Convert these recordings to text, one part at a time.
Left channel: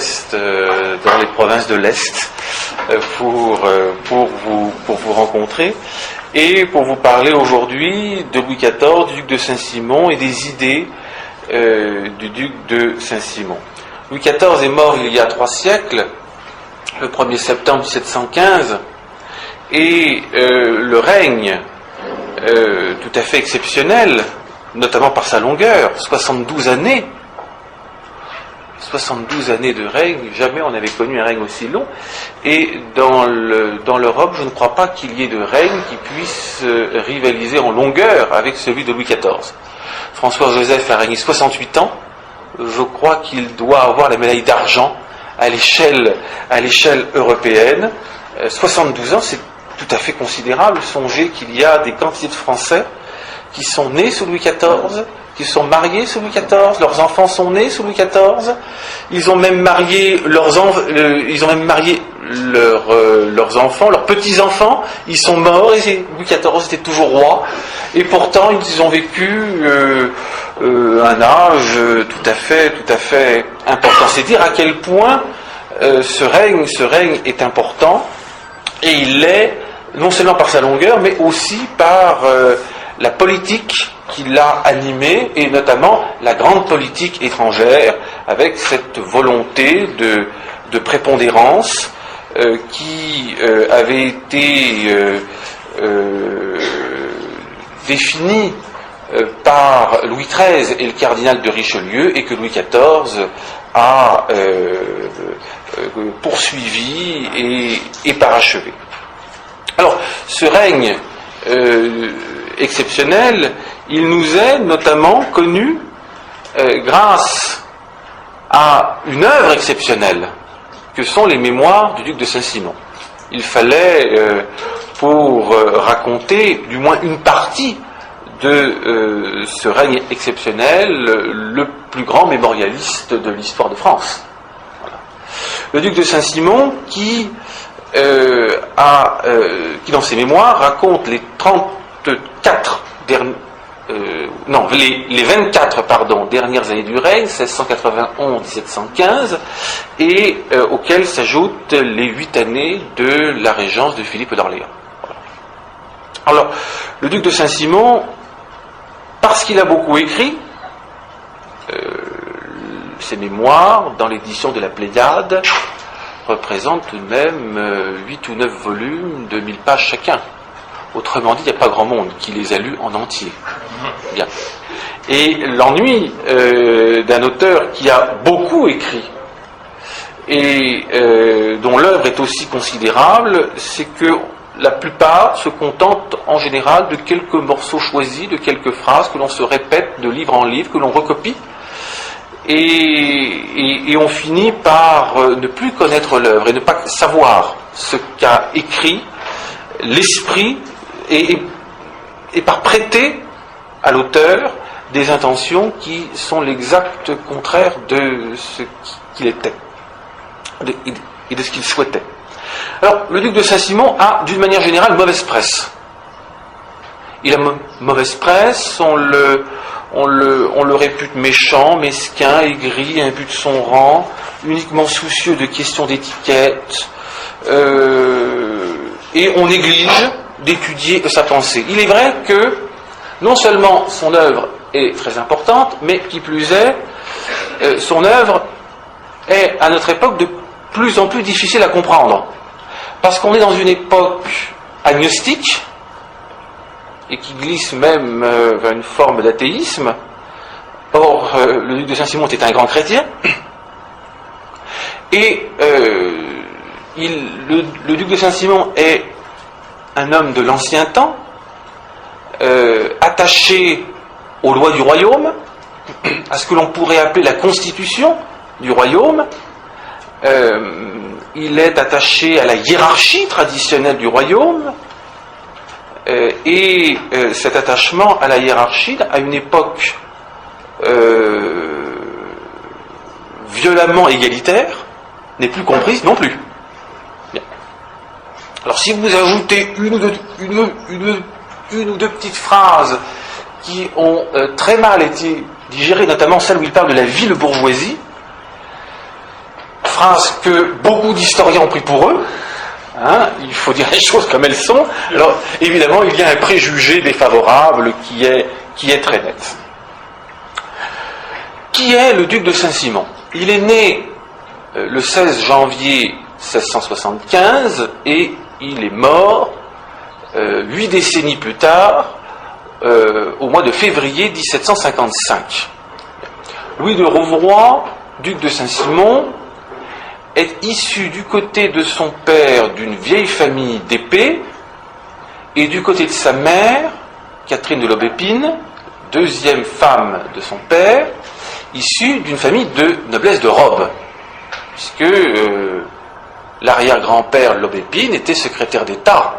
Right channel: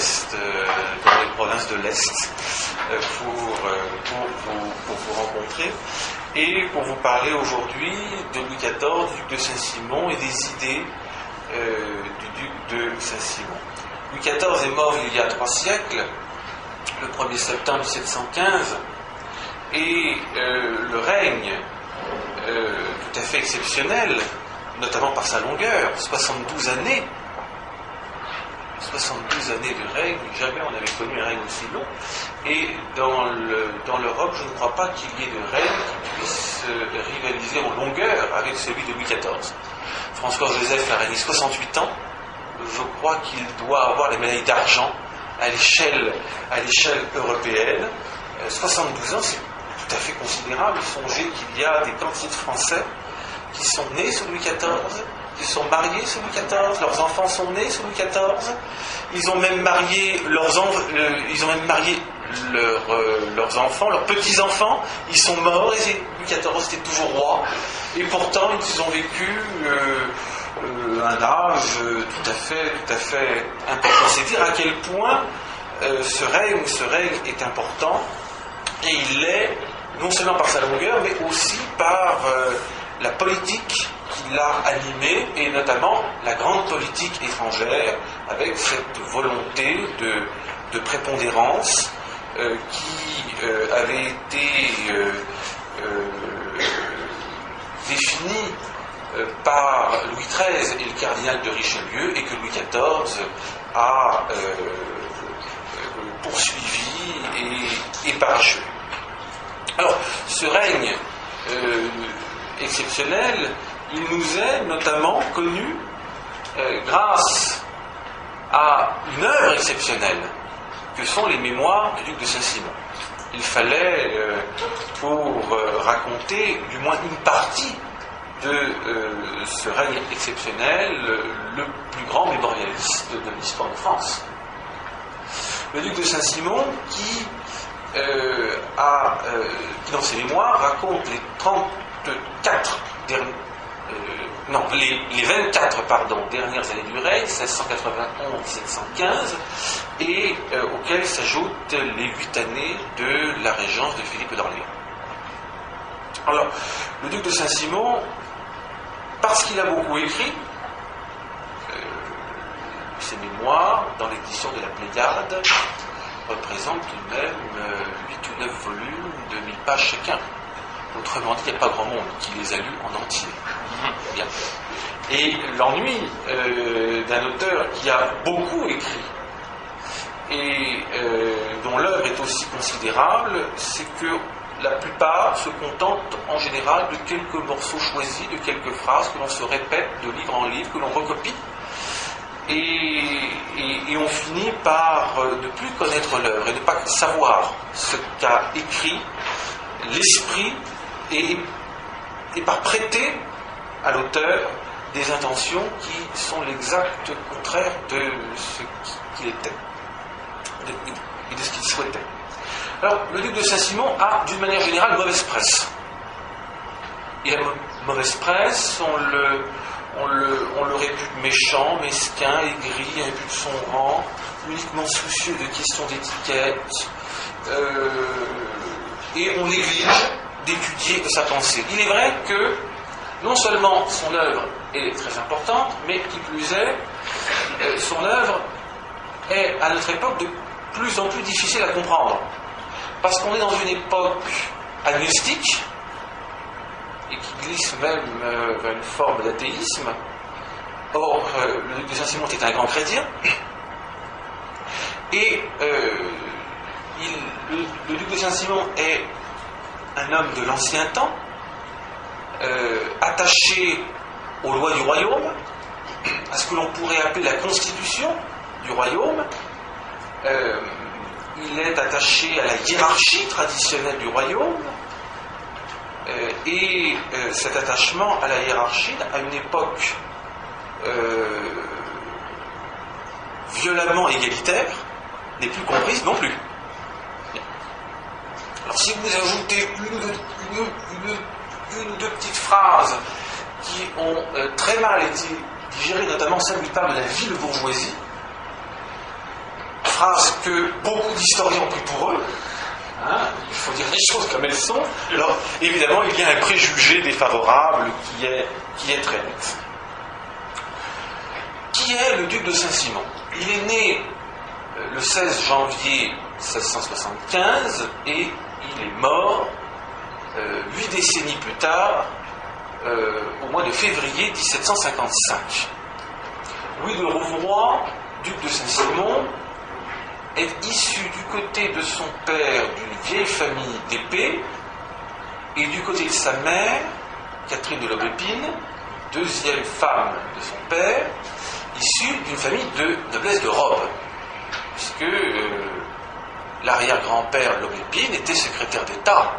l'Est, dans les provinces de l'Est, pour vous rencontrer et pour vous parler aujourd'hui de Louis XIV, du duc de Saint-Simon et des idées du duc de Saint-Simon. Louis XIV est mort il y a 3 siècles, le 1er septembre 1715, et le règne tout à fait exceptionnel, notamment par sa longueur, 72 années. 72 années de règne, jamais on n'avait connu un règne aussi long. Et dans l'Europe, je ne crois pas qu'il y ait de règne qui puisse rivaliser en longueur avec celui de Louis XIV. François-Joseph a régné 68 ans. Je crois qu'il doit avoir la médaille d'argent à l'échelle européenne. 72 ans, c'est tout à fait considérable. Songez qu'il y a des quantités de Français qui sont nés sous Louis XIV, qui sont mariés sous Louis XIV, leurs enfants sont nés sous Louis XIV, ils ont même marié leurs enfants, leurs petits-enfants, ils sont morts et Louis XIV était toujours roi, et pourtant ils ont vécu un âge tout à fait important. C'est dire à quel point ce règne est important, et il l'est non seulement par sa longueur, mais aussi par la politique qui l'a animé, et notamment la grande politique étrangère, avec cette volonté de prépondérance qui avait été définie par Louis XIII et le cardinal de Richelieu, et que Louis XIV a poursuivi et parachevé. Alors, ce règne exceptionnel, il nous est notamment connu grâce à une œuvre exceptionnelle que sont les mémoires du duc de Saint-Simon. Il fallait, pour raconter du moins une partie de ce règne exceptionnel, le plus grand mémorialiste de l'histoire de France. Le duc de Saint-Simon qui dans ses mémoires raconte les 24 dernières années du règne, 1691-1715, et auxquelles s'ajoutent les 8 années de la régence de Philippe d'Orléans. Alors, le duc de Saint-Simon, parce qu'il a beaucoup écrit, ses mémoires, dans l'édition de la Pléiade, représentent tout de même 8 ou 9 volumes de 1000 pages chacun. Autrement dit, il n'y a pas grand monde qui les a lus en entier. Bien. Et l'ennui d'un auteur qui a beaucoup écrit et dont l'œuvre est aussi considérable, c'est que la plupart se contentent en général de quelques morceaux choisis, de quelques phrases que l'on se répète de livre en livre, que l'on recopie, et on finit par ne plus connaître l'œuvre et ne pas savoir ce qu'a écrit l'esprit, et par prêter à l'auteur des intentions qui sont l'exact contraire de ce qu'il était et de ce qu'il souhaitait. Alors, le duc de Saint-Simon a, d'une manière générale, mauvaise presse. Il a mauvaise presse, on le répute méchant, mesquin, aigri, imbu de son rang, uniquement soucieux de questions d'étiquette, et on néglige d'étudier sa pensée. Il est vrai que non seulement son œuvre est très importante, mais qui plus est, son œuvre est à notre époque de plus en plus difficile à comprendre. Parce qu'on est dans une époque agnostique, et qui glisse même vers une forme d'athéisme. Or, le duc de Saint-Simon était un grand chrétien, et le duc de Saint-Simon est un homme de l'ancien temps, attaché aux lois du royaume, à ce que l'on pourrait appeler la constitution du royaume. Il est attaché à la hiérarchie traditionnelle du royaume, et cet attachement à la hiérarchie, à une époque violemment égalitaire, n'est plus comprise non plus. Bien. Alors si vous ajoutez une ou deux petites phrases qui ont très mal été digérées, notamment celle où il parle de la ville bourgeoisie, phrase que beaucoup d'historiens ont pris pour eux. Hein, il faut dire les choses comme elles sont. Alors, évidemment, il y a un préjugé défavorable qui est très net. Qui est le duc de Saint-Simon? Il est né le 16 janvier 1675 et il est mort 8 décennies plus tard, au mois de février 1755. Louis de Rouvroy, duc de Saint-Simon, est issu du côté de son père d'une vieille famille d'épée et du côté de sa mère, Catherine de l'Aubépine, deuxième femme de son père, issue d'une famille de noblesse de robe, puisque l'arrière-grand-père l'Aubépine était secrétaire d'État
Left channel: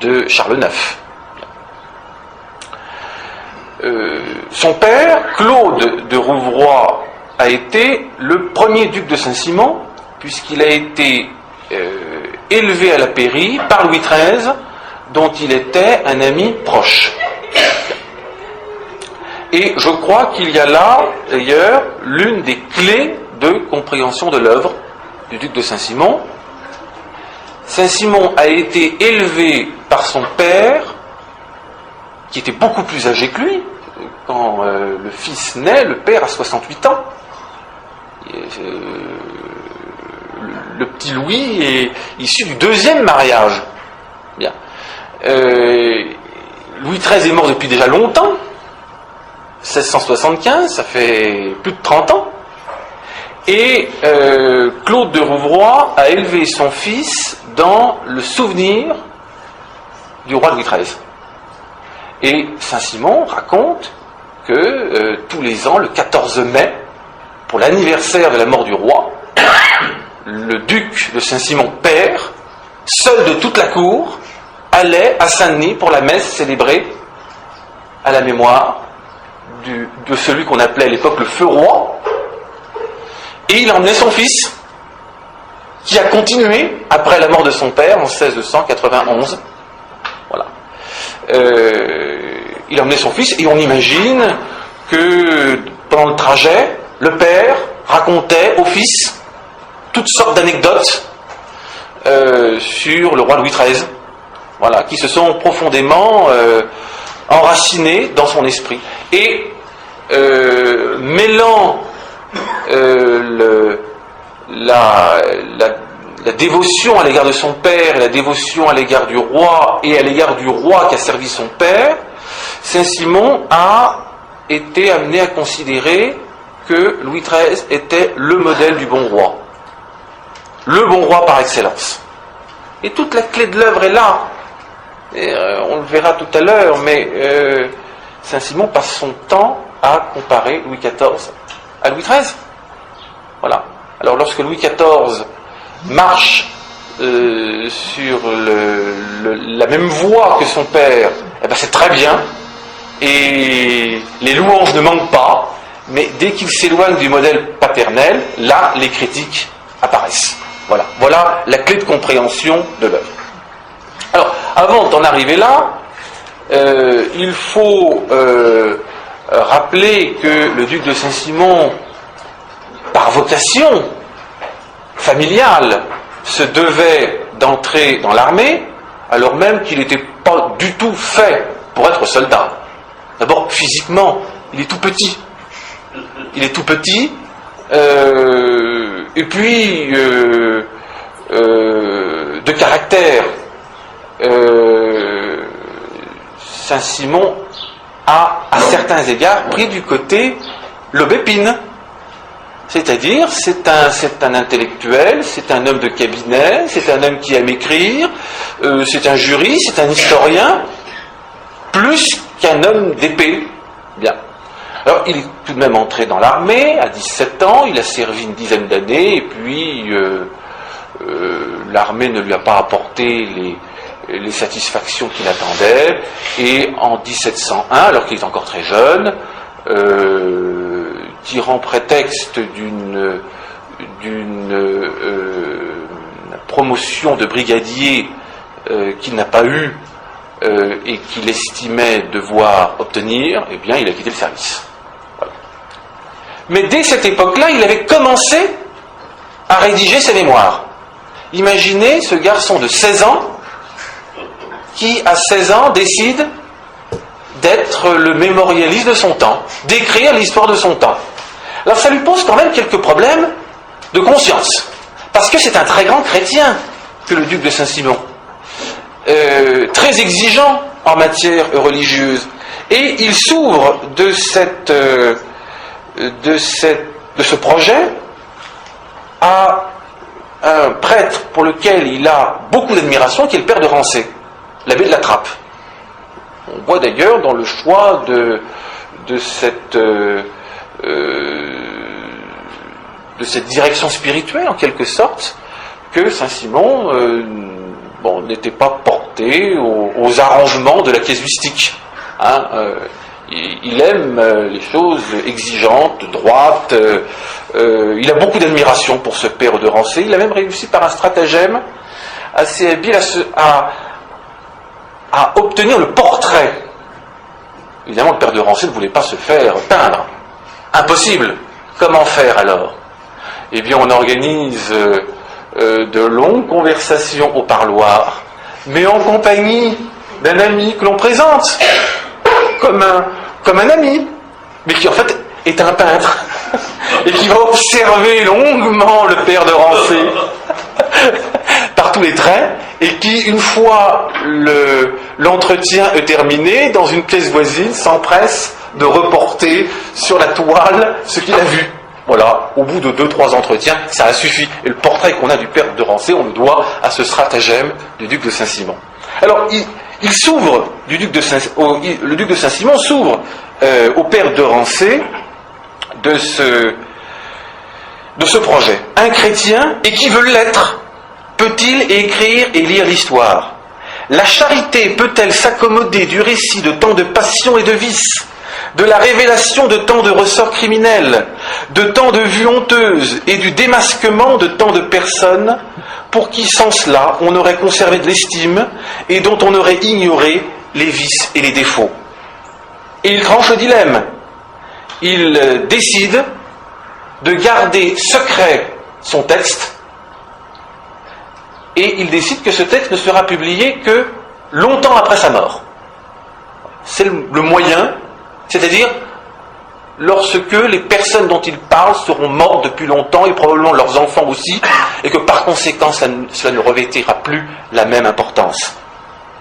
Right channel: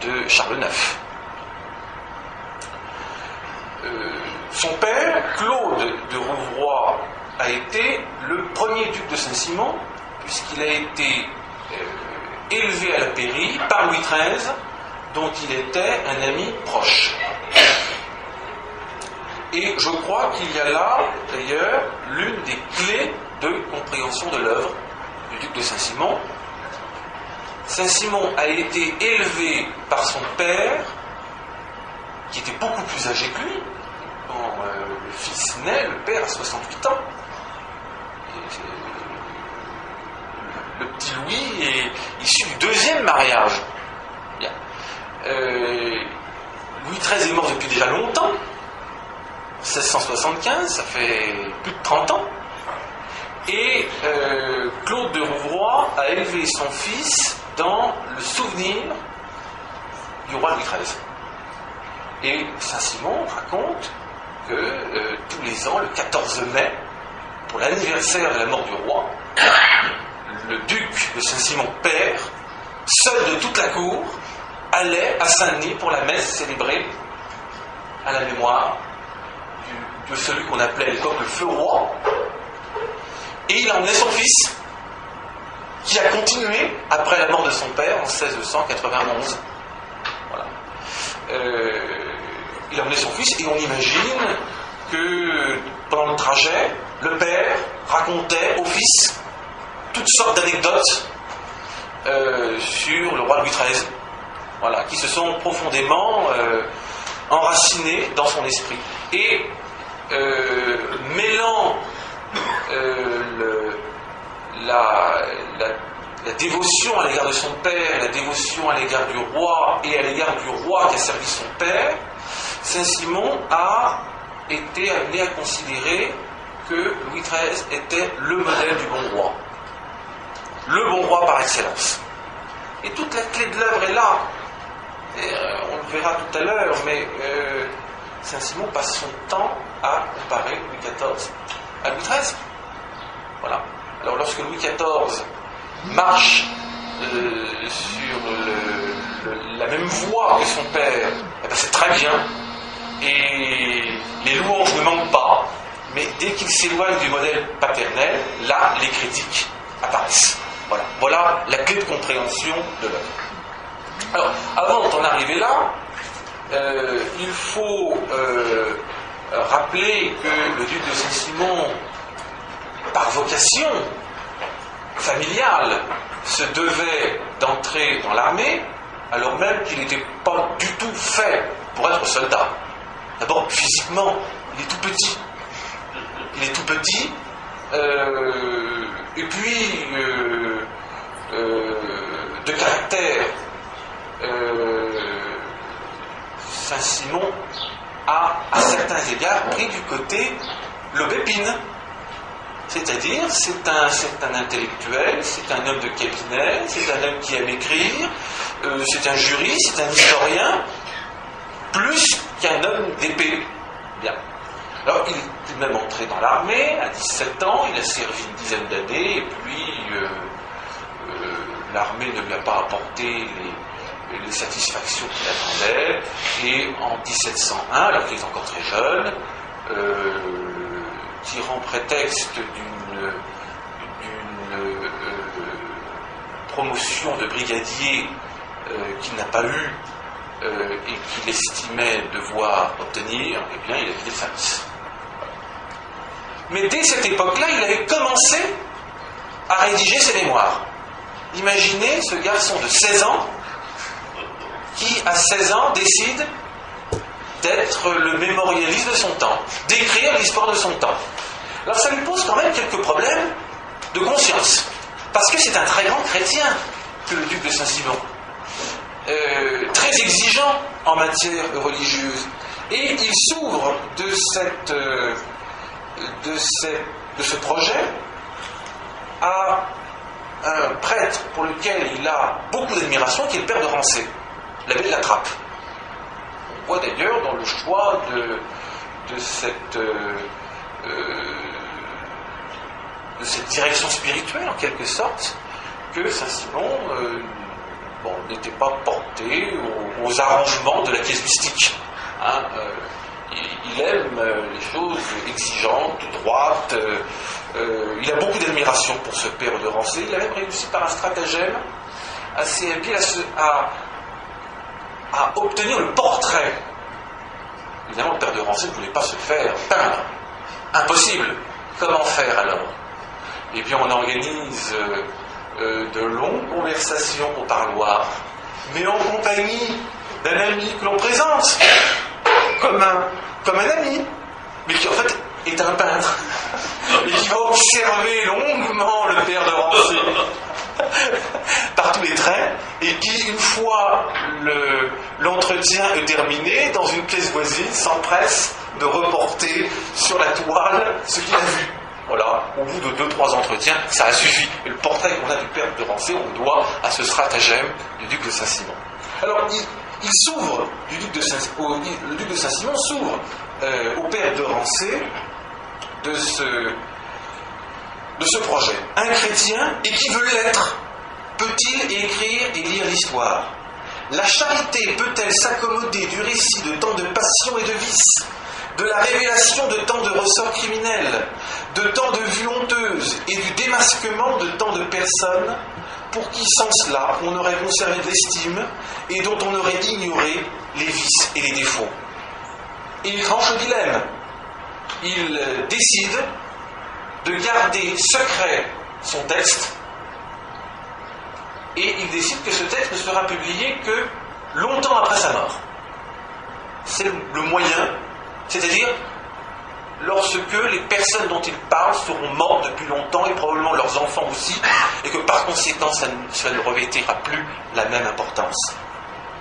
de Charles IX. Son père, Claude de Rouvroy, a été le premier duc de Saint-Simon, puisqu'il a été élevé à la pairie par Louis XIII, dont il était un ami proche. Et je crois qu'il y a là, d'ailleurs, l'une des clés de compréhension de l'œuvre du duc de Saint-Simon. Saint-Simon a été élevé par son père, qui était beaucoup plus âgé que lui. Quand le fils naît, le père a 68 ans. Le petit Louis est issu du deuxième mariage. Bien. Louis XIII est mort depuis déjà longtemps. 1675, ça fait plus de 30 ans. Et Claude de Rouvroy a élevé son fils dans le souvenir du roi Louis XIII. Et Saint-Simon raconte que tous les ans, le 14 mai, pour l'anniversaire de la mort du roi, le duc de Saint-Simon père, seul de toute la cour, allait à Saint-Denis pour la messe célébrée à la mémoire de celui qu'on appelait à l'époque le feu roi, et il emmenait son fils, qui a continué après la mort de son père en 1691. Voilà. Il emmenait son fils, et on imagine que pendant le trajet, le père racontait au fils toutes sortes d'anecdotes sur le roi Louis XIII, voilà, qui se sont profondément enracinées dans son esprit. Et mêlant la dévotion à l'égard de son père et la dévotion à l'égard du roi et à l'égard du roi qui a servi son père, Saint-Simon a été amené à considérer que Louis XIII était le modèle du bon roi. Le bon roi par excellence. Et toute la clé de l'œuvre est là. Et, on le verra tout à l'heure, mais Saint-Simon passe son temps à comparer Louis XIV à Louis XIII. Voilà. Alors lorsque Louis XIV marche sur la même voie que son père, eh ben c'est très bien, et les louanges ne manquent pas, mais dès qu'il s'éloigne du modèle paternel, là les critiques apparaissent. Voilà. Voilà la clé de compréhension de l'œuvre. Alors, avant d'en arriver là, il faut rappeler que le duc de Saint-Simon, par vocation familiale, se devait d'entrer dans l'armée, alors même qu'il n'était pas du tout fait pour être soldat. D'abord, physiquement, il est tout petit. Il est tout petit, et puis de caractère. Saint-Simon a, à certains égards, pris du côté l'Aubépine. C'est-à-dire, c'est un intellectuel, c'est un homme de cabinet, c'est un homme qui aime écrire, c'est un juriste, c'est un historien, plus qu'un homme d'épée. Bien. Alors, il est tout de même entré dans l'armée à 17 ans, il a servi une dizaine d'années, et puis l'armée ne lui a pas apporté les satisfactions qu'il attendait, et en 1701, alors qu'il est encore très jeune, tirant prétexte d'une promotion de brigadier qu'il n'a pas eue et qu'il estimait devoir obtenir, eh bien, il a quitté le service. Voilà. Mais dès cette époque-là, il avait commencé à rédiger ses mémoires. Imaginez ce garçon de 16 ans qui, à 16 ans, décide d'être le mémorialiste de son temps, d'écrire l'histoire de son temps. Alors ça lui pose quand même quelques problèmes de conscience, parce que c'est un très grand chrétien que le duc de Saint-Simon, très exigeant en matière religieuse, et il s'ouvre de ce projet à un prêtre pour lequel il a beaucoup d'admiration, qui est le père de Rancé, l'abbé de la Trappe. On voit d'ailleurs dans le choix de cette direction spirituelle, en quelque sorte, que Saint-Simon n'était pas porté aux arrangements de la casuistique. Il aime les choses exigeantes, droites. Il a beaucoup d'admiration pour ce père de Rancé. Il a même réussi par un stratagème assez habile à obtenir le portrait. Évidemment, le père de Rancé ne voulait pas se faire peindre. Impossible. Comment faire alors? Eh bien, on organise de longues conversations au parloir, mais en compagnie d'un ami que l'on présente comme un ami, mais qui en fait est un peintre, et qui va observer longuement le père de Rancé par tous les traits, et qui, une fois l'entretien est terminé, dans une pièce voisine, s'empresse de reporter sur la toile ce qu'il a vu. Voilà, au bout de 2-3 entretiens, ça a suffi. Et le portrait qu'on a du père de Rancé, on le doit à ce stratagème du duc de Saint-Simon. Alors, il s'ouvre, le duc de Saint-Simon s'ouvre au père de Rancé de ce projet. Un chrétien, et qui veut l'être, peut-il écrire et lire l'histoire? La charité peut-elle s'accommoder du récit de tant de passions et de vices, de la révélation de tant de ressorts criminels, de tant de vues honteuses et du démasquement de tant de personnes pour qui, sans cela, on aurait conservé de l'estime et dont on aurait ignoré les vices et les défauts? Et il tranche le dilemme. Il décide de garder secret son texte, et il décide que ce texte ne sera publié que longtemps après sa mort. C'est le moyen, c'est-à-dire lorsque les personnes dont il parle seront mortes depuis longtemps, et probablement leurs enfants aussi, et que par conséquent cela ne revêtira plus la même importance.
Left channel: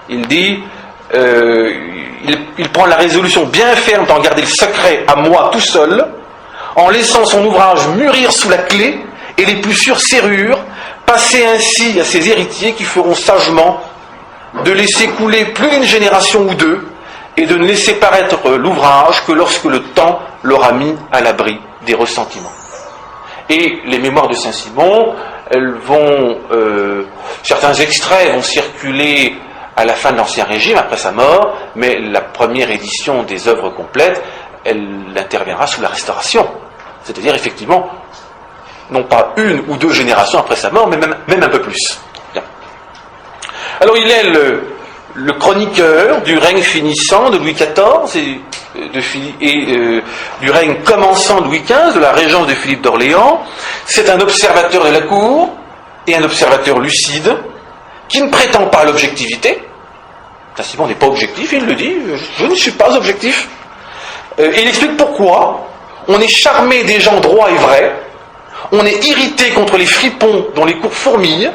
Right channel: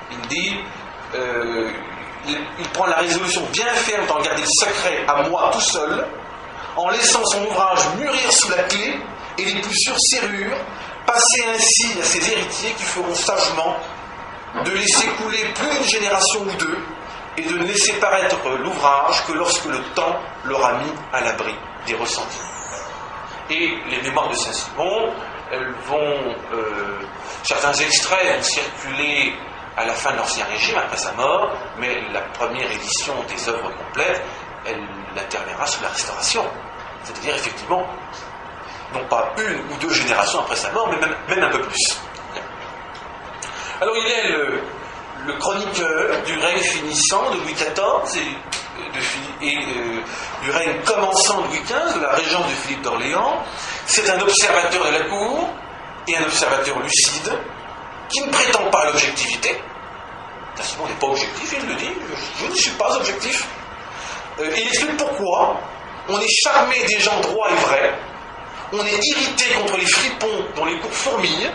Il dit, il prend la résolution bien ferme d'en garder le secret à moi tout seul, en laissant son ouvrage mûrir sous la clé et les plus sûres serrures, passer ainsi à ses héritiers qui feront sagement de laisser couler plus d'une génération ou deux, et de ne laisser paraître l'ouvrage que lorsque le temps l'aura mis à l'abri des ressentiments. Et les mémoires de Saint-Simon, elles vont, certains extraits vont circuler à la fin de l'Ancien Régime, après sa mort, mais la première édition des œuvres complètes, elle interviendra sous la Restauration. C'est-à-dire, effectivement, non pas une ou deux générations après sa mort, mais même un peu plus. Bien. Alors, il est le chroniqueur du règne finissant de Louis XIV et du règne commençant de Louis XV, de la régence de Philippe d'Orléans. C'est un observateur de la cour et un observateur lucide qui ne prétend pas à l'objectivité. Saint-Simon n'est pas objectif, il le dit, je ne suis pas objectif. Et il explique pourquoi. On est charmé des gens droits et vrais, on est irrité contre les fripons dont les cours fourmillent,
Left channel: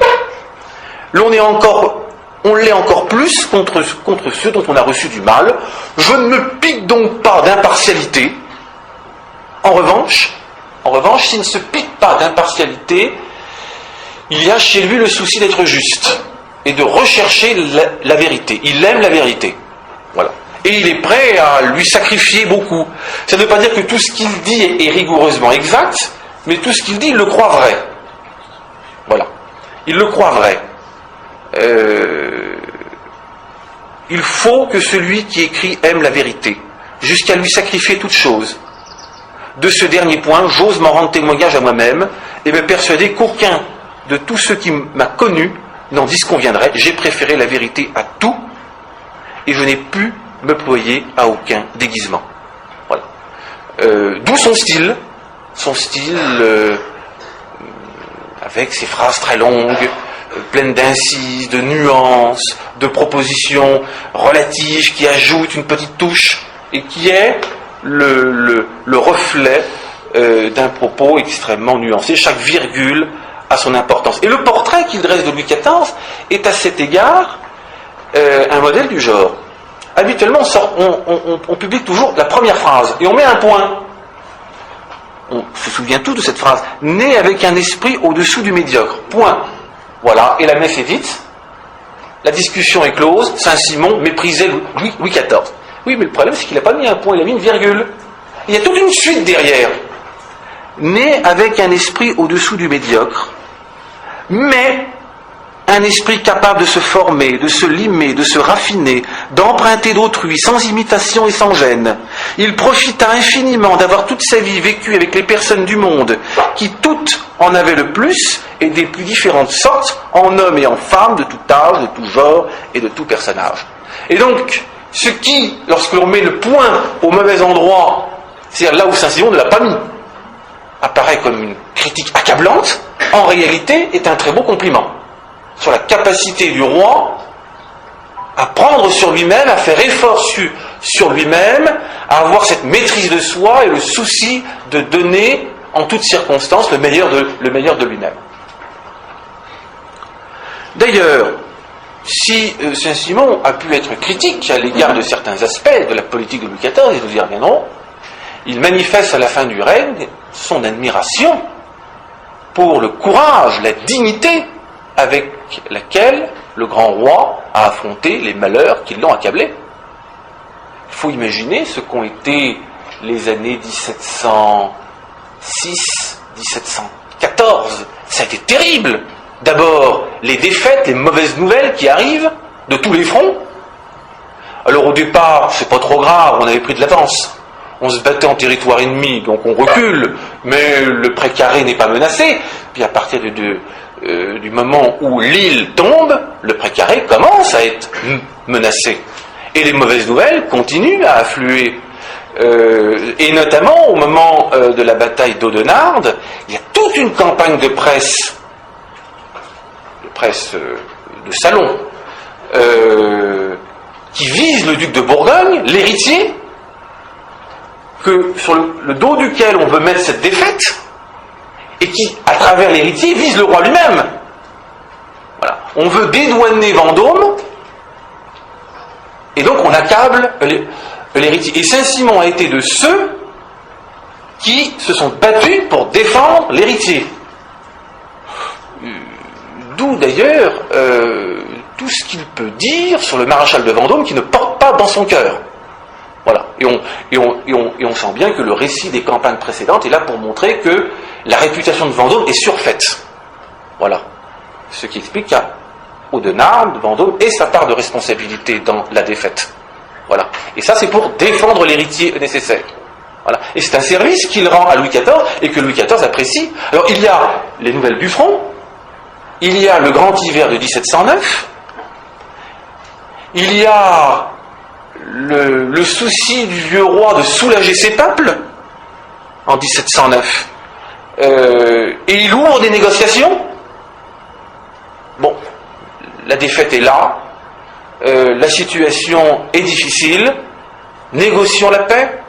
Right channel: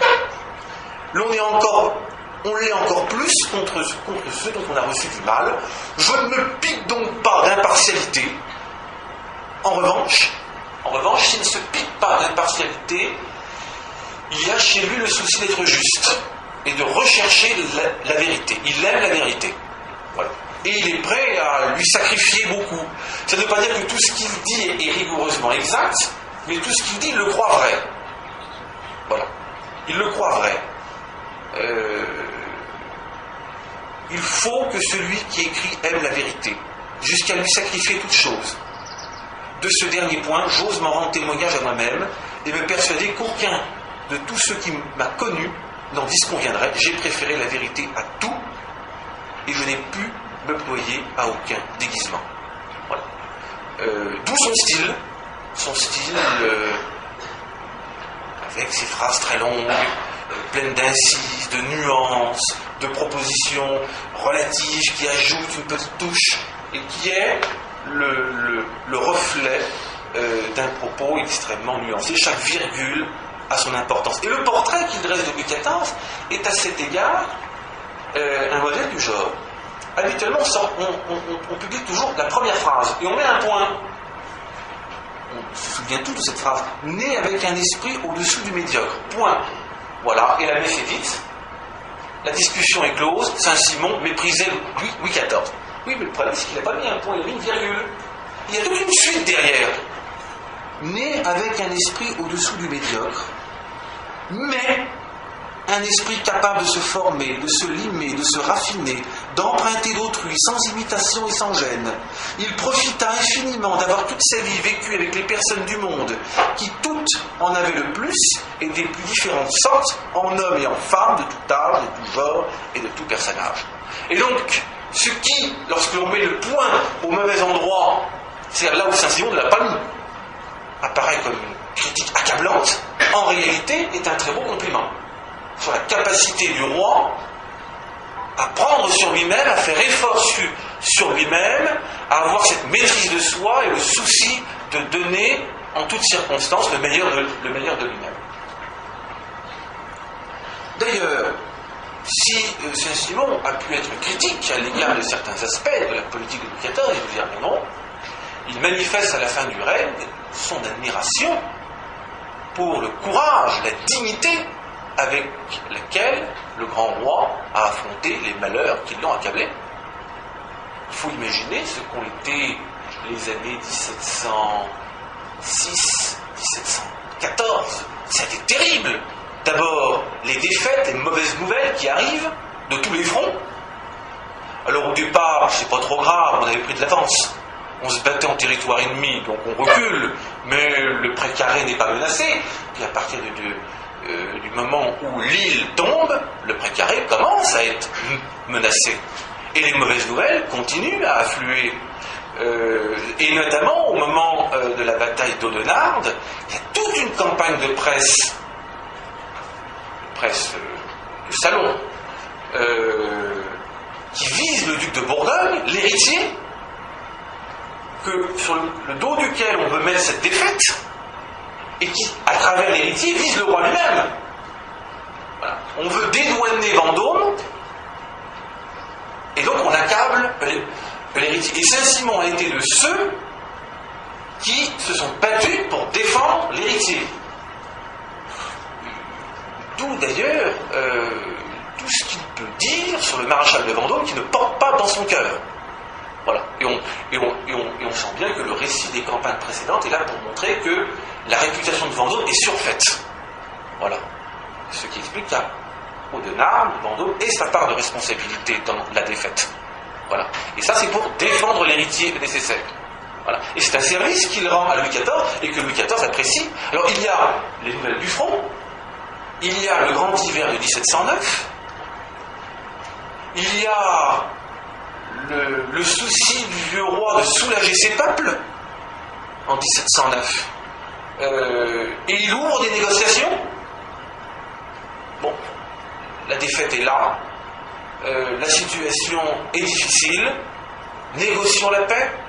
on l'est encore plus contre ceux dont on a reçu du mal. Je ne me pique donc pas d'impartialité. En revanche, s'il ne se pique pas d'impartialité, il y a chez lui le souci d'être juste et de rechercher la vérité. Il aime la vérité. Voilà. Et il est prêt à lui sacrifier beaucoup. Ça ne veut pas dire que tout ce qu'il dit est rigoureusement exact, mais tout ce qu'il dit, il le croit vrai. Voilà. Il le croit vrai. Il faut que celui qui écrit aime la vérité, jusqu'à lui sacrifier toute chose. De ce dernier point, j'ose m'en rendre témoignage à moi-même et me persuader qu'aucun de tous ceux qui m'a connu n'en disconviendrait. J'ai préféré la vérité à tout et je n'ai pu me ployer à aucun déguisement. Voilà. D'où son style avec ces phrases très longues, pleines d'incises, de nuances, de propositions relatives qui ajoutent une petite touche et qui est le reflet d'un propos extrêmement nuancé. Chaque virgule a son importance. Et le portrait qu'il dresse de Louis XIV est à cet égard un modèle du genre. Habituellement, on publie toujours la première phrase et on met un point. On se souvient tous de cette phrase. Né avec un esprit au-dessous du médiocre. Point. Voilà. Et la messe est dite. La discussion est close. Saint-Simon méprisait Louis XIV. Oui, mais le problème, c'est qu'il n'a pas mis un point, il a mis une virgule. Il y a toute une suite derrière. Né avec un esprit au-dessous du médiocre, mais un esprit capable de se former, de se limer, de se raffiner, d'emprunter d'autrui, sans imitation et sans gêne. Il profita infiniment d'avoir toute sa vie vécue avec les personnes du monde, qui toutes en avaient le plus, et des plus différentes sortes, en hommes et en femmes, de tout âge, de tout genre et de tout personnage. Et donc, ce qui, lorsque l'on met le point au mauvais endroit, c'est-à-dire là où Saint-Simon ne l'a pas mis, apparaît comme une critique accablante, en réalité est un très beau compliment sur la capacité du roi à prendre sur lui-même, à faire effort sur lui-même, à avoir cette maîtrise de soi et le souci de donner en toutes circonstances le meilleur de lui-même. D'ailleurs, si Saint-Simon a pu être critique à l'égard de certains aspects de la politique de Louis XIV, et nous y reviendrons, il manifeste à la fin du règne son admiration pour le courage, la dignité avec laquelle le grand roi a affronté les malheurs qui l'ont accablé. Il faut imaginer ce qu'ont été les années 1706, 1714. Ça a été terrible. D'abord, les défaites, les mauvaises nouvelles qui arrivent de tous les fronts. Alors au départ, c'est pas trop grave, on avait pris de l'avance. On se battait en territoire ennemi, donc on recule, mais le précaré n'est pas menacé. Puis à partir du moment où l'île tombe, le précaré commence à être menacé. Et les mauvaises nouvelles continuent à affluer. Et notamment au moment de la bataille d'Audenarde, il y a toute une campagne de presse de salon, qui vise le duc de Bourgogne, l'héritier, sur le dos duquel on veut mettre cette défaite, et qui, à travers l'héritier, vise le roi lui-même. Voilà. On veut dédouaner Vendôme, et donc on accable l'héritier. Et Saint-Simon a été de ceux qui se sont battus pour défendre l'héritier. D'où d'ailleurs tout ce qu'il peut dire sur le maréchal de Vendôme qui ne porte pas dans son cœur. Voilà. Et on sent bien que le récit des campagnes précédentes est là pour montrer que la réputation de Vendôme est surfaite. Voilà. Ce qui explique qu'à Audenarde, Vendôme ait sa part de responsabilité dans la défaite. Voilà. Et ça, c'est pour défendre l'héritier nécessaire. Voilà. Et c'est un service qu'il rend à Louis XIV et que Louis XIV apprécie. Alors, il y a les nouvelles du front, il y a le grand hiver de 1709, il y a le souci du vieux roi de soulager ses peuples en 1709. Et il ouvre des négociations. Bon, la défaite est là, la situation est difficile, négocions la paix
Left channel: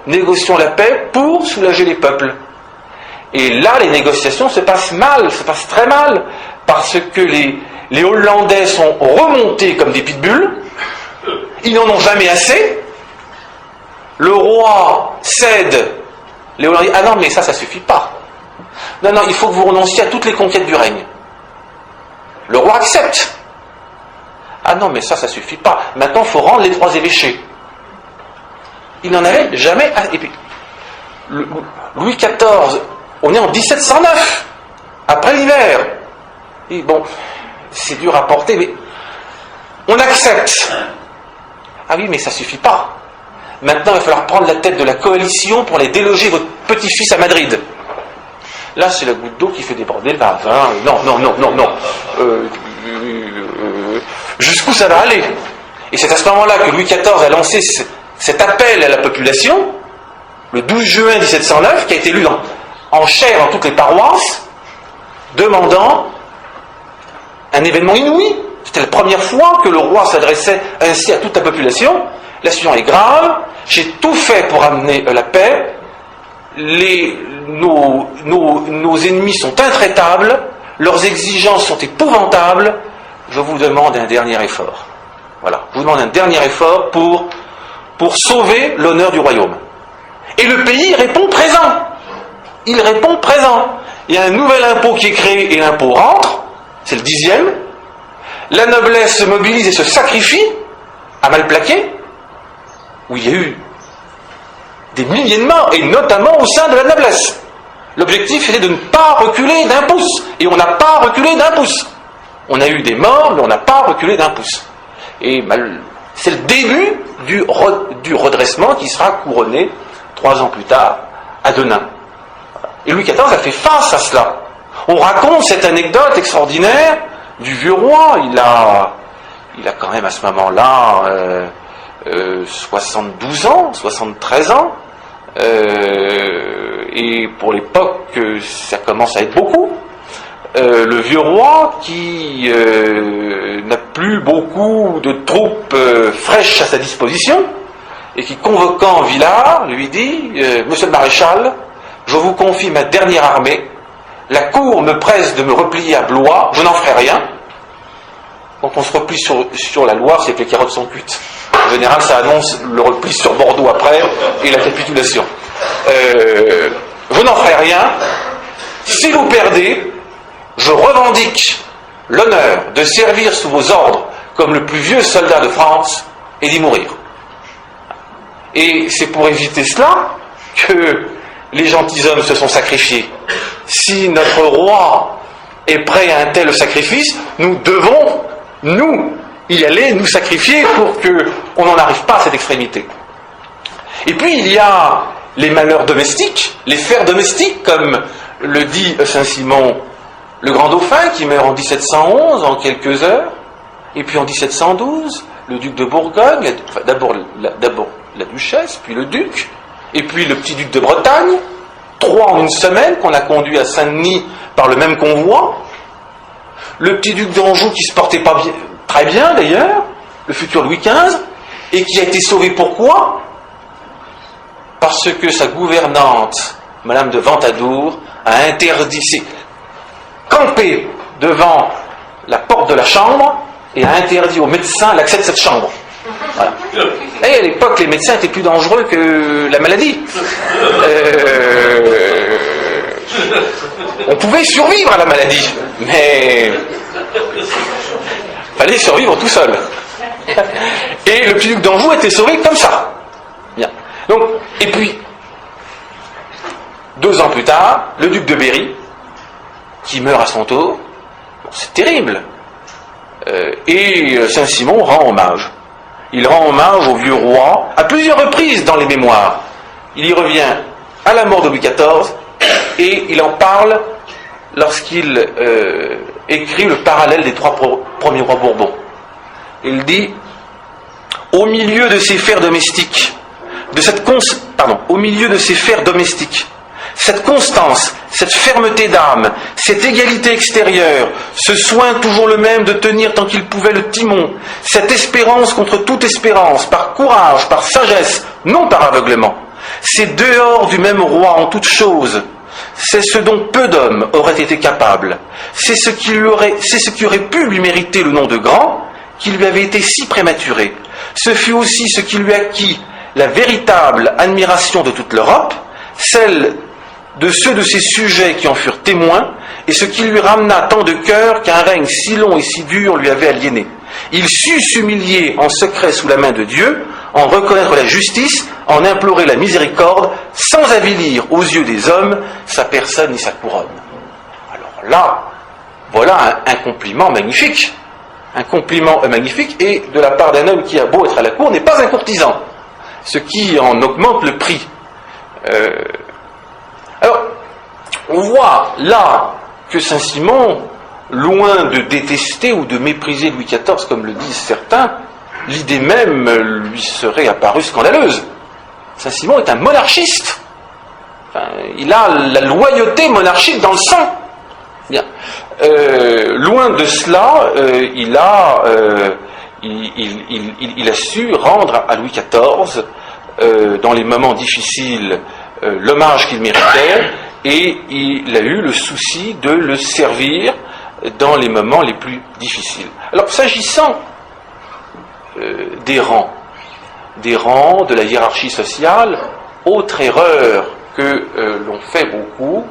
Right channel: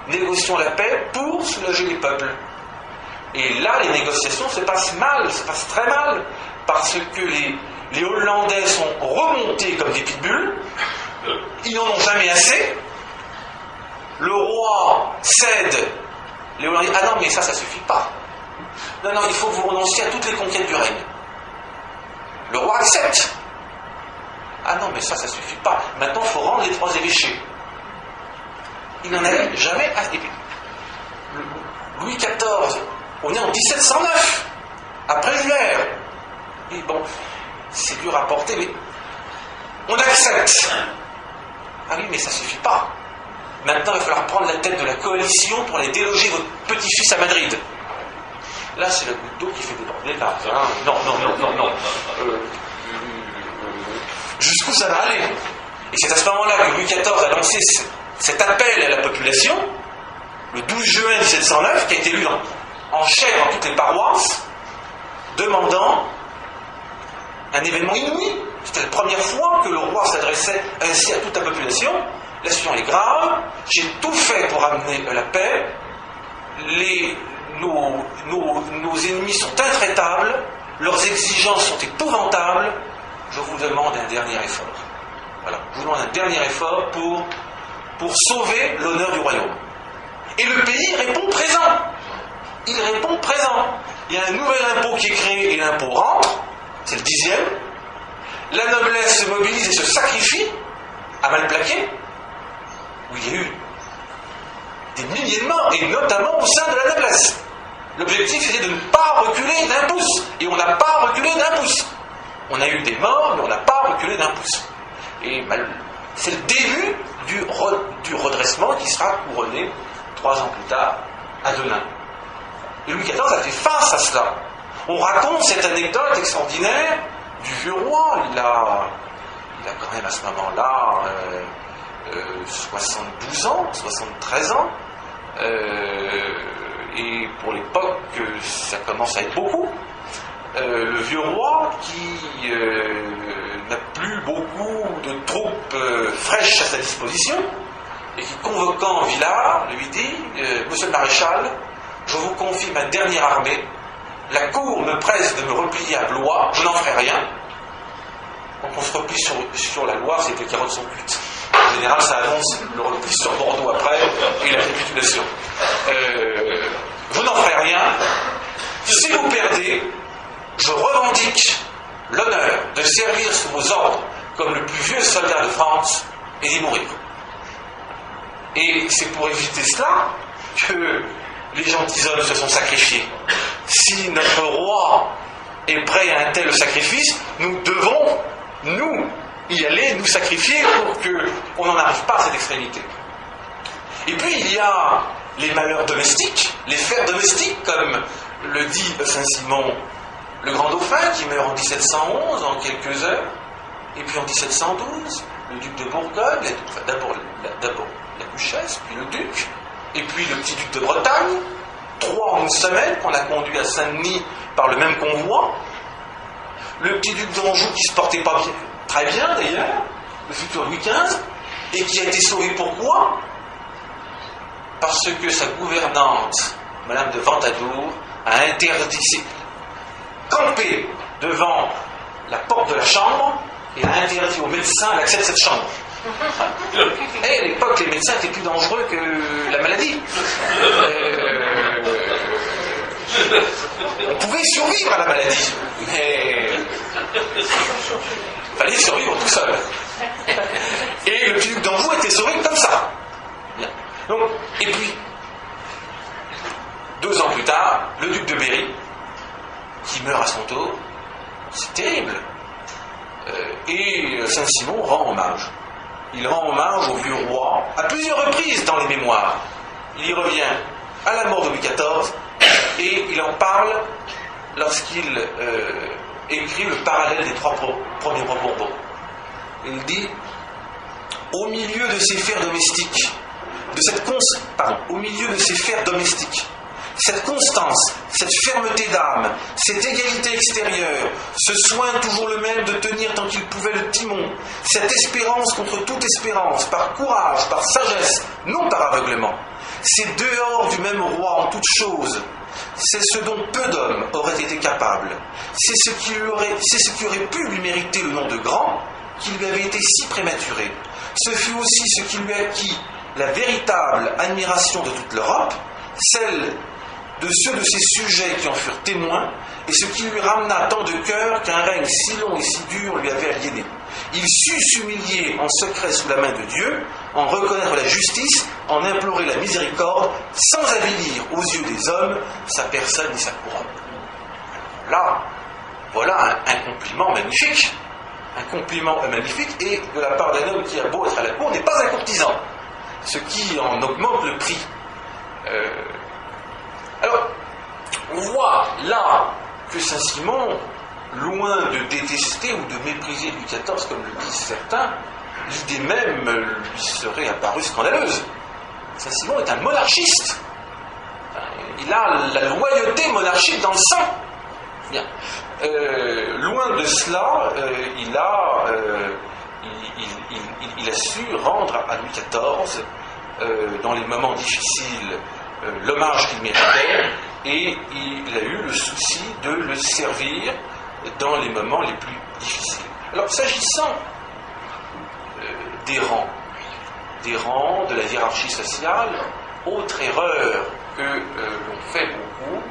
pour soulager les peuples. Et là, les négociations se passent mal, se passent très mal, parce que les Hollandais sont remontés comme des pitbulls, ils n'en ont jamais assez, le roi cède, les Hollandais disent « Ah non, mais ça suffit pas. Non, il faut que vous renonciez à toutes les conquêtes du règne. » Le roi accepte. « Ah non, mais ça suffit pas. Maintenant, il faut rendre les 3 évêchés. » Il n'en avait jamais assez. Et puis, Louis XIV, on est en 1709, après l'hiver. Et bon, c'est dur à porter, mais on accepte. Ah oui, mais ça suffit pas. Maintenant, il va falloir prendre la tête de la coalition pour aller déloger votre petit-fils à Madrid. Là, c'est la goutte d'eau qui fait déborder le vase. Non. Jusqu'où ça va aller? Et c'est à ce moment-là que Louis XIV a lancé cet appel à la population, le 12 juin 1709, qui a été lu en chair dans toutes les paroisses, demandant un événement inouï. C'était la première fois que le roi s'adressait ainsi à toute la population. La situation est grave, j'ai tout fait pour amener la paix, nos ennemis sont intraitables, leurs exigences sont épouvantables, je vous demande un dernier effort. Voilà, je vous demande un dernier effort pour sauver l'honneur du royaume. Et le pays répond présent. Il répond présent. Il y a un nouvel impôt qui est créé et l'impôt rentre, c'est le 10e. La noblesse se mobilise et se sacrifie à mal plaquer, où il y a eu des milliers de morts, et notamment au sein de la noblesse. L'objectif était de ne pas reculer d'un pouce, et on n'a pas reculé d'un pouce. On a eu des morts, mais on n'a pas reculé d'un pouce. Et c'est le début du redressement qui sera couronné 3 ans plus tard à Denain. Et Louis XIV a fait face à cela. On raconte cette anecdote extraordinaire du vieux roi. Il a quand même à ce moment-là 72 ans, 73 ans. Et pour l'époque, ça commence à être beaucoup. Le vieux roi qui n'a plus beaucoup de troupes fraîches à sa disposition et qui, convoquant Villars, lui dit « Monsieur le maréchal, je vous confie ma dernière armée, la cour me presse de me replier à Blois, je n'en ferai rien. » Quand on se replie sur la Loire, c'est que les carottes sont cuites. En général, ça annonce le repli sur Bordeaux après et la capitulation. Je n'en ferai rien. Si vous perdez, je revendique l'honneur de servir sous vos ordres comme le plus vieux soldat de France et d'y mourir. Et c'est pour éviter cela que les gentilshommes se sont sacrifiés. Si notre roi est prêt à un tel sacrifice, nous devons, nous, y aller, nous sacrifier pour qu'on n'en arrive pas à cette extrémité. Et puis il y a les malheurs domestiques, les fers domestiques, comme le dit Saint-Simon, le grand dauphin qui meurt en 1711 en quelques heures, et puis en 1712, le duc de Bourgogne, d'abord la duchesse, puis le duc, et puis le petit duc de Bretagne, 3 en une semaine qu'on a conduit à Saint-Denis par le même convoi, le petit duc d'Anjou qui se portait pas bien, très bien d'ailleurs, le futur Louis XV, et qui a été sauvé pourquoi ? Parce que sa gouvernante, Madame de Ventadour, a interdit, campé devant la porte de la chambre et a interdit aux médecins l'accès de cette chambre. Voilà. Et à l'époque, les médecins étaient plus dangereux que la maladie. On pouvait survivre à la maladie, mais il fallait survivre tout seul. Et le petit duc d'Anjou était sauvé comme ça. Bien. Donc, et puis, 2 ans plus tard, le duc de Berry, qui meurt à son tour, c'est terrible. Et Saint-Simon rend hommage. Il rend hommage au vieux roi à plusieurs reprises dans les mémoires. Il y revient à la mort de Louis XIV et il en parle lorsqu'il écrit le parallèle des 3 premiers rois Bourbons. Il dit « Au milieu de ces fers domestiques, au milieu de ces fers domestiques, cette constance, cette fermeté d'âme, cette égalité extérieure, ce soin toujours le même de tenir tant qu'il pouvait le timon, cette espérance contre toute espérance, par courage, par sagesse, non par aveuglement, c'est dehors du même roi en toutes choses, c'est ce dont peu d'hommes auraient été capables, c'est ce qui aurait pu lui mériter le nom de grand, qui lui avait été si prématuré. Ce fut aussi ce qui lui acquit la véritable admiration de toute l'Europe, celle de ceux de ses sujets qui en furent témoins, et ce qui lui ramena tant de cœur qu'un règne si long et si dur lui avait aliéné. Il sut s'humilier en secret sous la main de Dieu, en reconnaître la justice, en implorer la miséricorde, sans avilir aux yeux des hommes sa personne ni sa couronne. Alors là, voilà un compliment magnifique. Un compliment magnifique, et de la part d'un homme qui a beau être à la cour, n'est pas un courtisan, ce qui en augmente le prix. Alors, on voit là que Saint-Simon, loin de détester ou de mépriser Louis XIV, comme le disent certains, l'idée même lui serait apparue scandaleuse. Saint-Simon est un monarchiste. Enfin, il a la loyauté monarchique dans le sang. Bien. Loin de cela, il a su rendre à Louis XIV, dans les moments difficiles, l'hommage qu'il méritait, et il a eu le souci de le servir dans les moments les plus difficiles. Alors, s'agissant des rangs, de la hiérarchie sociale, autre erreur que l'on fait beaucoup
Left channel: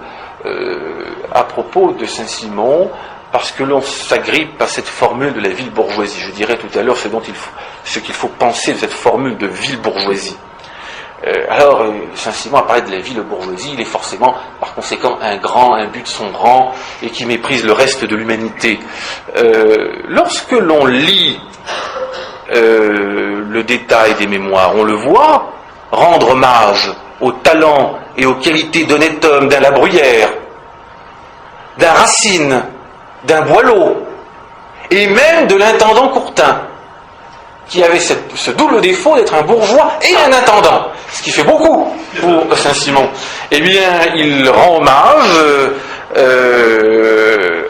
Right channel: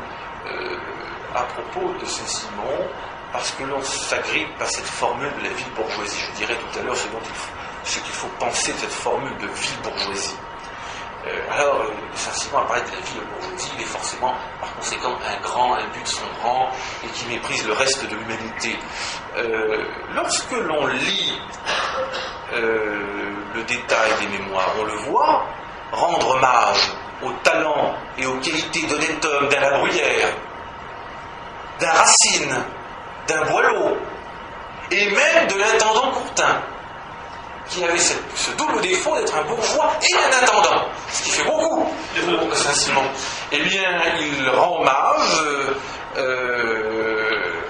à propos de Saint-Simon, parce que l'on s'agrippe à cette formule de la ville bourgeoisie. Je dirais tout à l'heure ce qu'il faut penser de cette formule de ville bourgeoisie. Alors, Saint-Simon apparaît de la ville bourgeoisie, il est forcément, par conséquent, un but de son rang, et qui méprise le reste de l'humanité. Lorsque l'on lit le détail des mémoires, on le voit rendre hommage au talent et aux qualités d'honnête homme d'un La Bruyère, d'un Racine, d'un Boileau, et même de l'intendant Courtin, qui avait ce double défaut d'être un bourgeois et un intendant, ce qui fait beaucoup pour Saint-Simon. Eh bien, il rend hommage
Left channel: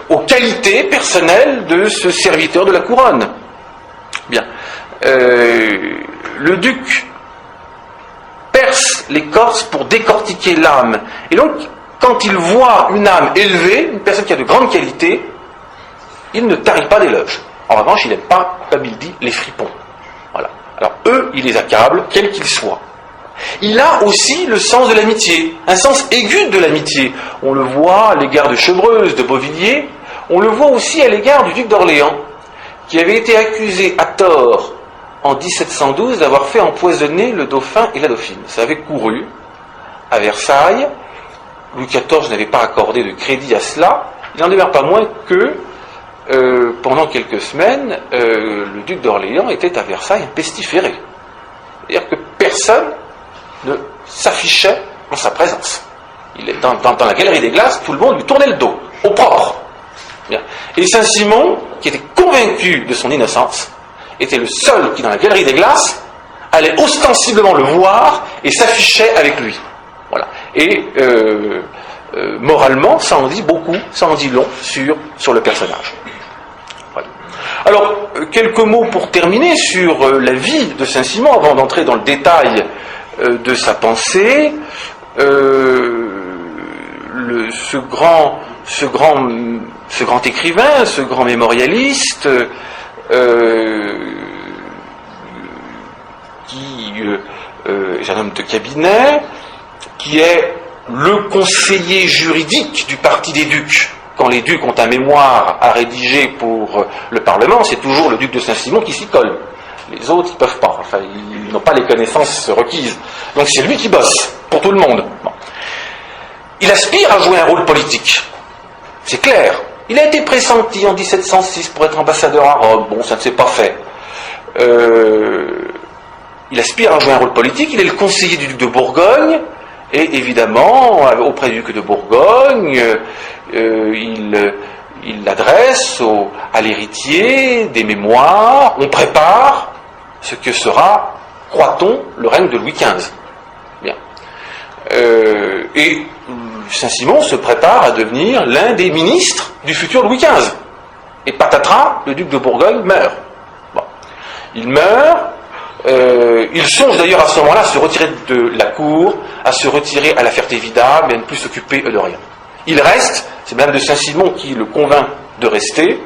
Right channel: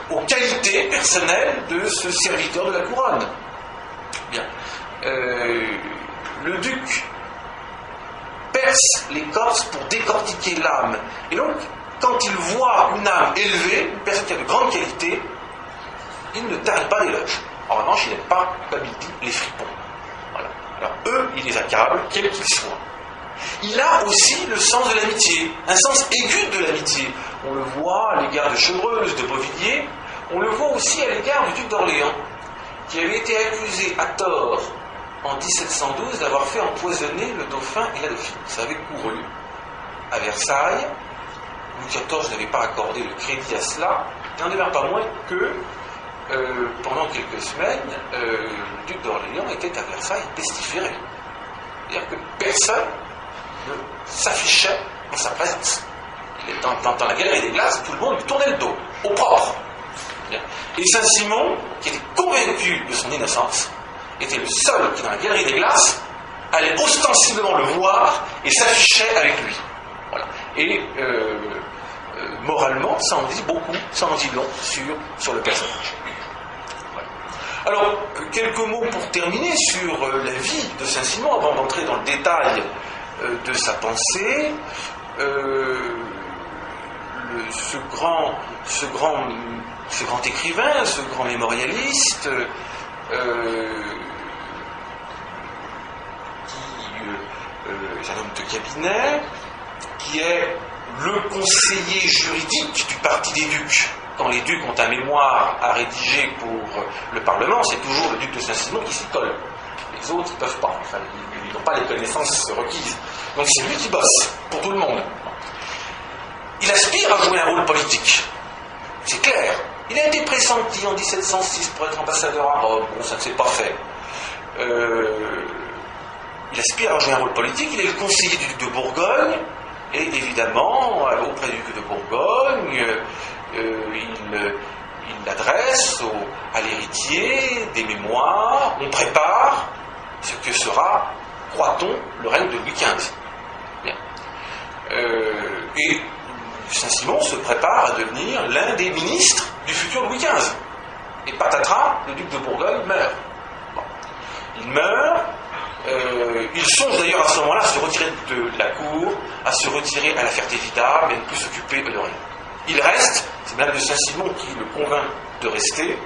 aux qualités personnelles de ce serviteur de la couronne. Bien. Le duc perce les Corses pour décortiquer l'âme. Et donc, quand il voit une âme élevée, une personne qui a de grandes qualités, il ne tarit pas d'éloges. En revanche, il n'aime pas, comme il dit, les fripons. Voilà. Alors, eux, il les accable, quels qu'ils soient. Il a aussi le sens de l'amitié, un sens aigu de l'amitié. On le voit à l'égard de Chevreuse, de Beauvilliers, on le voit aussi à l'égard du duc d'Orléans, qui avait été accusé à tort en 1712 d'avoir fait empoisonner le dauphin et la dauphine. Ça avait couru à Versailles. Louis XIV n'avait pas accordé de crédit à cela. Il n'en demeure pas moins que pendant quelques semaines, le duc d'Orléans était à Versailles pestiféré. C'est-à-dire que personne ne s'affichait en sa présence. Il est dans la galerie des glaces, tout le monde lui tournait le dos, au propre. Bien. Et Saint-Simon, qui était convaincu de son innocence, était le seul qui, dans la galerie des glaces, allait ostensiblement le voir et s'affichait avec lui. Voilà. Et moralement, ça en dit beaucoup, ça en dit long sur le personnage. Voilà. Alors, quelques mots pour terminer sur la vie de Saint-Simon, avant d'entrer dans le détail de sa pensée. Ce grand écrivain, ce grand mémorialiste, qui est un homme de cabinet, qui est le conseiller juridique du parti des ducs. Quand les ducs ont un mémoire à rédiger pour le Parlement, c'est toujours le duc de Saint-Simon qui s'y colle. Les autres, ils ne peuvent pas. Enfin, ils n'ont pas les connaissances requises. Donc c'est lui qui bosse, pour tout le monde. Bon. Il aspire à jouer un rôle politique. C'est clair. Il a été pressenti en 1706 pour être ambassadeur à Rome. Bon, ça ne s'est pas fait. Il aspire à jouer un rôle politique. Il est le conseiller du duc de Bourgogne. Et évidemment, auprès du duc de Bourgogne, il adresse à l'héritier des mémoires. On prépare ce que sera, croit-on, le règne de Louis XV. Bien. Et Saint-Simon se prépare à devenir l'un des ministres du futur Louis XV. Et patatras, le duc de Bourgogne meurt. Bon. Il meurt. Il songe d'ailleurs à ce moment-là à se retirer de la cour, à se retirer à la Ferté-Vidal, mais à ne plus s'occuper de rien. Il reste, c'est Madame de Saint-Simon qui le convainc de rester,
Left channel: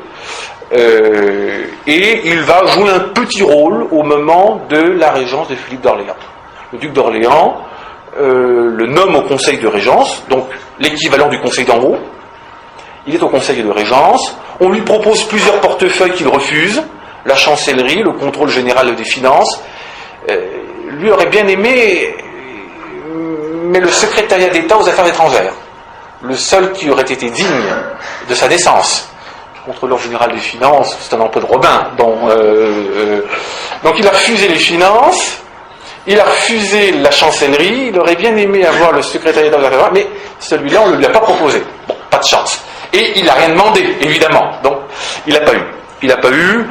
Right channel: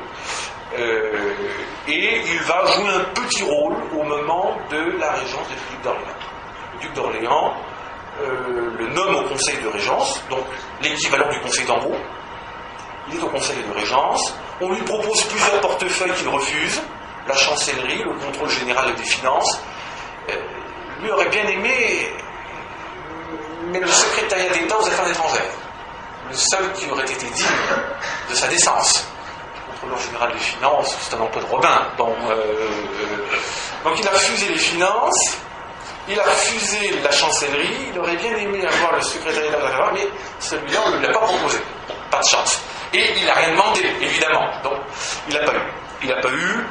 et il va jouer un petit rôle au moment de la régence de Philippe d'Orléans. Le duc d'Orléans le nomme au conseil de régence, donc l'équivalent du conseil d'en haut. Il est au conseil de régence, on lui propose plusieurs portefeuilles qu'il refuse, la chancellerie, le contrôle général des finances. Lui aurait bien aimé, mais le secrétariat d'État aux affaires étrangères, le seul qui aurait été digne de sa naissance. Le contrôleur général des finances, c'est un emploi de Robin. Donc il a refusé les finances, il a refusé la chancellerie, il aurait bien aimé avoir le secrétariat d'État aux affaires étrangères, mais celui-là, on ne lui a pas proposé. Bon, pas de chance. Et il n'a rien demandé, évidemment. Donc, il n'a pas eu. Il n'a pas eu.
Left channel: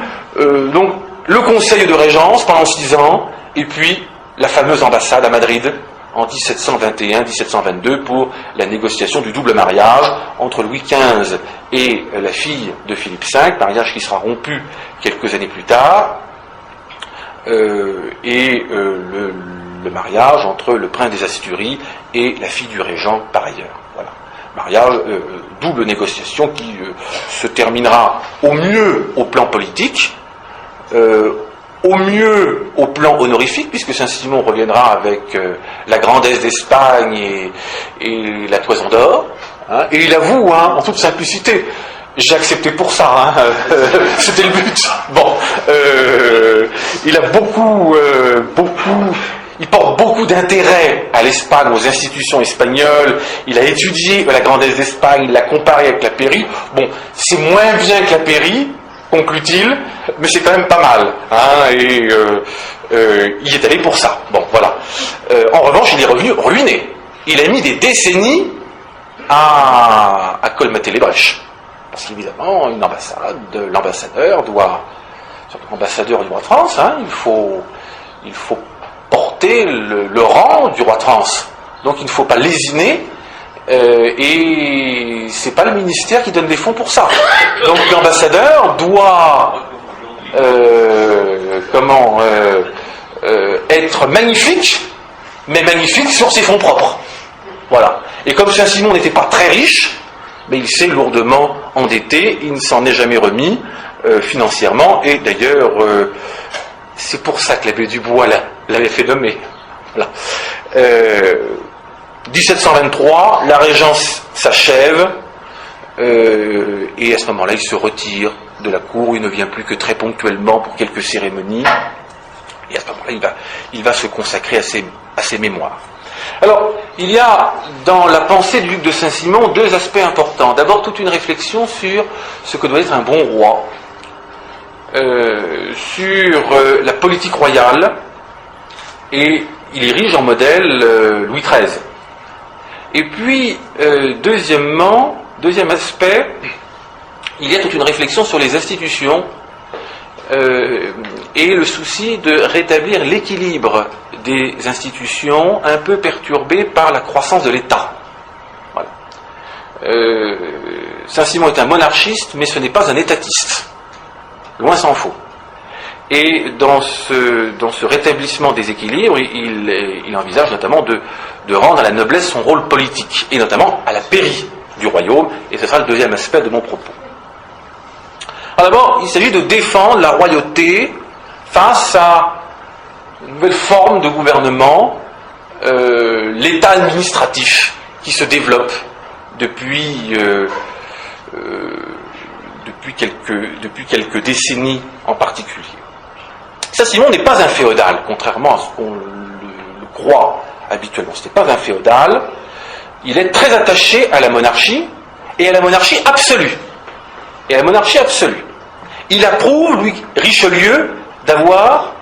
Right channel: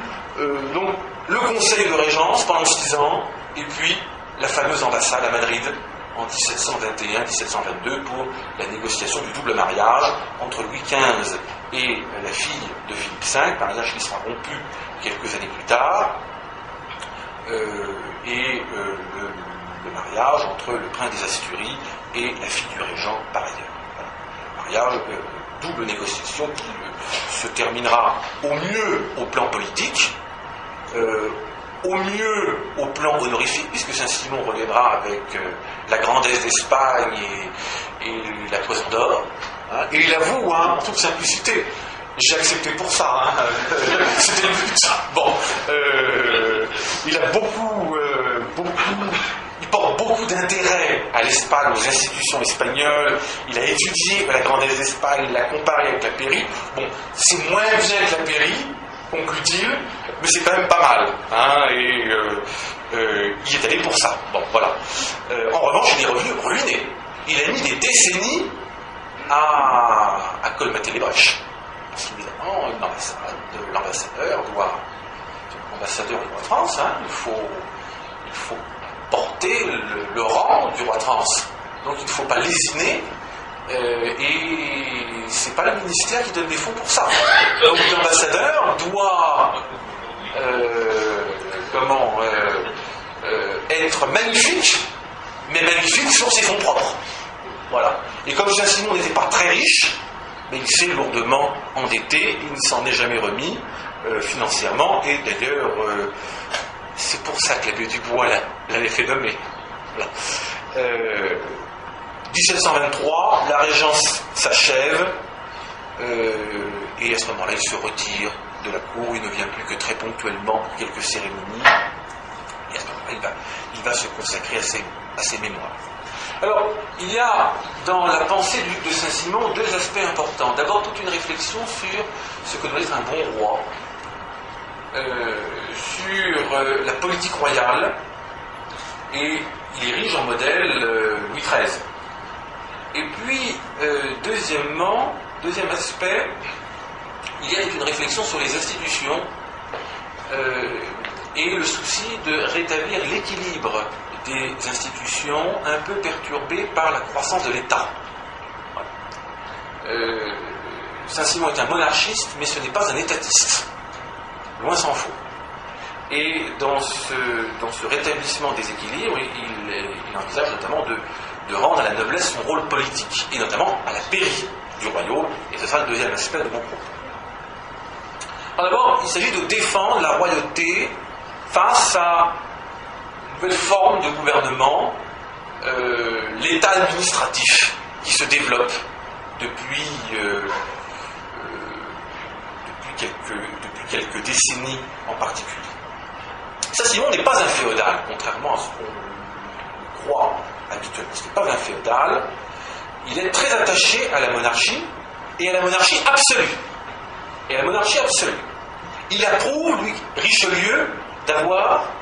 Donc, le conseil de régence pendant 6 ans, et puis la fameuse ambassade à Madrid en 1721-1722 pour la négociation du double mariage entre Louis XV et la fille de Philippe V, mariage qui sera rompu quelques années plus tard, et le mariage entre le prince des Asturies et la fille du régent par ailleurs. Voilà. Mariage, double négociation qui se terminera au mieux au plan politique, au mieux au plan honorifique, puisque Saint-Simon reviendra avec la grandesse d'Espagne et la toison d'or, hein, et il avoue, hein, en toute simplicité, j'ai accepté pour ça, hein, c'était le but. Bon, il a il porte beaucoup d'intérêt à l'Espagne, aux institutions espagnoles. Il a étudié la grandesse d'Espagne, il l'a comparé avec la Pairie. Bon, c'est moins bien que la Pairie, conclut-il, mais c'est quand même pas mal. Hein, et il est allé pour ça. Bon, voilà. En revanche, il est revenu ruiné. Il a mis des décennies à colmater les brèches. Parce qu'évidemment, une ambassade, l'ambassadeur doit, ambassadeur du roi de France, hein, il faut porter le rang du roi de France. Donc il ne faut pas lésiner, et c'est pas le ministère qui donne des fonds pour ça. Donc l'ambassadeur doit être magnifique, mais magnifique sur ses fonds propres. Voilà. Et comme Saint-Simon n'était pas très riche, mais il s'est lourdement endetté, il ne s'en est jamais remis financièrement, et d'ailleurs c'est pour ça que l'abbé Dubois l'avait fait nommer. Voilà. 1723, la régence s'achève, et à ce moment-là, il se retire de la cour, il ne vient plus que très ponctuellement pour quelques cérémonies, et à ce moment-là, il va se consacrer à ses mémoires. Alors, il y a dans la pensée du duc de Saint-Simon deux aspects importants. D'abord, toute une réflexion sur ce que doit être un bon roi, sur la politique royale, et il érige en modèle Louis XIII. Et puis, deuxième aspect, il y a toute une réflexion sur les institutions et le souci de rétablir l'équilibre des institutions un peu perturbées par la croissance de l'État. Voilà. Saint-Simon est un monarchiste, mais ce n'est pas un étatiste. Loin s'en faut. Et dans ce rétablissement des équilibres, il envisage notamment de rendre à la noblesse son rôle politique, et notamment à la pairie du royaume, et ce sera le deuxième aspect de mon propos. Alors d'abord, il s'agit de défendre la royauté face à une nouvelle forme de gouvernement, l'État administratif qui se développe depuis quelques décennies en particulier. Saint-Simon n'est pas un féodal, contrairement à ce qu'on le croit habituellement. Ce n'est pas un féodal. Il est très attaché à la monarchie, et à la monarchie absolue. Il approuve, lui, Richelieu, d'avoir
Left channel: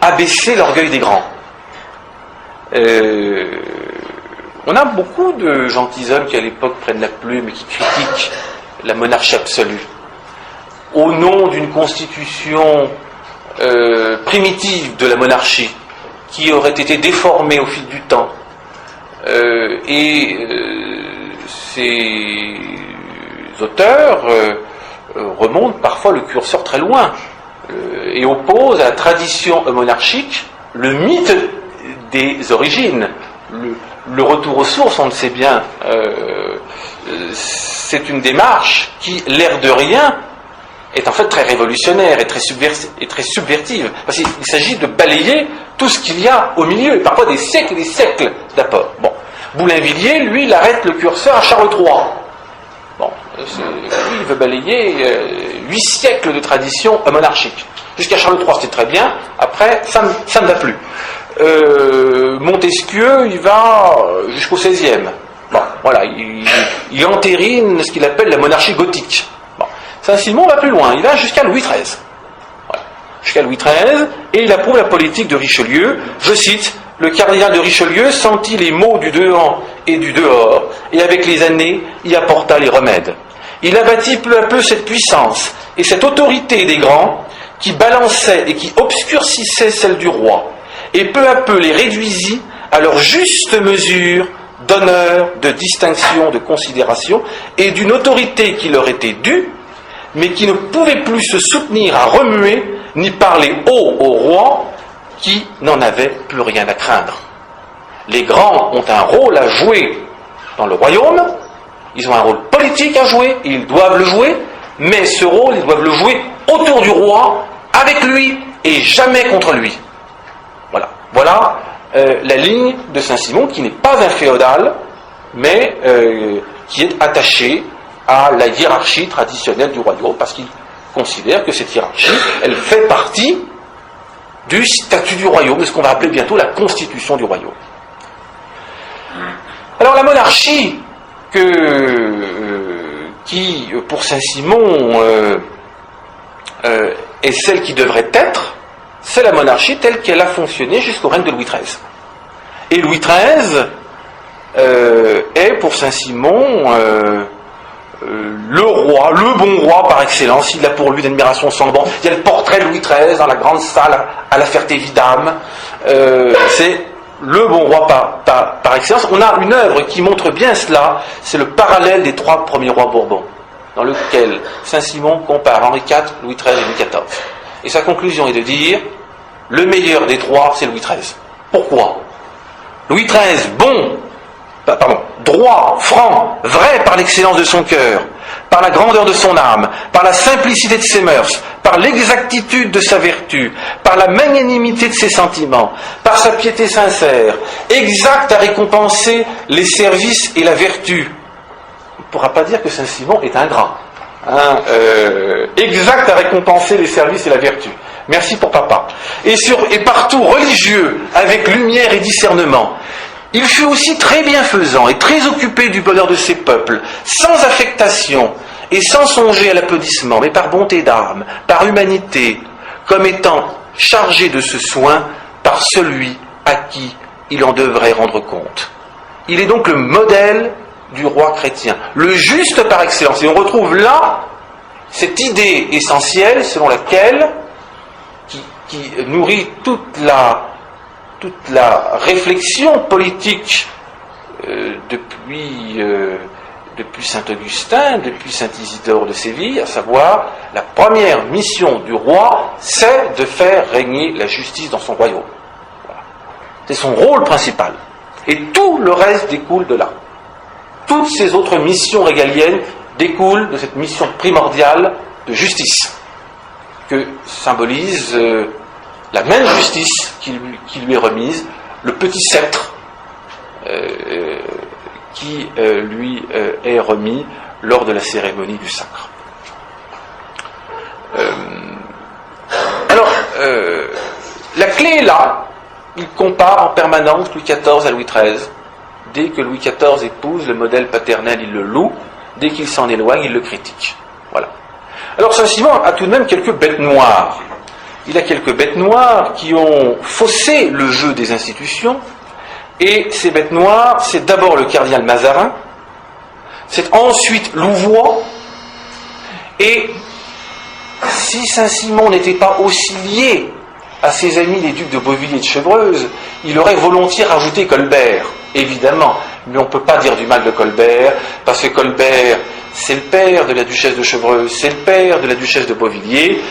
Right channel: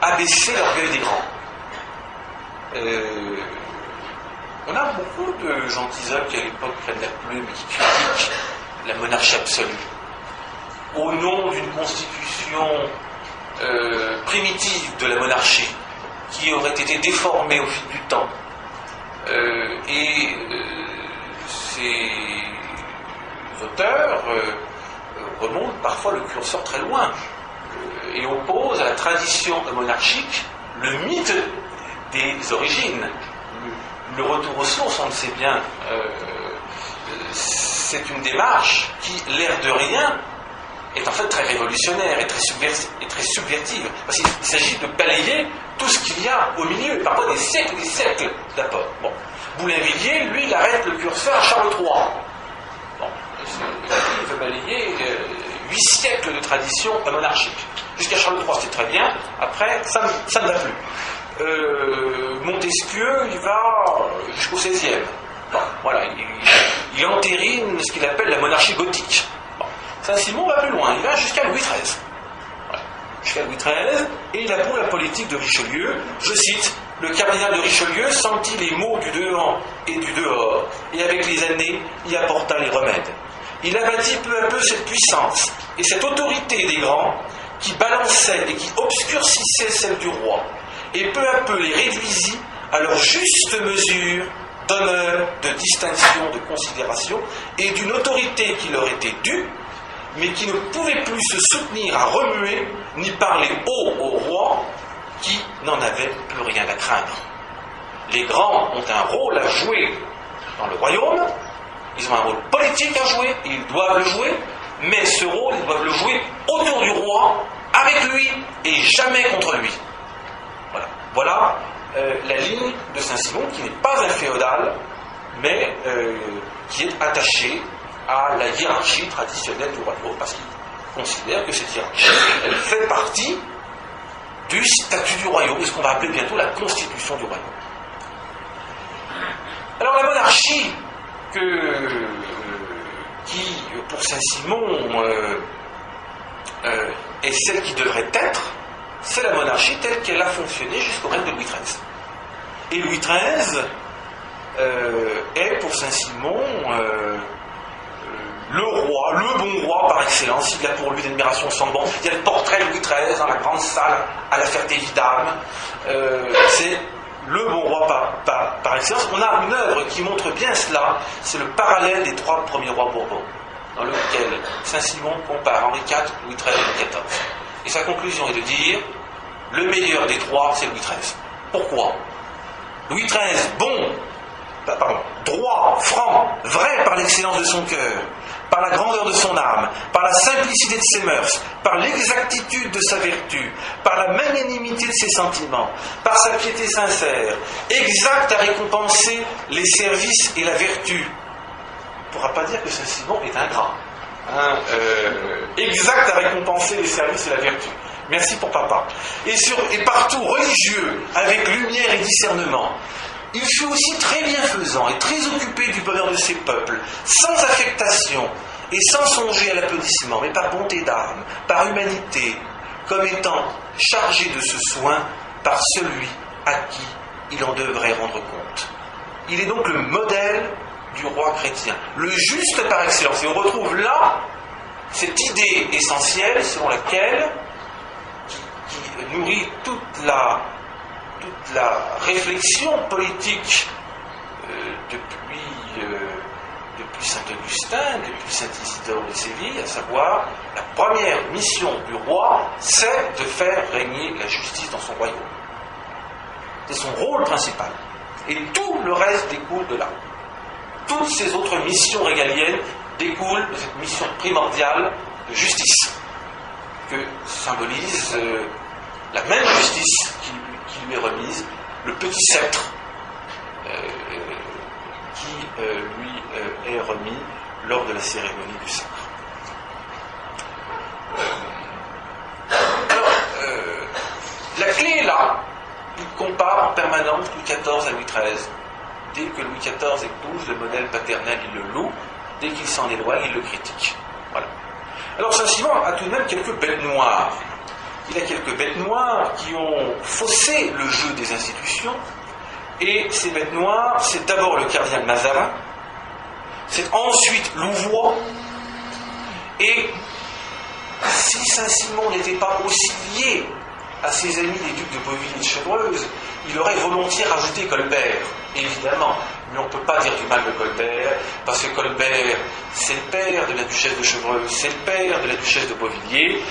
abaissé l'orgueil des grands. On a beaucoup de gentilshommes qui à l'époque prennent la plume et qui critiquent la monarchie absolue au nom d'une constitution primitive de la monarchie qui aurait été déformée au fil du temps, et ces auteurs remontent parfois le curseur très loin et opposent à la tradition monarchique le mythe des origines, le retour aux sources. On le sait bien, c'est une démarche qui, l'air de rien, est en fait très révolutionnaire et très subvertive, parce qu'il s'agit de balayer tout ce qu'il y a au milieu, et parfois des siècles et des siècles d'apport. Bon. Boulainvilliers, lui, il arrête le curseur à Charles III. Bon, il veut balayer 8 siècles de tradition monarchique. Jusqu'à Charles III, c'était très bien, après, ça ne va plus. Montesquieu, il va jusqu'au XVIe. Bon, voilà, il entérine ce qu'il appelle la monarchie gothique. Bon. Saint-Simon va plus loin, il va jusqu'à Louis XIII. Voilà. Jusqu'à Louis XIII, et il approuve la politique de Richelieu. Je cite: le cardinal de Richelieu sentit les maux du dedans et du dehors, et avec les années y apporta les remèdes. Il abattit peu à peu cette puissance et cette autorité des grands qui balançait et qui obscurcissait celle du roi, et peu à peu les réduisit à leur juste mesure d'honneur, de distinction, de considération et d'une autorité qui leur était due, mais qui ne pouvait plus se soutenir à remuer ni parler haut au roi qui n'en avait plus rien à craindre. Les grands ont un rôle à jouer dans le royaume, ils ont un rôle politique à jouer, et ils doivent le jouer, mais ce rôle, ils doivent le jouer autour du roi, avec lui, et jamais contre lui. Voilà la ligne de Saint-Simon, qui n'est pas un féodal, mais qui est attaché à la hiérarchie traditionnelle du royaume, parce qu'il considère que cette hiérarchie, elle fait partie du statut du royaume, de ce qu'on va appeler bientôt la constitution du royaume. Alors la monarchie, qui pour Saint-Simon est celle qui devrait être, c'est la monarchie telle qu'elle a fonctionné jusqu'au règne de Louis XIII. Et Louis XIII est pour Saint-Simon le roi, le bon roi par excellence. Il a pour lui une admiration sans borne. Il y a le portrait de Louis XIII dans la grande salle à la Ferté-Vidame. C'est le bon roi par excellence. On a une œuvre qui montre bien cela, c'est le parallèle des 3 premiers rois Bourbons, dans lequel Saint-Simon compare Henri IV, Louis XIII et Louis XIV. Et sa conclusion est de dire, le meilleur des 3, c'est Louis XIII. Pourquoi ? Louis XIII, droit, franc, vrai par l'excellence de son cœur, par la grandeur de son âme, par la simplicité de ses mœurs, par l'exactitude de sa vertu, par la magnanimité de ses sentiments, par sa piété sincère, exact à récompenser les services et la vertu. On ne pourra pas dire que Saint-Simon est ingrat. Exact à récompenser les services et la vertu. Merci pour papa. Et partout religieux, avec lumière et discernement. Il fut aussi très bienfaisant et très occupé du bonheur de ses peuples, sans affectation et sans songer à l'applaudissement, mais par bonté d'âme, par humanité, comme étant chargé de ce soin par celui à qui il en devrait rendre compte. Il est donc le modèle du roi chrétien, le juste par excellence. Et on retrouve là cette idée essentielle selon laquelle, qui nourrit toute la réflexion politique depuis Saint-Augustin, depuis Saint-Isidore de Séville, à savoir, la première mission du roi, c'est de faire régner la justice dans son royaume. Voilà. C'est son rôle principal. Et tout le reste découle de là. Toutes ces autres missions régaliennes découlent de cette mission primordiale de justice, que symbolise la main de justice qui lui est remise, le petit sceptre qui lui est remis lors de la cérémonie du sacre. La clé est là. Il compare en permanence Louis XIV à Louis XIII. Dès que Louis XIV épouse le modèle paternel, il le loue. Dès qu'il s'en éloigne, il le critique. Voilà. Alors Saint-Simon a tout de même quelques bêtes noires. Il a quelques bêtes noires qui ont faussé le jeu des institutions. Et ces bêtes noires, c'est d'abord le cardinal Mazarin, c'est ensuite Louvois, et si Saint-Simon n'était pas aussi lié à ses amis les ducs de Beauvilliers et de Chevreuse, il aurait volontiers rajouté Colbert, évidemment, mais on ne peut pas dire du mal de Colbert, parce que Colbert, c'est le père de la duchesse de Chevreuse, c'est le père de la duchesse de Beauvilliers,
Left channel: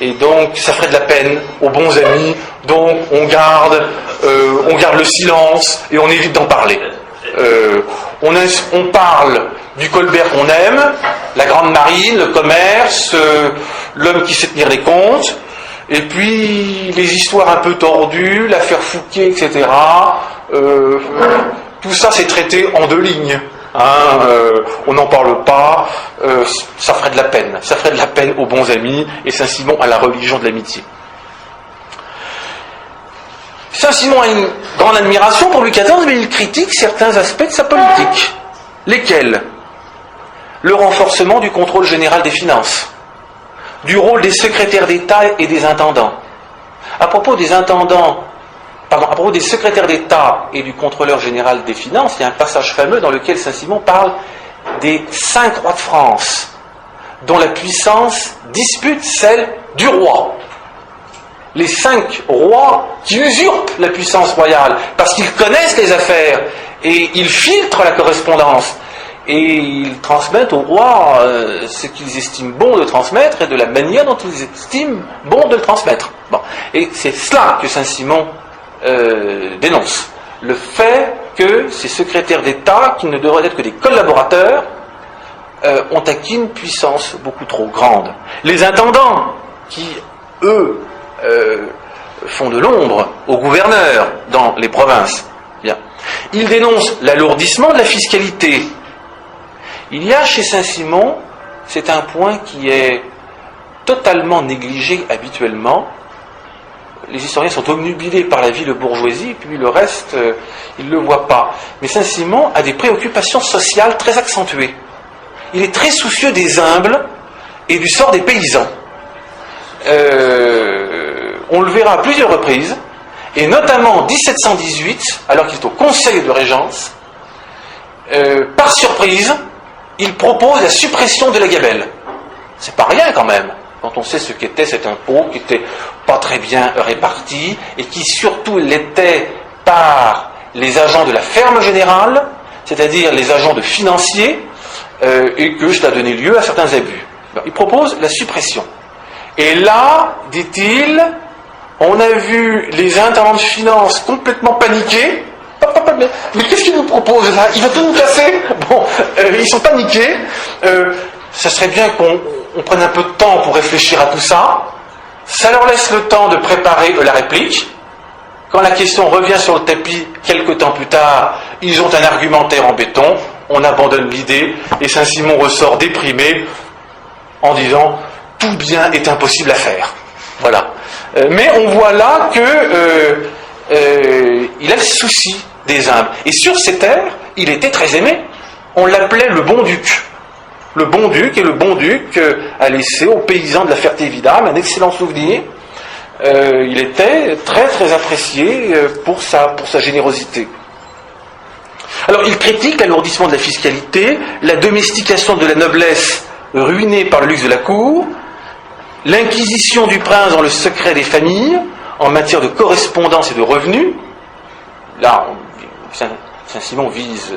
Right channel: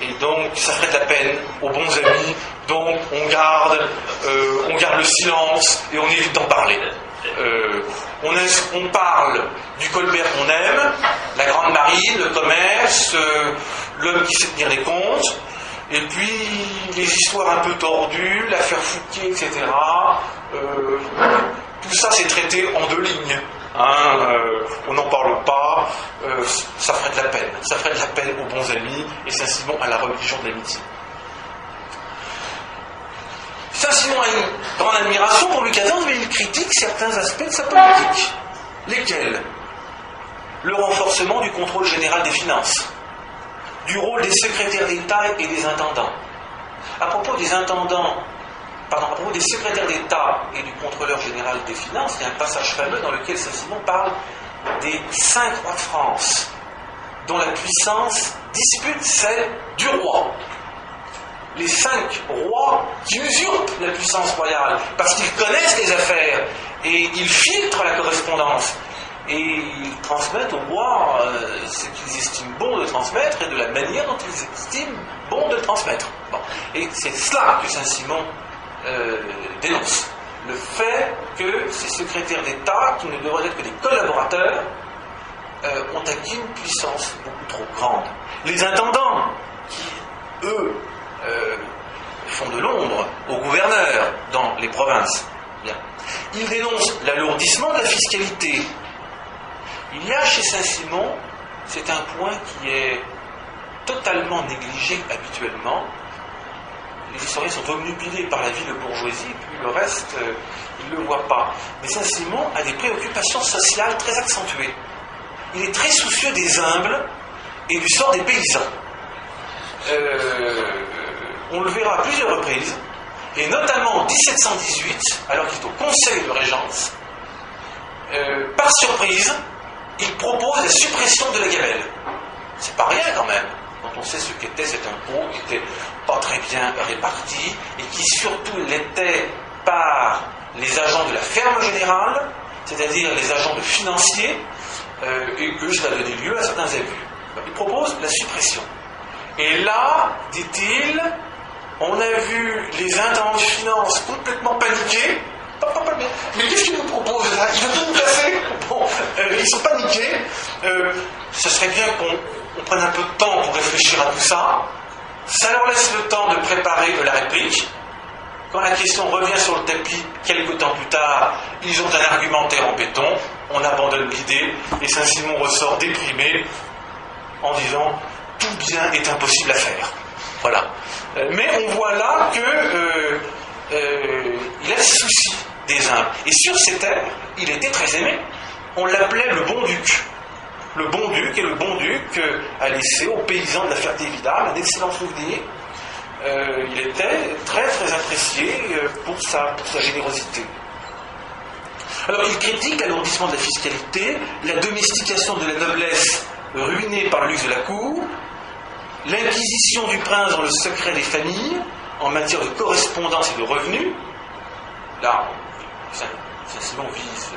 et donc ça ferait de la peine aux bons amis, donc on garde le silence et on évite d'en parler. On parle du Colbert qu'on aime, la grande marine, le commerce, l'homme qui sait tenir les comptes, et puis les histoires un peu tordues, l'affaire Fouquet, etc. Tout ça c'est traité en 2 lignes. On n'en parle pas, ça ferait de la peine. Ça ferait de la peine aux bons amis, et Saint-Simon a la religion de l'amitié. Saint-Simon a une grande admiration pour Louis XIV, mais il critique certains aspects de sa politique. Lesquels ? Le renforcement du contrôle général des finances, du rôle des secrétaires d'État et des intendants. À propos des secrétaires d'État et du contrôleur général des finances, il y a un passage fameux dans lequel Saint-Simon parle des 5 rois de France, dont la puissance dispute celle du roi. les 5 rois qui usurpent la puissance royale, parce qu'ils connaissent les affaires, et ils filtrent la correspondance, et ils transmettent au roi ce qu'ils estiment bon de transmettre, et de la manière dont ils estiment bon de le transmettre. Bon. Et c'est cela que Saint-Simon dénonce. Le fait que ces secrétaires d'État, qui ne devraient être que des collaborateurs, ont acquis une puissance beaucoup trop grande. Les intendants, qui, eux, font de l'ombre aux gouverneurs dans les provinces. Bien. Ils dénoncent l'alourdissement de la fiscalité. Il y a chez Saint-Simon, c'est un point qui est totalement négligé habituellement. Les historiens sont obnubilés par la vie de bourgeoisie, puis le reste, ils ne le voient pas. Mais Saint-Simon a des préoccupations sociales très accentuées. Il est très soucieux des humbles et du sort des paysans. On le verra à plusieurs reprises, et notamment en 1718, alors qu'il est au Conseil de Régence, par surprise, il propose la suppression de la gabelle. C'est pas rien quand même, quand on sait ce qu'était cet impôt, qui n'était pas très bien réparti, et qui surtout l'était par les agents de la ferme générale, c'est-à-dire les agents de financiers, et que cela donnait lieu à certains abus. Il propose la suppression. Et là, dit-il, on a vu les intendants de finances complètement paniqués. Mais qu'est-ce qu'il nous propose là? Il va tout nous casser. Bon, ils sont paniqués. Ça serait bien qu'on prenne un peu de temps pour réfléchir à tout ça. Ça leur laisse le temps de préparer la réplique. Quand la question revient sur le tapis, quelques temps plus tard, ils ont un argumentaire en béton. On abandonne l'idée et Saint-Simon ressort déprimé en disant « tout bien est impossible à faire ». Voilà. Mais on voit là que il a le souci des humbles. Et sur ces terres, il était très aimé. On l'appelait le bon duc. Le bon duc, et le bon duc a laissé aux paysans de la Ferté-Vidame un excellent souvenir. Il était très très apprécié pour sa générosité. Alors il critique l'alourdissement de la fiscalité, la domestication de la noblesse ruinée par le luxe de la cour, l'inquisition du prince dans le secret des familles, en matière de correspondance et de revenus. Là, Saint-Simon vise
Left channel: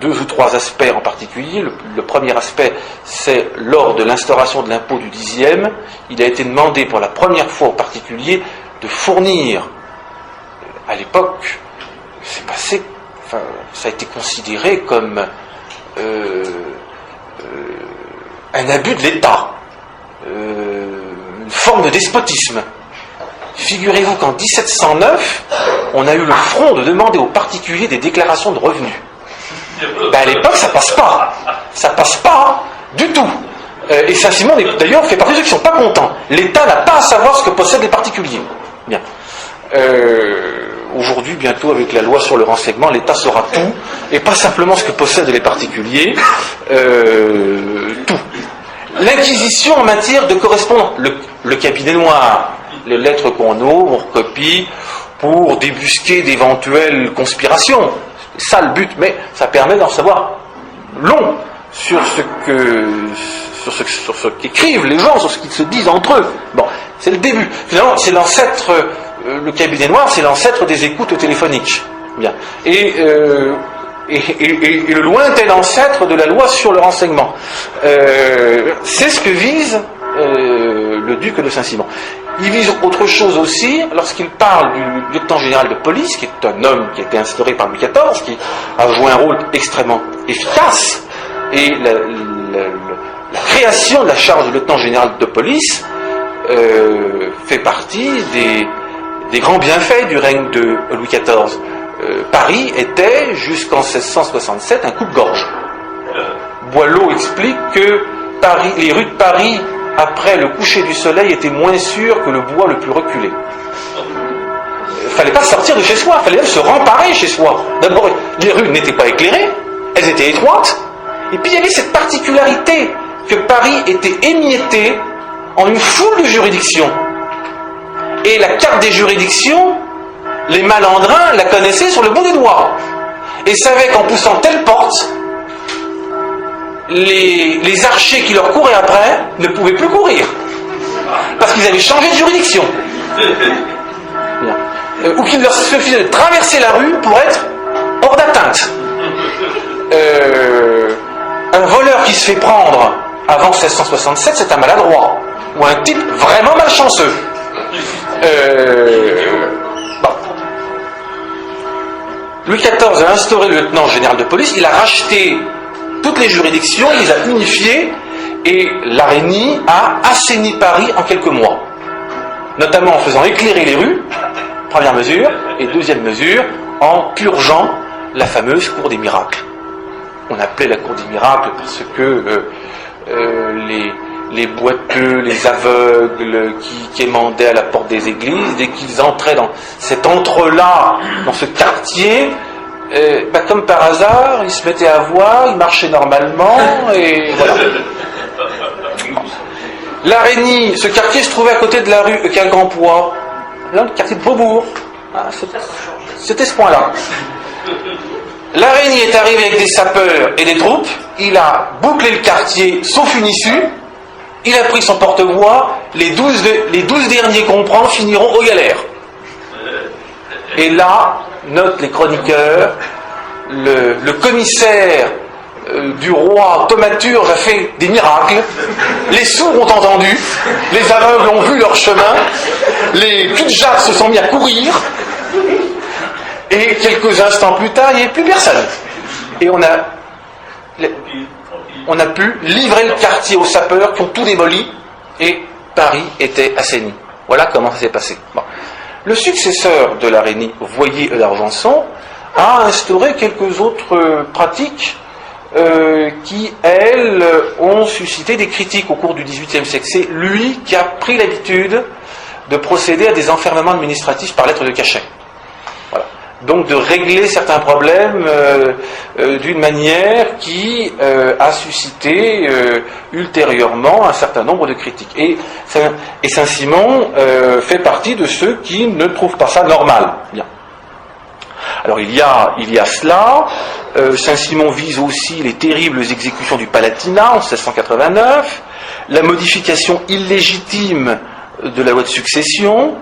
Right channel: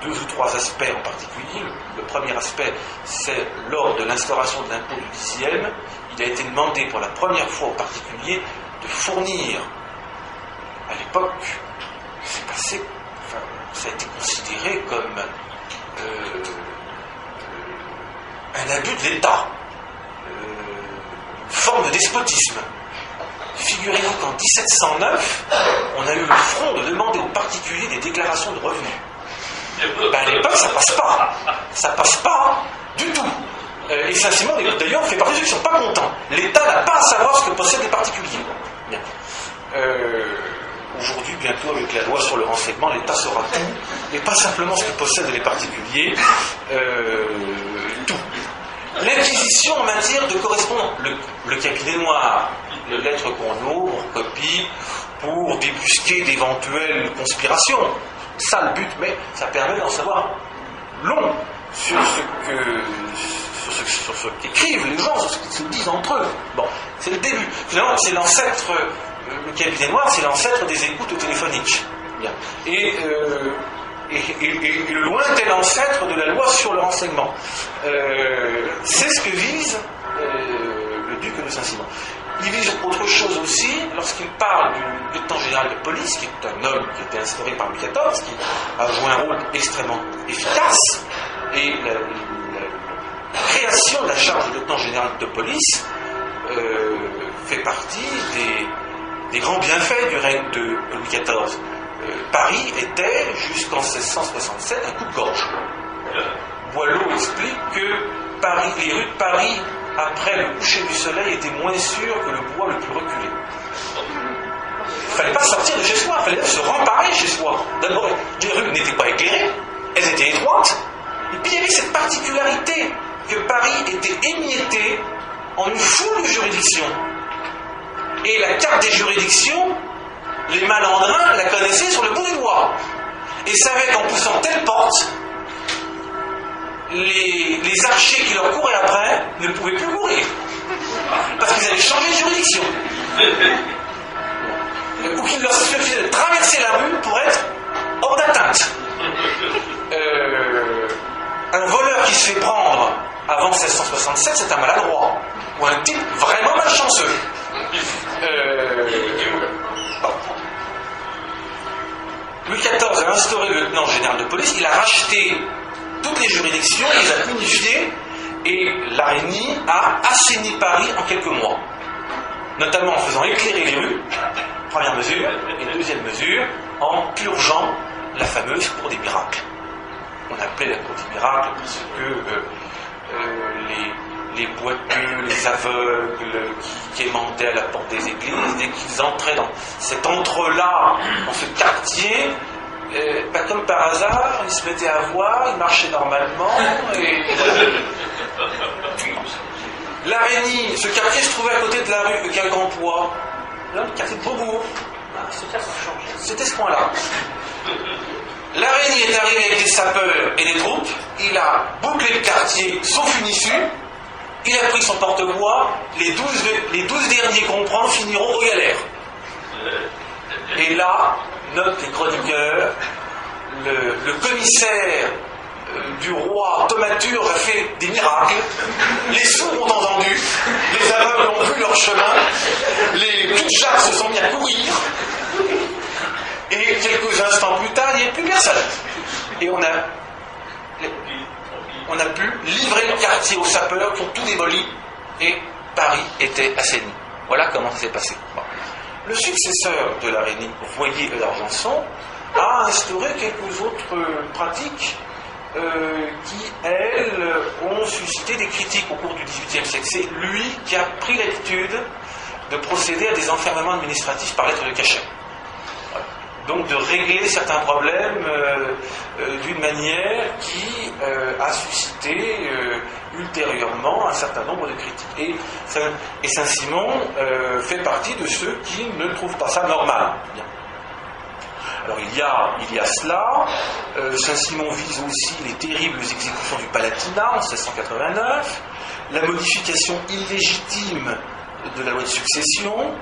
2 ou 3 aspects en particulier. Le premier aspect, c'est lors de l'instauration de l'impôt du 10e, il a été demandé pour la première fois aux particuliers de fournir, à l'époque, c'est passé, enfin, ça a été considéré comme un abus de l'État, une forme de despotisme. Figurez-vous qu'en 1709, on a eu le front de demander aux particuliers des déclarations de revenus. À l'époque, ça passe pas. Ça passe pas du tout. Et Saint-Simon, d'ailleurs, fait partie de ceux qui ne sont pas contents. L'État n'a pas à savoir ce que possèdent les particuliers. Bien. Aujourd'hui, bientôt, avec la loi sur le renseignement, l'État saura tout, et pas simplement ce que possèdent les particuliers, tout. L'inquisition en matière de correspondance, le cabinet noir, les lettres qu'on ouvre, on copie, pour débusquer d'éventuelles conspirations. C'est ça le but, mais ça permet d'en savoir long sur ce qu'écrivent les gens, sur ce qu'ils se disent entre eux. Bon, c'est le début. Finalement, c'est l'ancêtre, le cabinet noir, c'est l'ancêtre des écoutes téléphoniques. Bien. Et le lointain ancêtre de la loi sur le renseignement. C'est ce que vise le duc de Saint-Simon. Il vise autre chose aussi lorsqu'il parle du lieutenant général de police, qui est un homme qui a été instauré par Louis XIV, qui a joué un rôle extrêmement efficace. Et la création de la charge de lieutenant général de police fait partie des grands bienfaits du règne de Louis XIV. Paris était, jusqu'en 1667, un coupe-gorge. Boileau explique que les rues de Paris, après le coucher du soleil, étaient moins sûres que le bois le plus reculé. Il ne fallait pas sortir de chez soi, il fallait même se remparer chez soi. D'abord, les rues n'étaient pas éclairées, elles étaient étroites, et puis il y avait cette particularité que Paris était émietté en une foule de juridictions. Et la carte des juridictions, les malandrins la connaissaient sur le bout des doigts et savaient qu'en poussant telle porte, les archers qui leur couraient après ne pouvaient plus courir parce qu'ils avaient changé de juridiction. Ou qu'il leur suffisait de traverser la rue pour être hors d'atteinte. Un voleur qui se fait prendre avant 1667, c'est un maladroit, ou un type vraiment malchanceux. Bon. Louis XIV a instauré le lieutenant général de police, il a racheté toutes les juridictions, il les a unifiées, et la Reynie a assaini Paris en quelques mois, notamment en faisant éclairer les rues, première mesure, et deuxième mesure, en purgeant la fameuse cour des miracles. On appelait la cour des miracles parce que les boiteux, les aveugles qui émendaient à la porte des églises, dès qu'ils entraient dans cet entre-là, dans ce quartier, comme par hasard, ils se mettaient à voir, ils marchaient normalement, et voilà. La Reynie, ce quartier se trouvait à côté de la rue Quincampoix, là, le quartier de Beaubourg. C'était ce point-là. La Reynie est arrivé avec des sapeurs et des troupes, il a bouclé le quartier, sauf une issue, il a pris son porte-voix, les 12 derniers qu'on prend finiront aux galères. Et là, notent les chroniqueurs, le commissaire du roi Thaumaturge a fait des miracles, les sourds ont entendu, les aveugles ont vu leur chemin, les cul-de-jatte se sont mis à courir, et quelques instants plus tard, il n'y avait plus personne. Et on a pu livrer le quartier aux sapeurs qui ont tout démoli, et Paris était assaini. Voilà comment ça s'est passé. Bon. Le successeur de la Reynie, Voyer d'Argenson, a instauré quelques autres pratiques qui, elles, ont suscité des critiques au cours du XVIIIe siècle. C'est lui qui a pris l'habitude de procéder à des enfermements administratifs par lettre de cachet. Voilà. Donc de régler certains problèmes d'une manière qui a suscité ultérieurement un certain nombre de critiques. Et Saint-Simon fait partie de ceux qui ne trouvent pas ça normal. Bien. Alors il y a cela. Saint-Simon vise aussi les terribles exécutions du Palatinat en 1689, la modification illégitime de la loi de succession.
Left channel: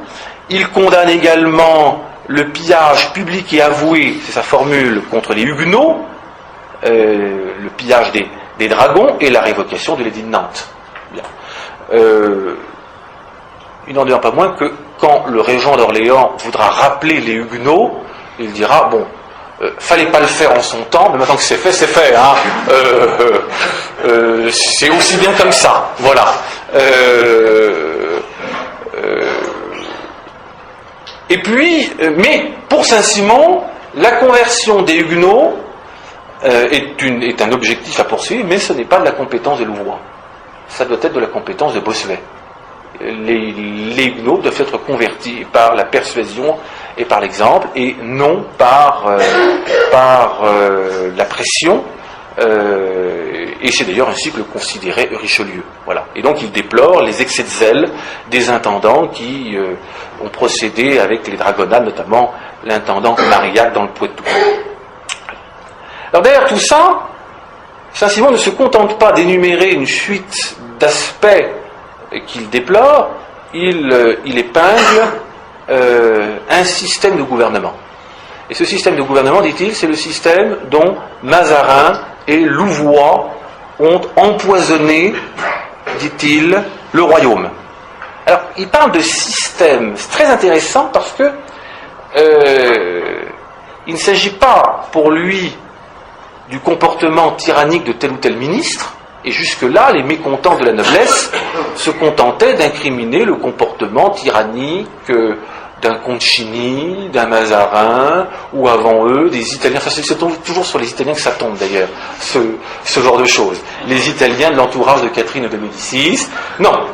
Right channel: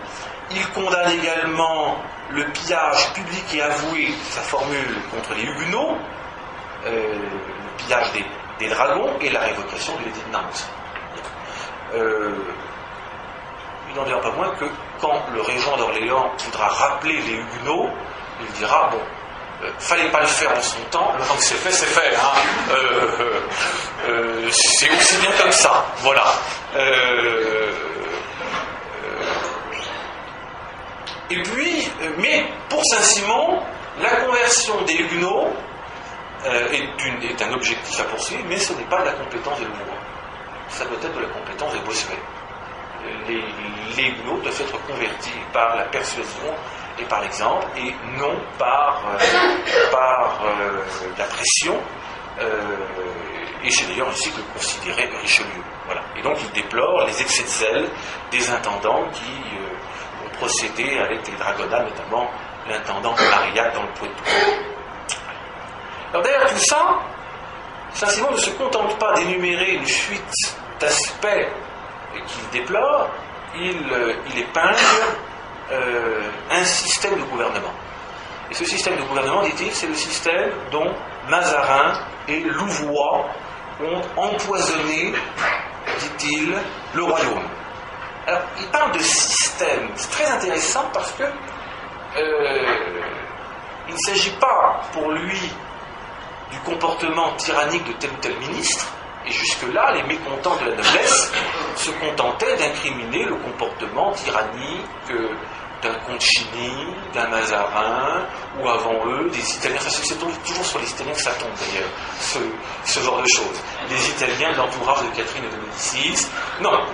Il condamne également le pillage public et avoué, c'est sa formule, contre les Huguenots, le pillage des dragons et la révocation de l'édit de Nantes. Bien. Il n'en demeure pas moins que quand le régent d'Orléans voudra rappeler les Huguenots, il dira, bon, fallait pas le faire en son temps, mais maintenant que c'est fait, hein. C'est aussi bien comme ça, voilà. Et puis, mais pour Saint-Simon, la conversion des Huguenots est un objectif à poursuivre, mais ce n'est pas de la compétence de Louvois. Ça doit être de la compétence de Bossuet. Les Huguenots doivent être convertis par la persuasion et par l'exemple, et non par la pression. Et c'est d'ailleurs ainsi que le considérait Richelieu. Voilà. Et donc il déplore les excès de zèle des intendants qui ont procédé avec les dragonnades, notamment l'intendant Marillac dans le Poitou. Alors derrière tout ça, Saint-Simon ne se contente pas d'énumérer une suite d'aspects qu'il déplore, il épingle un système de gouvernement. Et ce système de gouvernement, dit-il, c'est le système dont Mazarin et Louvois ont empoisonné, dit-il, le royaume. Alors, il parle de système. C'est très intéressant parce que il ne s'agit pas pour lui du comportement tyrannique de tel ou tel ministre, et jusque-là, les mécontents de la noblesse se contentaient d'incriminer le comportement tyrannique d'un Concini, d'un Mazarin, ou avant eux, des Italiens. Enfin, c'est toujours sur les Italiens que ça tombe d'ailleurs, ce genre de choses. Les Italiens de l'entourage de Catherine de Médicis, non.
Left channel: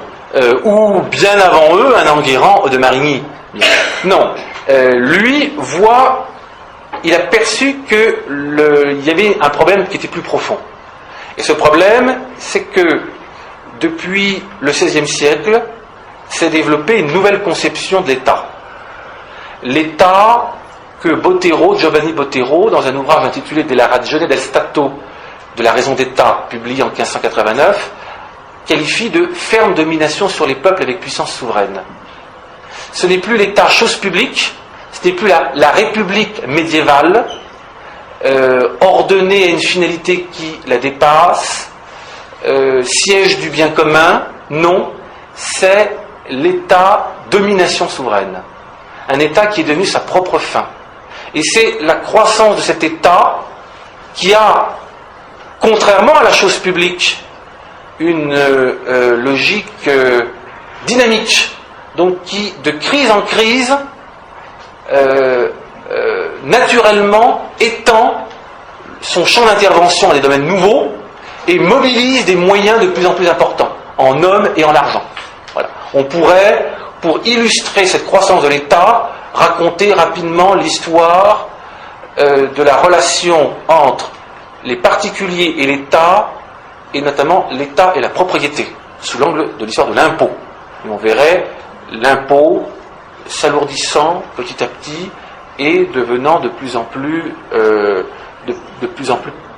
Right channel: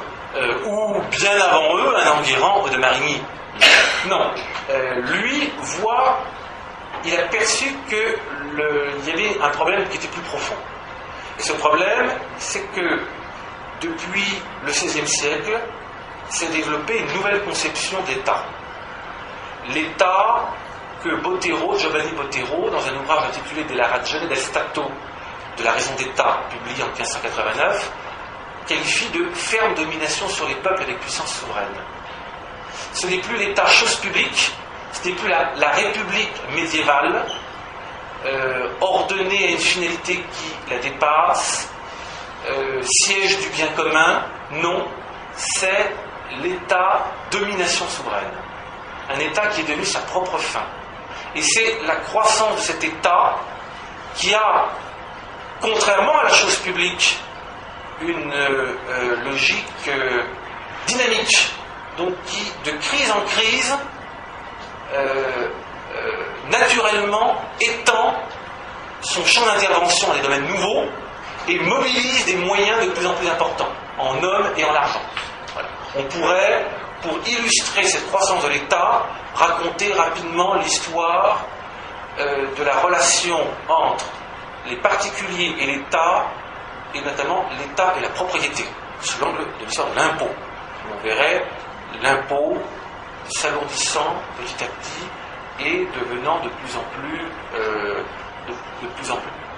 Ou bien avant eux, un Enguerrand de Marigny. Non. Lui voit, il a perçu qu'il y avait un problème qui était plus profond. Et ce problème, c'est que depuis le XVIe siècle, s'est développée une nouvelle conception de l'État. L'État que Giovanni Botero, dans un ouvrage intitulé De la ragione del Stato, de la raison d'État, publié en 1589, qualifie de ferme domination sur les peuples avec puissance souveraine. Ce n'est plus l'État chose publique, ce n'est plus la République médiévale, ordonnée à une finalité qui la dépasse, siège du bien commun. Non, c'est l'État domination souveraine. Un État qui est devenu sa propre fin. Et c'est la croissance de cet État qui a, contrairement à la chose publique, une logique dynamique, donc qui, de crise en crise, naturellement étend son champ d'intervention à des domaines nouveaux et mobilise des moyens de plus en plus importants, en hommes et en argent. Voilà. On pourrait, pour illustrer cette croissance de l'État, raconter rapidement l'histoire de la relation entre les particuliers et l'État, et notamment l'État et la propriété, sous l'angle de l'histoire de l'impôt. On verrait l'impôt s'alourdissant petit à petit et devenant de plus en plus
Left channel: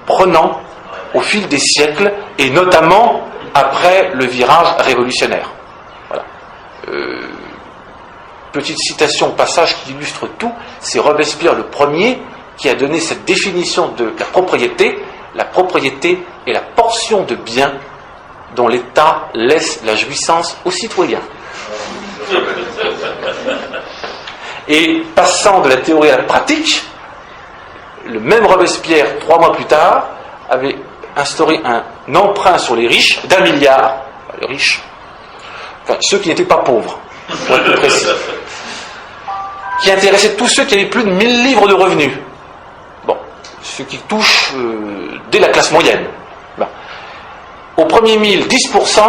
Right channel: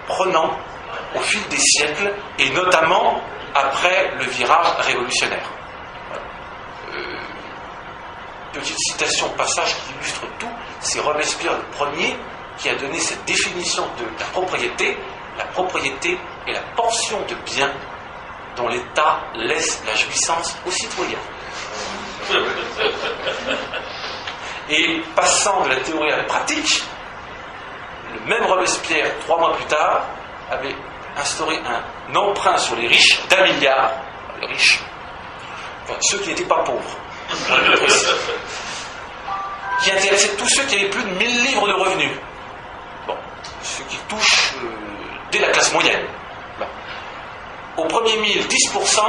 prenant au fil des siècles, et notamment après le virage révolutionnaire. Voilà. Petite citation au passage qui illustre tout, c'est Robespierre le premier qui a donné cette définition de la propriété. La propriété est la portion de biens dont l'État laisse la jouissance aux citoyens. Et passant de la théorie à la pratique, le même Robespierre, 3 mois plus tard, avait instauré un emprunt sur les riches d'1 milliard, les riches, enfin ceux qui n'étaient pas pauvres, pour être plus précis, qui intéressait tous ceux qui avaient plus de 1000 livres de revenus. Bon, ceux qui touchent dès la classe moyenne. Bon. Au premier 1000, 10%,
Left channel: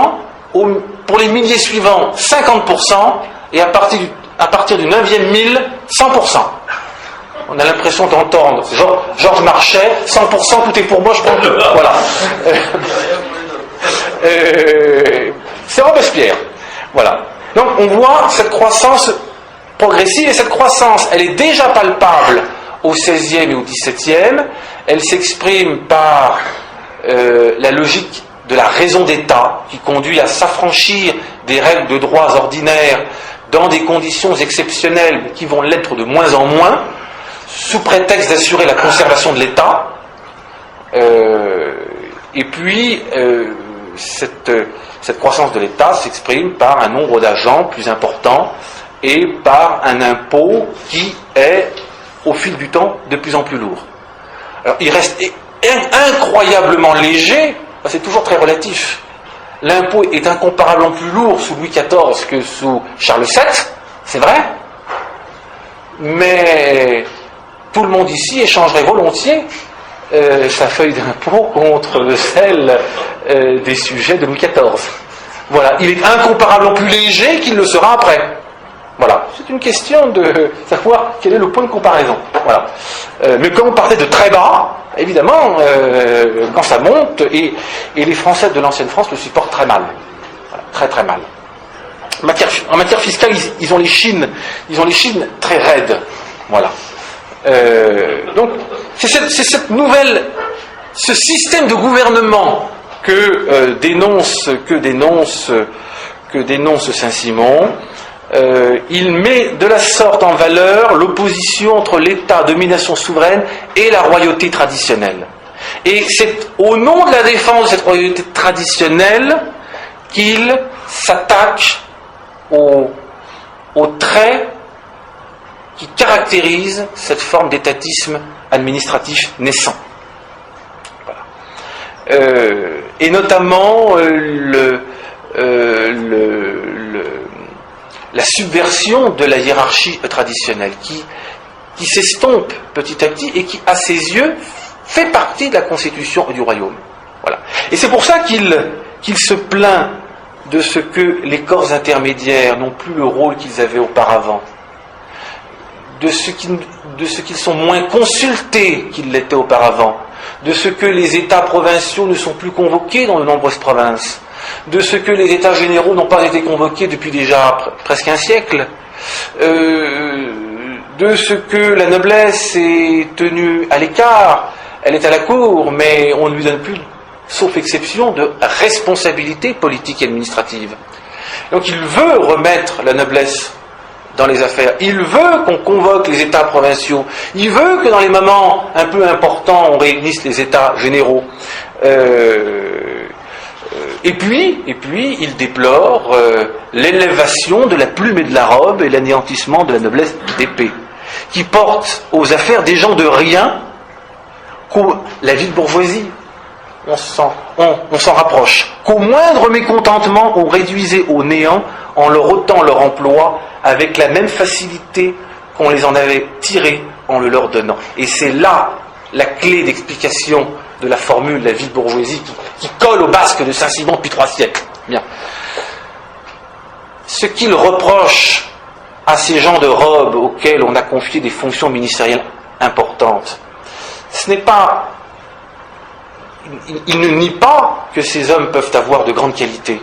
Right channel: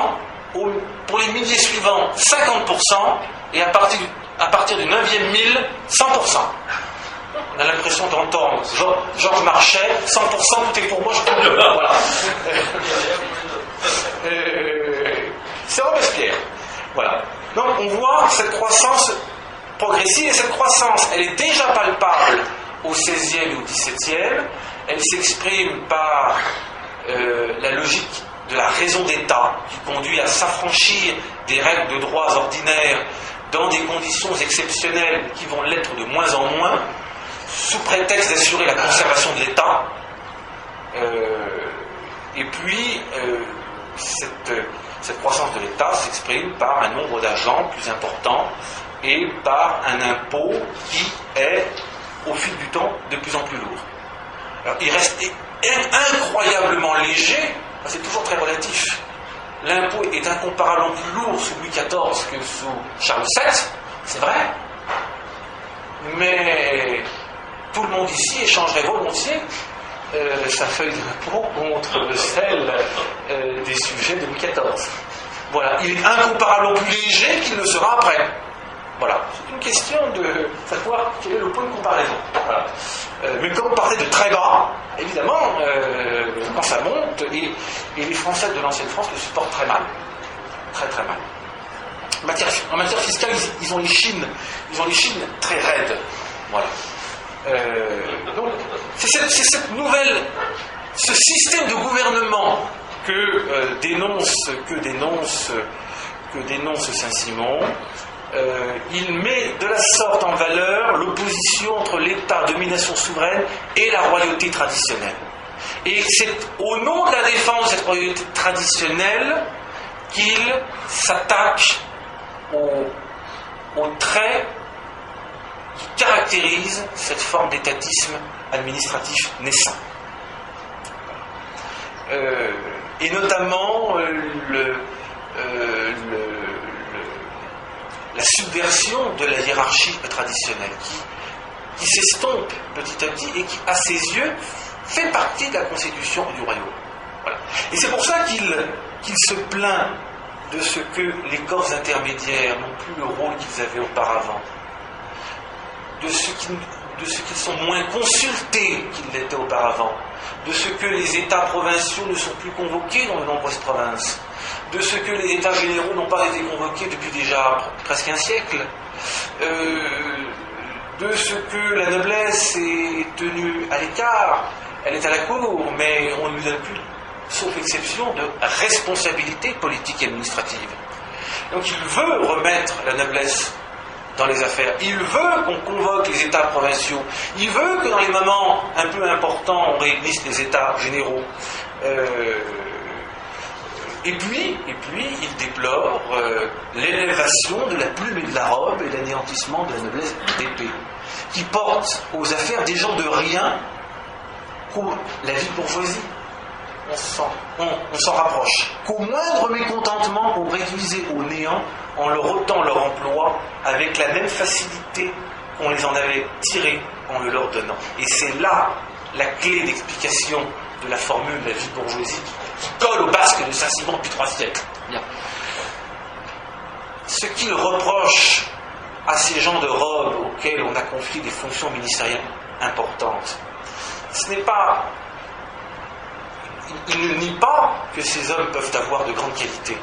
pour les milliers suivants, 50%, et à partir du 9e 1000, 100%. On a l'impression d'entendre Georges Marchais, 100%, tout est pour moi, je prends tout. Voilà. C'est Robespierre. Voilà. Donc on voit cette croissance progressive, et cette croissance, elle est déjà palpable au XVIe et au XVIIe. Elle s'exprime par la logique de la raison d'État, qui conduit à s'affranchir des règles de droits ordinaires dans des conditions exceptionnelles qui vont l'être de moins en moins, sous prétexte d'assurer la conservation de l'État. Et puis, cette croissance de l'État s'exprime par un nombre d'agents plus important et par un impôt qui est, au fil du temps, de plus en plus lourd. Alors, il reste incroyablement léger, c'est toujours très relatif. L'impôt est incomparablement plus lourd sous Louis XIV que sous Charles VII, c'est vrai, mais tout le monde ici échangerait volontiers sa feuille d'impôt contre celle des sujets de Louis XIV. Voilà, il est incomparablement plus léger qu'il le sera après. Voilà, c'est une question de savoir quel est le point de comparaison. Voilà. Mais comme on partait de très bas, évidemment, quand ça monte, et les Français de l'ancienne France le supportent très mal. Voilà, très très mal. En matière fiscale, ils ont les chines très raides. Voilà. Donc, c'est cette nouvelle, ce système de gouvernement que dénonce Saint-Simon. Il met de la sorte en valeur l'opposition entre l'État, domination souveraine, et la royauté traditionnelle. Et c'est au nom de la défense de cette royauté traditionnelle qu'il s'attaque aux traits qui caractérisent cette forme d'étatisme administratif naissant. Voilà. Et notamment la subversion de la hiérarchie traditionnelle qui s'estompe petit à petit et qui, à ses yeux, fait partie de la constitution du royaume. Voilà. Et c'est pour ça qu'il se plaint de ce que les corps intermédiaires n'ont plus le rôle qu'ils avaient auparavant, de ce qu'ils sont moins consultés qu'ils l'étaient auparavant, de ce que les États provinciaux ne sont plus convoqués dans de nombreuses provinces, de ce que les États généraux n'ont pas été convoqués depuis déjà presque un siècle, de ce que la noblesse est tenue à l'écart, elle est à la cour, mais on ne lui donne plus, sauf exception, de responsabilité politique et administrative. Donc il veut remettre la noblesse dans les affaires. Il veut qu'on convoque les États provinciaux. Il veut que dans les moments un peu importants, on réunisse les États généraux. Et puis, il déplore l'élévation de la plume et de la robe et l'anéantissement de la noblesse d'épée, qui porte aux affaires des gens de rien, la ville bourgeoisie. On s'en rapproche. Qu'au moindre mécontentement, on réduisait au néant en leur ôtant leur emploi avec la même facilité qu'on les en avait tirés en le leur donnant. Et c'est là la clé d'explication de la formule de la ville bourgeoisie qui colle au basque de Saint-Simon depuis 3 siècles. Bien. Ce qu'il reproche à ces gens de robe auxquels on a confié des fonctions ministérielles importantes, ce n'est pas... Il ne nie pas que ces hommes peuvent avoir de grandes qualités.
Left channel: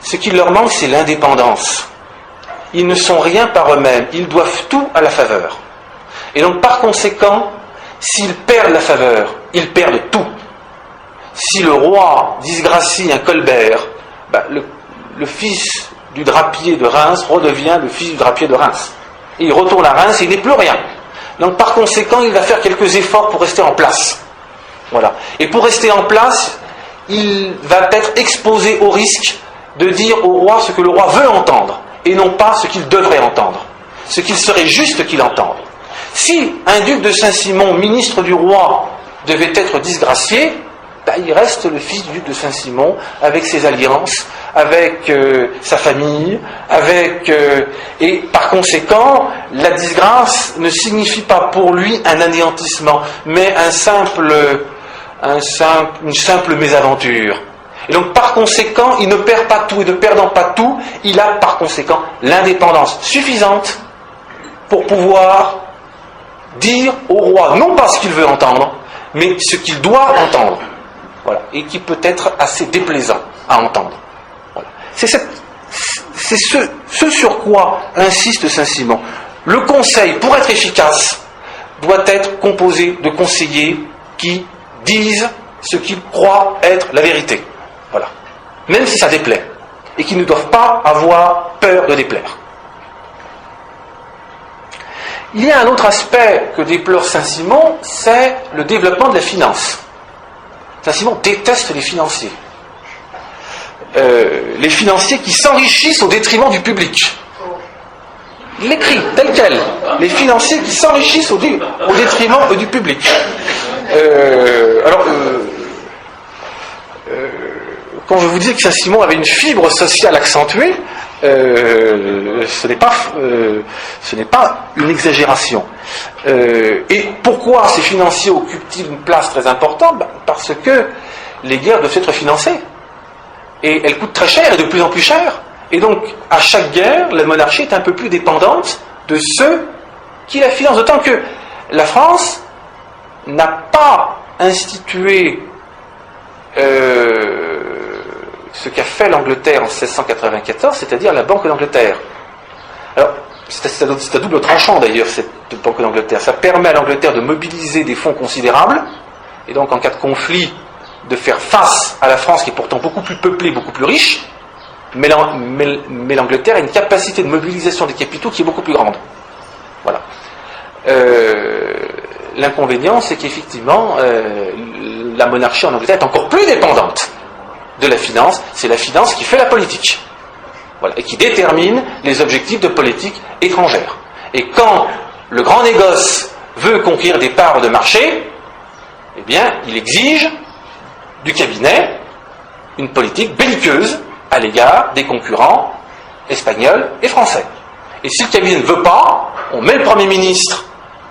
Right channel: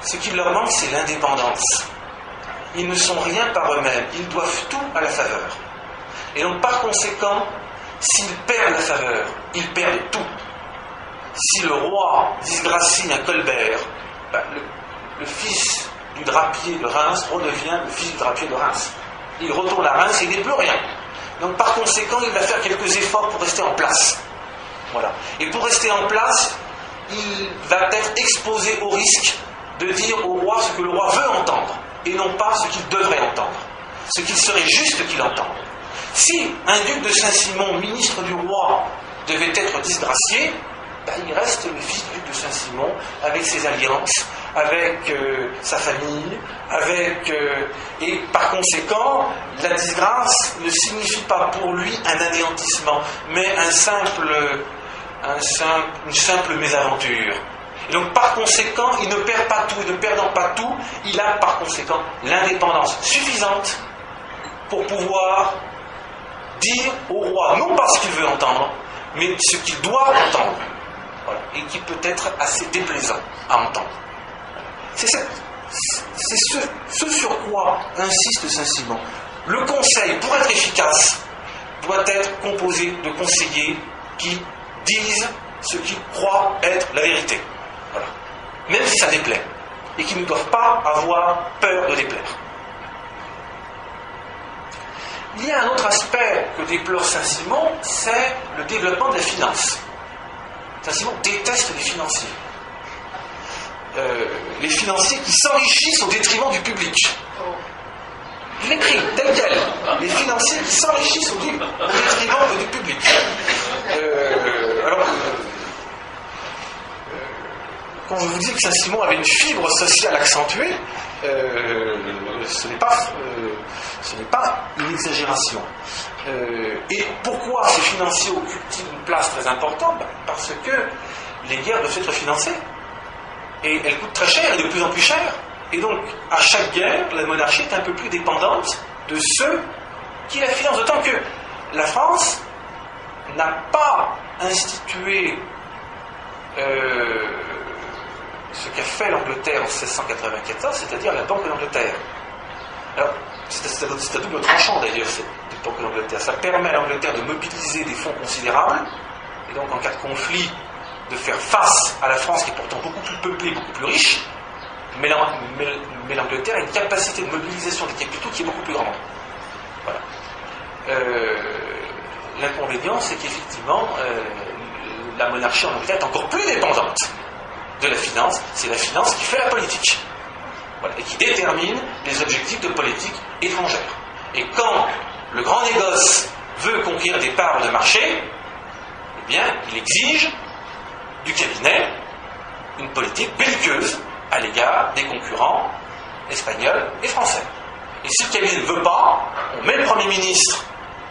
Ce qui leur manque, c'est l'indépendance. Ils ne sont rien par eux-mêmes, ils doivent tout à la faveur. Et donc, par conséquent, s'ils perdent la faveur, ils perdent tout. Si le roi disgracie un Colbert, le fils du drapier de Reims redevient le fils du drapier de Reims. Et il retourne à Reims et il n'est plus rien. Donc, par conséquent, il va faire quelques efforts pour rester en place. Voilà. Et pour rester en place, il va être exposé au risque de dire au roi ce que le roi veut entendre, et non pas ce qu'il devrait entendre, ce qu'il serait juste qu'il entende. Si un duc de Saint-Simon, ministre du roi, devait être disgracié, il reste le fils du duc de Saint-Simon, avec ses alliances, avec sa famille, et par conséquent, la disgrâce ne signifie pas pour lui un anéantissement, mais une simple mésaventure. Et donc par conséquent, il ne perd pas tout, et ne perdant pas tout, il a par conséquent l'indépendance suffisante pour pouvoir dire au roi non pas ce qu'il veut entendre, mais ce qu'il doit entendre. Voilà. Et qui peut être assez déplaisant à entendre. Voilà. C'est ce sur quoi insiste Saint-Simon. Le conseil, pour être efficace, doit être composé de conseillers qui disent ce qu'ils croient être la vérité. Voilà. Même si ça déplaît. Et qui ne doivent pas avoir peur de déplaire. Il y a un autre aspect que déplore Saint-Simon, c'est le développement de la finance. Saint-Simon déteste les financiers. Les financiers qui s'enrichissent au détriment du public. Il l'écrit tel quel. Les financiers qui s'enrichissent au détriment du public. Quand je vous dis que Saint-Simon avait une fibre sociale accentuée, ce n'est pas une exagération. Et pourquoi ces financiers occupent-ils une place très importante ? Parce que les guerres doivent être financées. Et elles coûtent très cher et de plus en plus cher. Et donc, à chaque guerre, la monarchie est un peu plus dépendante de ceux qui la financent. D'autant que la France n'a pas institué ce qu'a fait l'Angleterre en 1694, c'est-à-dire la Banque d'Angleterre. Alors, c'est à double tranchant d'ailleurs, cette Banque d'Angleterre. Ça permet à l'Angleterre de mobiliser des fonds considérables, et donc en cas de conflit, de faire face à la France qui est pourtant beaucoup plus peuplée, beaucoup plus riche, mais l'Angleterre a une capacité de mobilisation des capitaux qui est beaucoup plus grande. Voilà. L'inconvénient, c'est qu'effectivement, la monarchie en Angleterre est encore plus dépendante de la finance. C'est la finance qui fait la politique. Voilà, et qui détermine les objectifs de politique étrangère. Et quand le grand négoce veut conquérir des parts de marché, eh bien, il exige du cabinet une politique belliqueuse à l'égard des concurrents espagnols et français. Et si le cabinet ne veut pas, on met le Premier ministre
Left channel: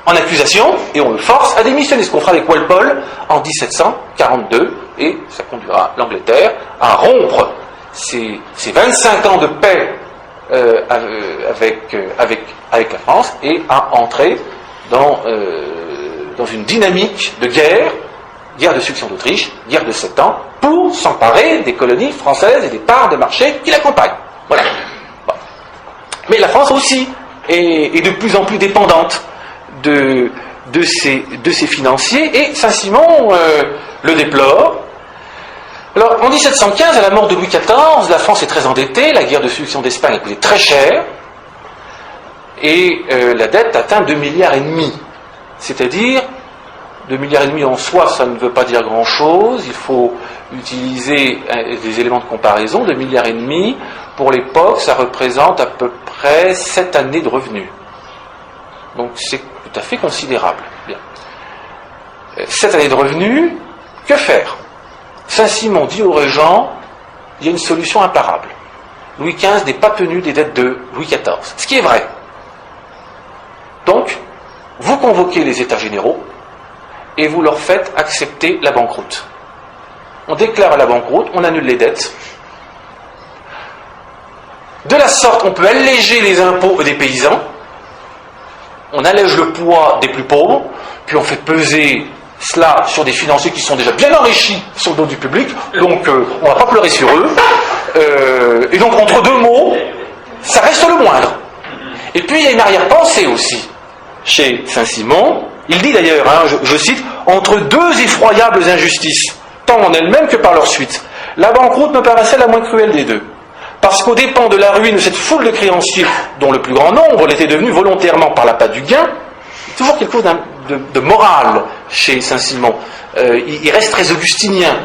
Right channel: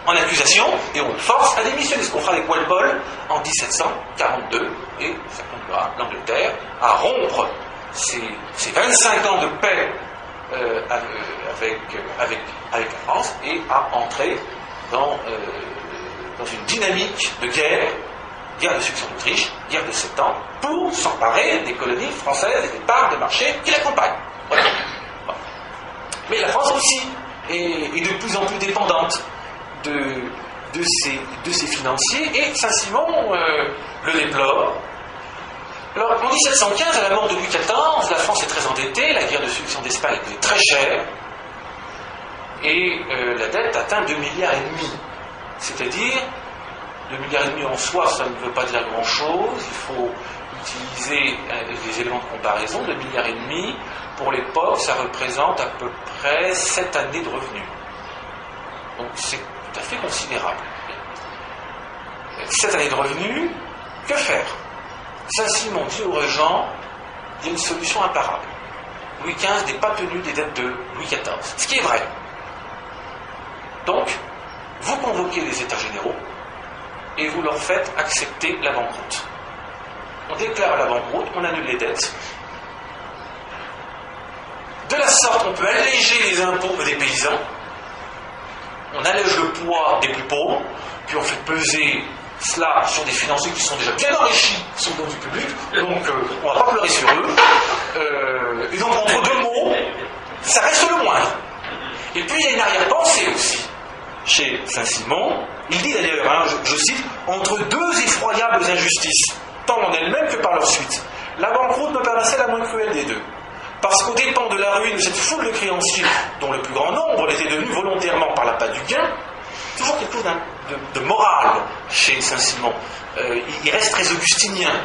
en accusation et on le force à démissionner, ce qu'on fera avec Walpole en 1742, et ça conduira l'Angleterre à rompre ces 25 ans de paix avec la France et à entrer dans une dynamique de guerre de succession d'Autriche, guerre de 7 ans, pour s'emparer des colonies françaises et des parts de marché qui l'accompagnent. Voilà. Bon. Mais la France aussi est de plus en plus dépendante de ces financiers, et Saint-Simon le déplore. Alors, en 1715, à la mort de Louis XIV, la France est très endettée, la guerre de succession d'Espagne a coûté très cher, et la dette atteint 2,5 milliards. C'est-à-dire, 2,5 milliards en soi, ça ne veut pas dire grand-chose, il faut utiliser des éléments de comparaison. 2,5 milliards, pour l'époque, ça représente à peu près 7 années de revenus. Donc c'est tout à fait considérable. Bien. 7 années de revenus, que faire? Saint-Simon dit aux régents, il y a une solution imparable. Louis XV n'est pas tenu des dettes de Louis XIV. Ce qui est vrai. Donc, vous convoquez les États généraux et vous leur faites accepter la banqueroute. On déclare la banqueroute, on annule les dettes. De la sorte, on peut alléger les impôts des paysans, on allège le poids des plus pauvres, puis on fait peser cela sur des financiers qui sont déjà bien enrichis sur le dos du public, donc on ne va pas pleurer sur eux. Et donc, entre deux mots, ça reste le moindre. Et puis, il y a une arrière-pensée aussi. Chez Saint-Simon, il dit d'ailleurs, je cite, « Entre deux effroyables injustices, tant en elles-mêmes que par leur suite, la banqueroute me paraissait la moins cruelle des deux. Parce qu'aux dépens de la ruine de cette foule de créanciers, dont le plus grand nombre l'était devenu volontairement par l'appât du gain, toujours quelque chose de moral chez Saint-Simon. Il reste très augustinien.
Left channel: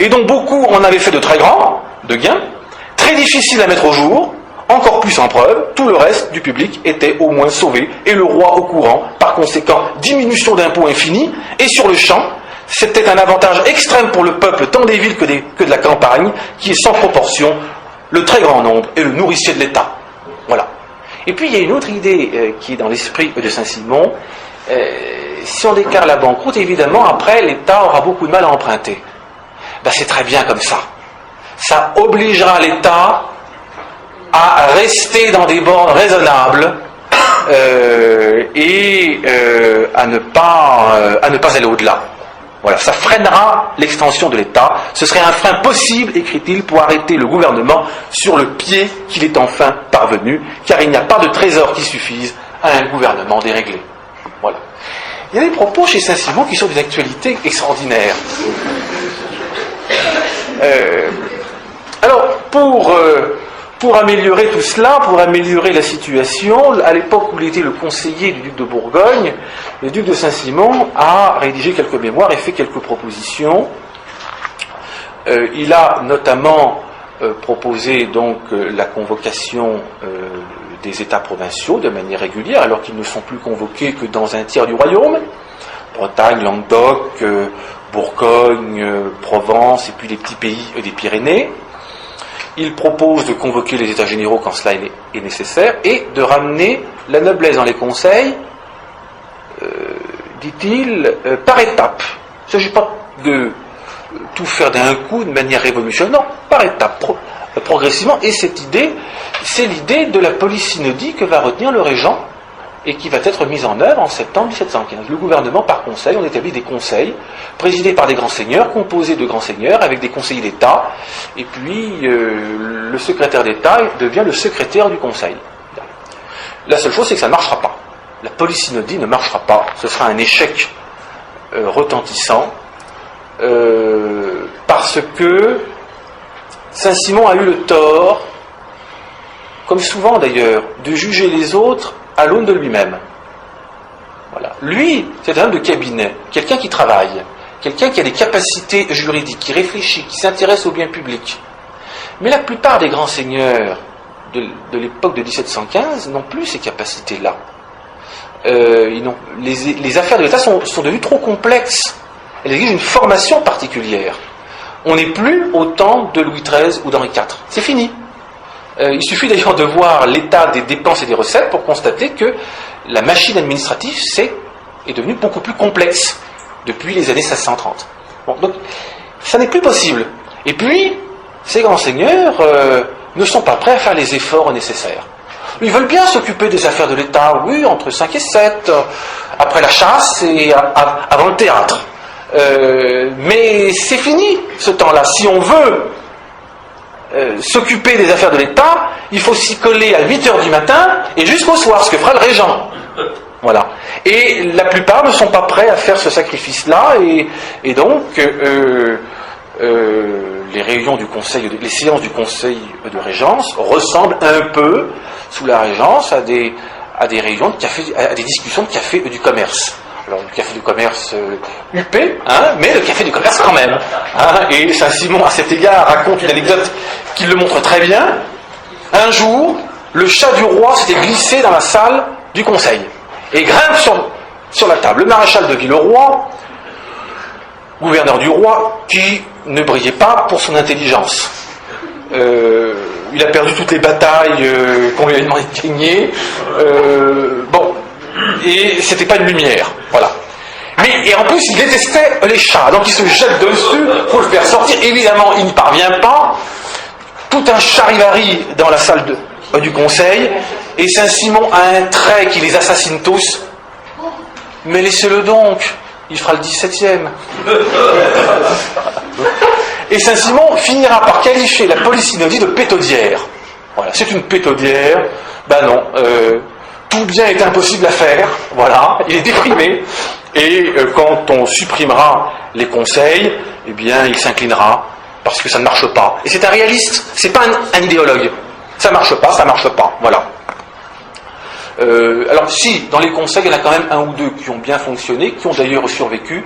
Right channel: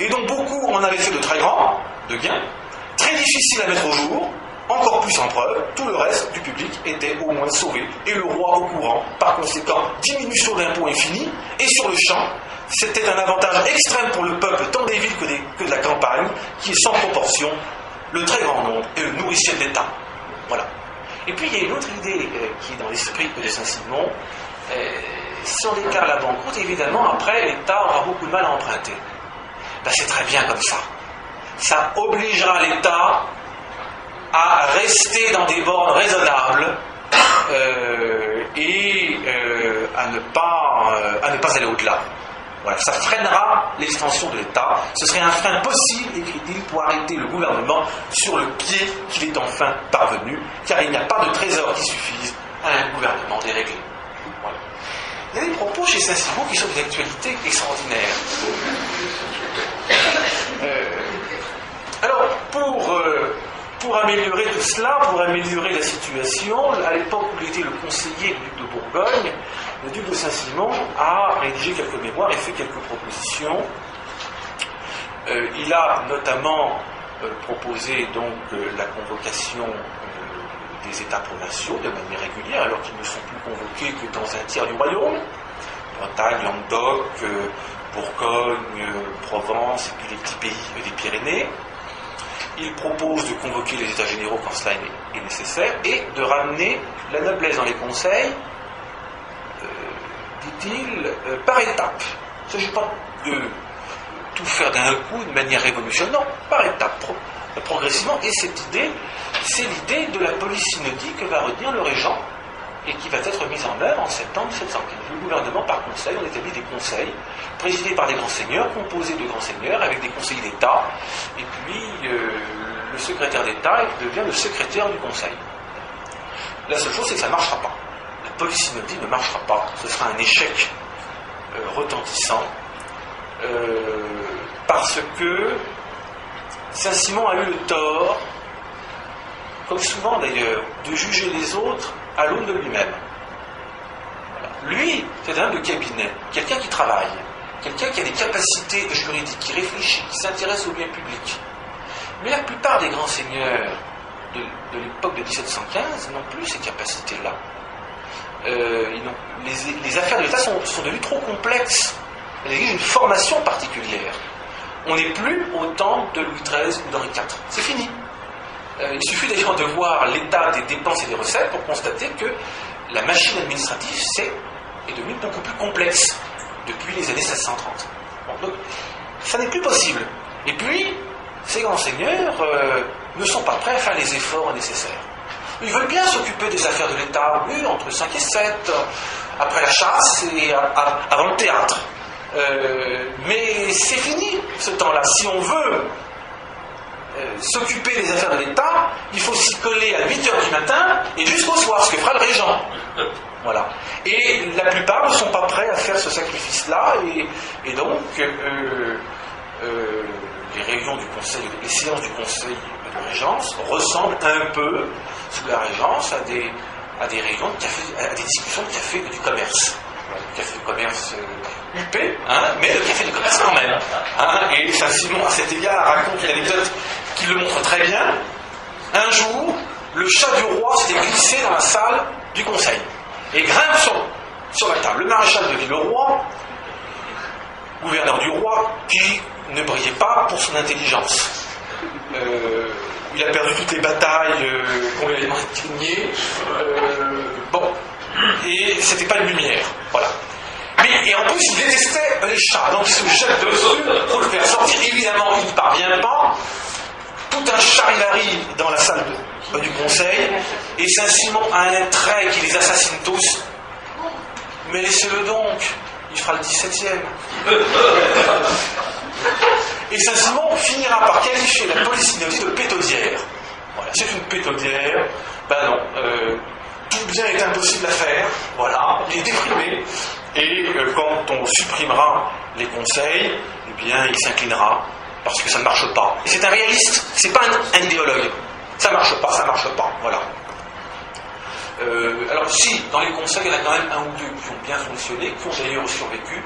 Et donc beaucoup en avaient fait de très grands, de gains, très difficiles à mettre au jour, encore plus en preuve, tout le reste du public était au moins sauvé, et le roi au courant. Par conséquent, diminution d'impôts infinie, et sur le champ, c'était un avantage extrême pour le peuple, tant des villes que de la campagne, qui est sans proportion le très grand nombre et le nourricier de l'État. Voilà. Et puis il y a une autre idée qui est dans l'esprit de Saint-Simon. Si on déclare la banqueroute, évidemment, après, l'État aura beaucoup de mal à emprunter. Ben, c'est très bien comme ça. Ça obligera l'État à rester dans des bornes raisonnables et à ne pas aller au-delà. Voilà, ça freinera l'extension de l'État. Ce serait un frein possible, écrit-il, pour arrêter le gouvernement sur le pied qu'il est enfin parvenu, car il n'y a pas de trésor qui suffise à un gouvernement déréglé. Voilà. Il y a des propos chez Saint-Simon qui sont d'une actualité extraordinaire. Alors, pour améliorer tout cela, pour améliorer la situation, à l'époque où il était le conseiller du duc de Bourgogne, le duc de Saint-Simon a rédigé quelques mémoires et fait quelques propositions. Il a notamment proposé donc la convocation des États provinciaux de manière régulière, alors qu'ils ne sont plus convoqués que dans un tiers du royaume, Bretagne, Languedoc, Bourgogne, Provence et puis les petits pays des Pyrénées. Il propose de convoquer les États généraux quand cela est nécessaire et de ramener la noblesse dans les conseils, dit-il, par étapes. Il ne s'agit pas de tout faire d'un coup de manière révolutionnaire, non, par étapes, progressivement. Et cette idée, c'est l'idée de la polysynodie que va retenir le régent et qui va être mise en œuvre en septembre 1715. Le gouvernement, par conseil, on établit des conseils présidés par des grands seigneurs, composés de grands seigneurs, avec des conseillers d'État, et puis le secrétaire d'État devient le secrétaire du conseil. La seule chose, c'est que ça ne marchera pas. La polysynodie ne marchera pas. Ce sera un échec retentissant, parce que Saint-Simon a eu le tort, comme souvent d'ailleurs, de juger les autres à l'aune de lui-même. Voilà. Lui, c'est un homme de cabinet, quelqu'un qui travaille, quelqu'un qui a des capacités juridiques, qui réfléchit, qui s'intéresse au bien public. Mais la plupart des grands seigneurs de l'époque de 1715 n'ont plus ces capacités-là. Les affaires de l'État sont devenues trop complexes. Elles exigent une formation particulière. On n'est plus au temps de Louis XIII ou d'Henri IV. C'est fini. Il suffit d'ailleurs de voir l'état des dépenses et des recettes pour constater que la machine administrative est devenue beaucoup plus complexe depuis les années 1630. Bon, donc, ça n'est plus possible. Et puis, ces grands seigneurs ne sont pas prêts à faire les efforts nécessaires. Ils veulent bien s'occuper des affaires de l'État, oui, entre 5 et 7, après la chasse et avant le théâtre. Mais c'est fini, ce temps-là. Si on veut s'occuper des affaires de l'État, il faut s'y coller à 8h du matin et jusqu'au soir, ce que fera le régent. Voilà. Et la plupart ne sont pas prêts à faire ce sacrifice-là, et donc les réunions du conseil, les séances du conseil de régence ressemblent un peu, sous la régence, à des réunions de café, à des discussions de café du commerce. Alors, le café du commerce huppé, mais le café du commerce quand même. Et Saint-Simon, à cet égard, raconte une anecdote qui le montre très bien. Un jour, le chat du roi s'était glissé dans la salle du conseil et grimpe sur la table. Le maréchal de Villeroy, gouverneur du roi, qui ne brillait pas pour son intelligence. Il a perdu toutes les batailles qu'on lui a gagnées. Et c'était pas une lumière, voilà. Et en plus, il détestait les chats, donc il se jette dessus pour le faire sortir. Évidemment, il n'y parvient pas. Tout un charivari dans la salle du conseil, et Saint-Simon a un trait qui les assassine tous. Mais laissez-le donc, il fera le 17e. Et Saint-Simon finira par qualifier la Polysynodie de pétaudière. Voilà, c'est une pétaudière. Ben non, tout bien est impossible à faire. Voilà, il est déprimé. Et quand on supprimera les conseils, eh bien, il s'inclinera parce que ça ne marche pas. Et c'est un réaliste, c'est pas un idéologue. Ça marche pas, voilà. Alors si, dans les conseils, il y en a quand même un ou deux qui ont bien fonctionné, qui ont d'ailleurs survécu,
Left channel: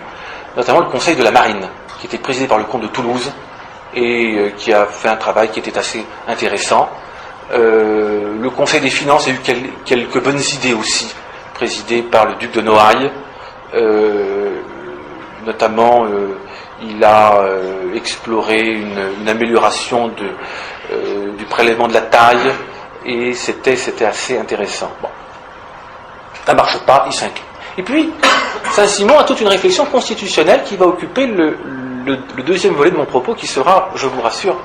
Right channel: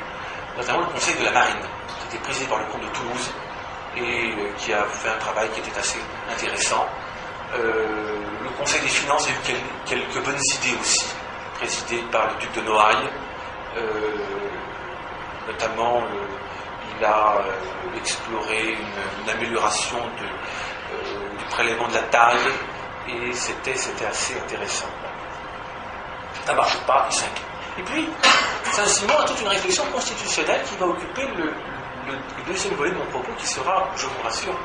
notamment le conseil de la marine, qui était présidé par le comte de Toulouse, et qui a fait un travail qui était assez intéressant. Le conseil des finances a eu quelques bonnes idées aussi, présidé par le duc de Noailles, notamment il a exploré une amélioration du prélèvement de la taille, et c'était assez intéressant. Bon. Ça ne marche pas, il s'incline. Et puis, Saint-Simon a toute une réflexion constitutionnelle qui va occuper le deuxième volet de mon propos, qui sera, je vous rassure,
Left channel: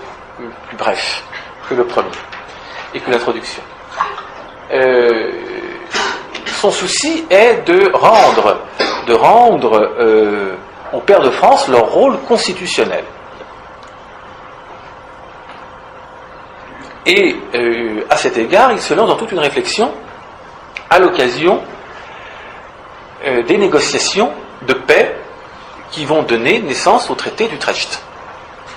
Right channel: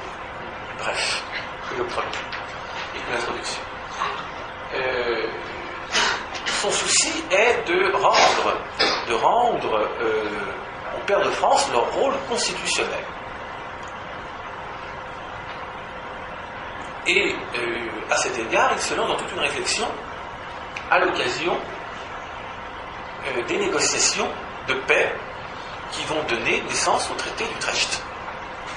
plus bref que le premier, et que l'introduction. Son souci est de rendre aux pairs de France leur rôle constitutionnel. Et à cet égard, il se lance dans toute une réflexion à l'occasion des négociations de paix qui vont donner naissance au traité d'Utrecht.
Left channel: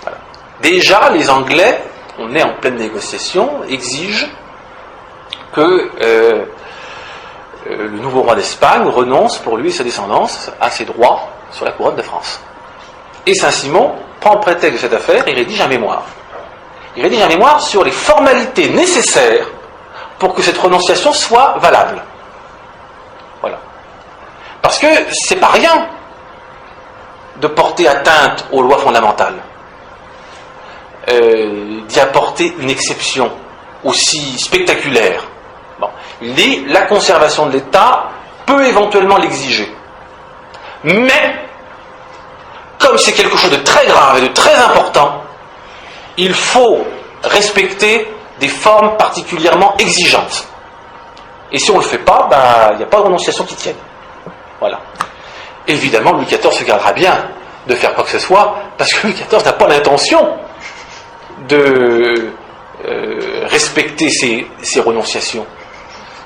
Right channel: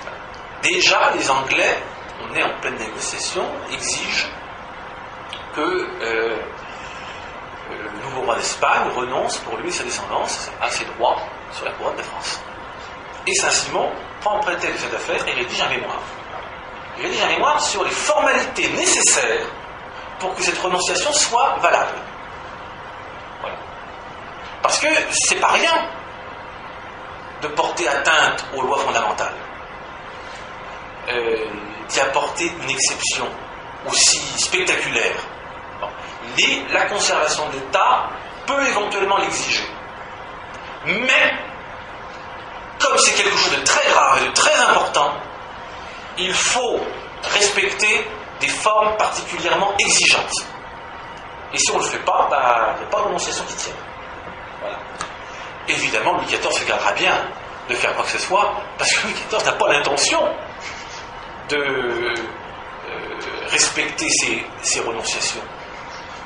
Voilà. Déjà, les Anglais, on est en pleine négociation, exigent que le nouveau roi d'Espagne renonce pour lui et sa descendance à ses droits sur la couronne de France. Et Saint-Simon prend prétexte de cette affaire et rédige un mémoire. Il rédige un mémoire sur les formalités nécessaires pour que cette renonciation soit valable. Voilà. Parce que c'est pas rien de porter atteinte aux lois fondamentales, d'y apporter une exception aussi spectaculaire. Bon. Il dit la conservation de l'État peut éventuellement l'exiger. Mais, comme c'est quelque chose de très grave et de très important, il faut respecter des formes particulièrement exigeantes. Et si on ne le fait pas, il n'y a pas de renonciation qui tienne. Voilà. Évidemment, Louis XIV se gardera bien de faire quoi que ce soit, parce que Louis XIV n'a pas l'intention de respecter ces renonciations.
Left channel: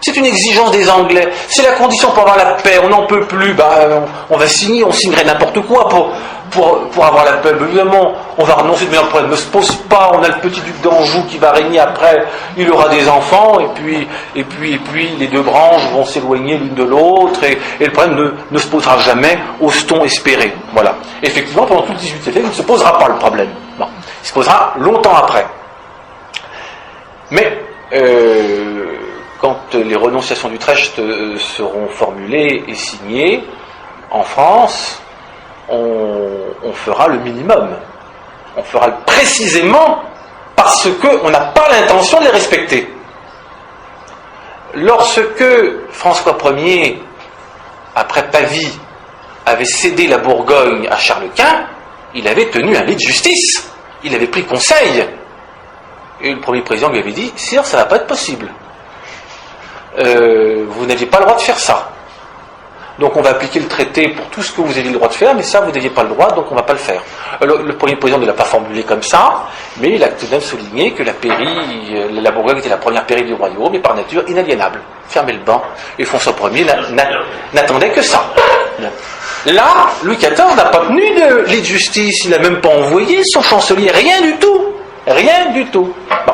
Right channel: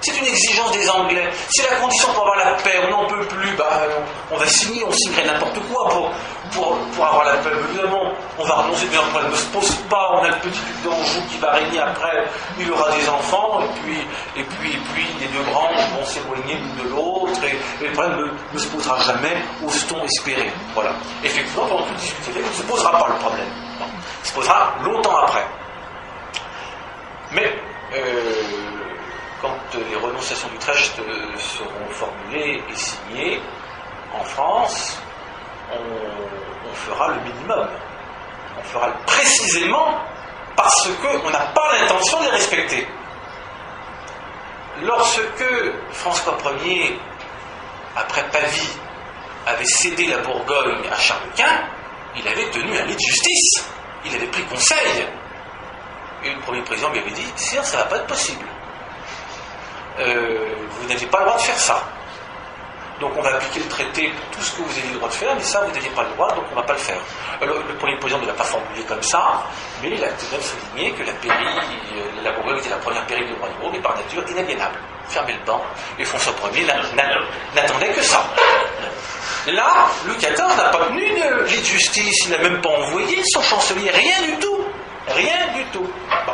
C'est une exigence des Anglais. C'est la condition pour avoir la paix. On n'en peut plus. On va signer, on signerait n'importe quoi pour avoir la paix. Évidemment, on va renoncer, mais le problème ne se pose pas. On a le petit duc d'Anjou qui va régner après. Il aura des enfants, et puis les deux branches vont s'éloigner l'une de l'autre, et le problème ne se posera jamais, ose-t-on espérer. Voilà. Effectivement, pendant tout le XVIIIe siècle, il ne se posera pas le problème. Non. Il se posera longtemps après. Mais quand les renonciations d'Utrecht seront formulées et signées, en France, on fera le minimum. On fera précisément parce qu'on n'a pas l'intention de les respecter. Lorsque François Ier, après Pavie, avait cédé la Bourgogne à Charles Quint, il avait tenu un lit de justice. Il avait pris conseil. Et le premier président lui avait dit « Sire, ça ne va pas être possible. Vous n'aviez pas le droit de faire ça. Donc on va appliquer le traité pour tout ce que vous aviez le droit de faire, mais ça, vous n'aviez pas le droit, donc on ne va pas le faire. » Le premier président ne l'a pas formulé comme ça, mais il a tout de même souligné que la Bourgogne était la première pairie du royaume, et par nature inaliénable. Fermez le banc, et François Ier n'attendait que ça. Là, Louis XIV n'a pas tenu de lit de justice, il n'a même pas envoyé son chancelier, rien du tout. Rien du tout. Bon.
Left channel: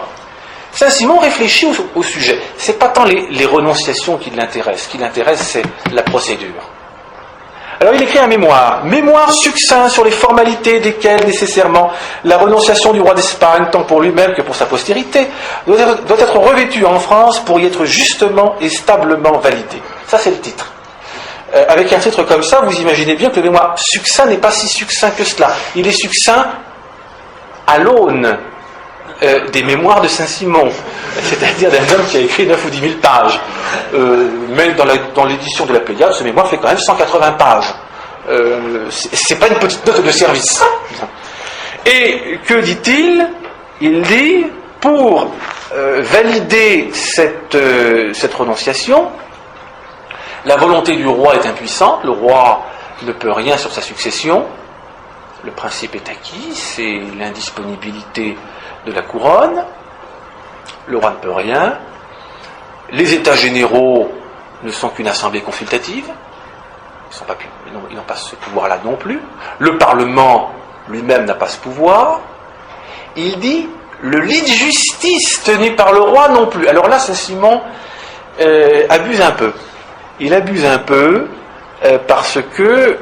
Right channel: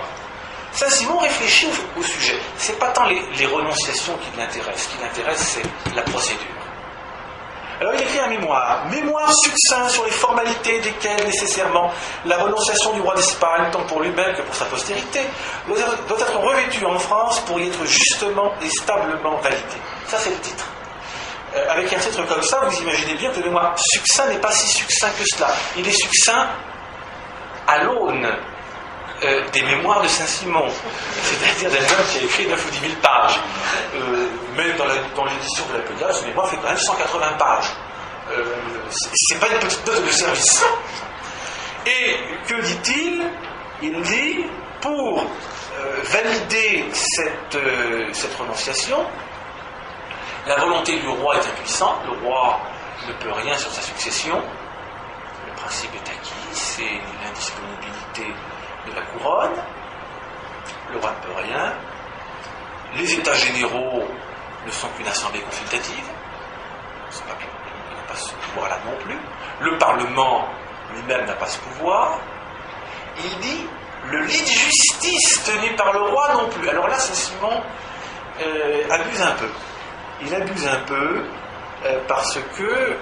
Saint-Simon réfléchit au sujet. Ce n'est pas tant les renonciations qui l'intéressent. Ce qui l'intéresse, c'est la procédure. Alors il écrit un mémoire. Mémoire succinct sur les formalités desquelles, nécessairement, la renonciation du roi d'Espagne, tant pour lui-même que pour sa postérité, doit être revêtue en France pour y être justement et stablement validée. Ça, c'est le titre. Avec un titre comme ça, vous imaginez bien que le mémoire succinct n'est pas si succinct que cela. Il est succinct à l'aune des mémoires de Saint-Simon, c'est-à-dire d'un homme qui a écrit 9 ou 10 000 pages. Mais dans l'édition de la Pléiade, ce mémoire fait quand même 180 pages. C'est pas une petite note de service. Et que dit-il ? Il dit, pour valider cette renonciation, la volonté du roi est impuissante, le roi ne peut rien sur sa succession, le principe est acquis, c'est l'indisponibilité de la couronne, le roi ne peut rien, les états généraux ne sont qu'une assemblée consultative, ils n'ont pas ce pouvoir-là non plus, le Parlement lui-même n'a pas ce pouvoir, il dit le lit de justice tenu par le roi non plus. Alors là, Saint-Simon abuse un peu. Il abuse un peu parce que,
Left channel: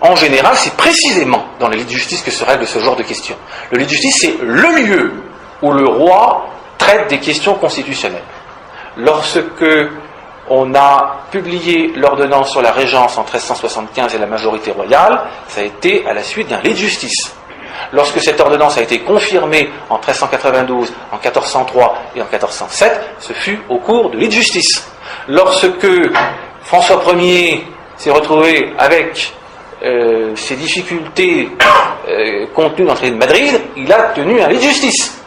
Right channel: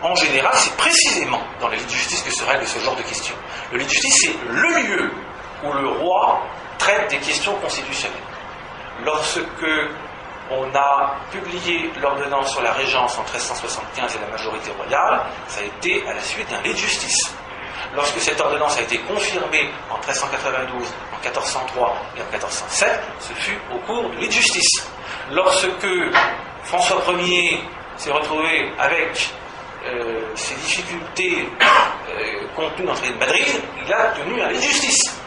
en général, c'est précisément dans les lits de justice que se règle ce genre de questions. Le lit de justice, c'est le lieu où le roi traite des questions constitutionnelles. Lorsque on a publié l'ordonnance sur la régence en 1375 et la majorité royale, ça a été à la suite d'un lit de justice. Lorsque cette ordonnance a été confirmée en 1392, en 1403 et en 1407, ce fut au cours de lit de justice. Lorsque François Ier s'est retrouvé avec ces difficultés contenues dans le traité de Madrid, il a tenu un lit de justice.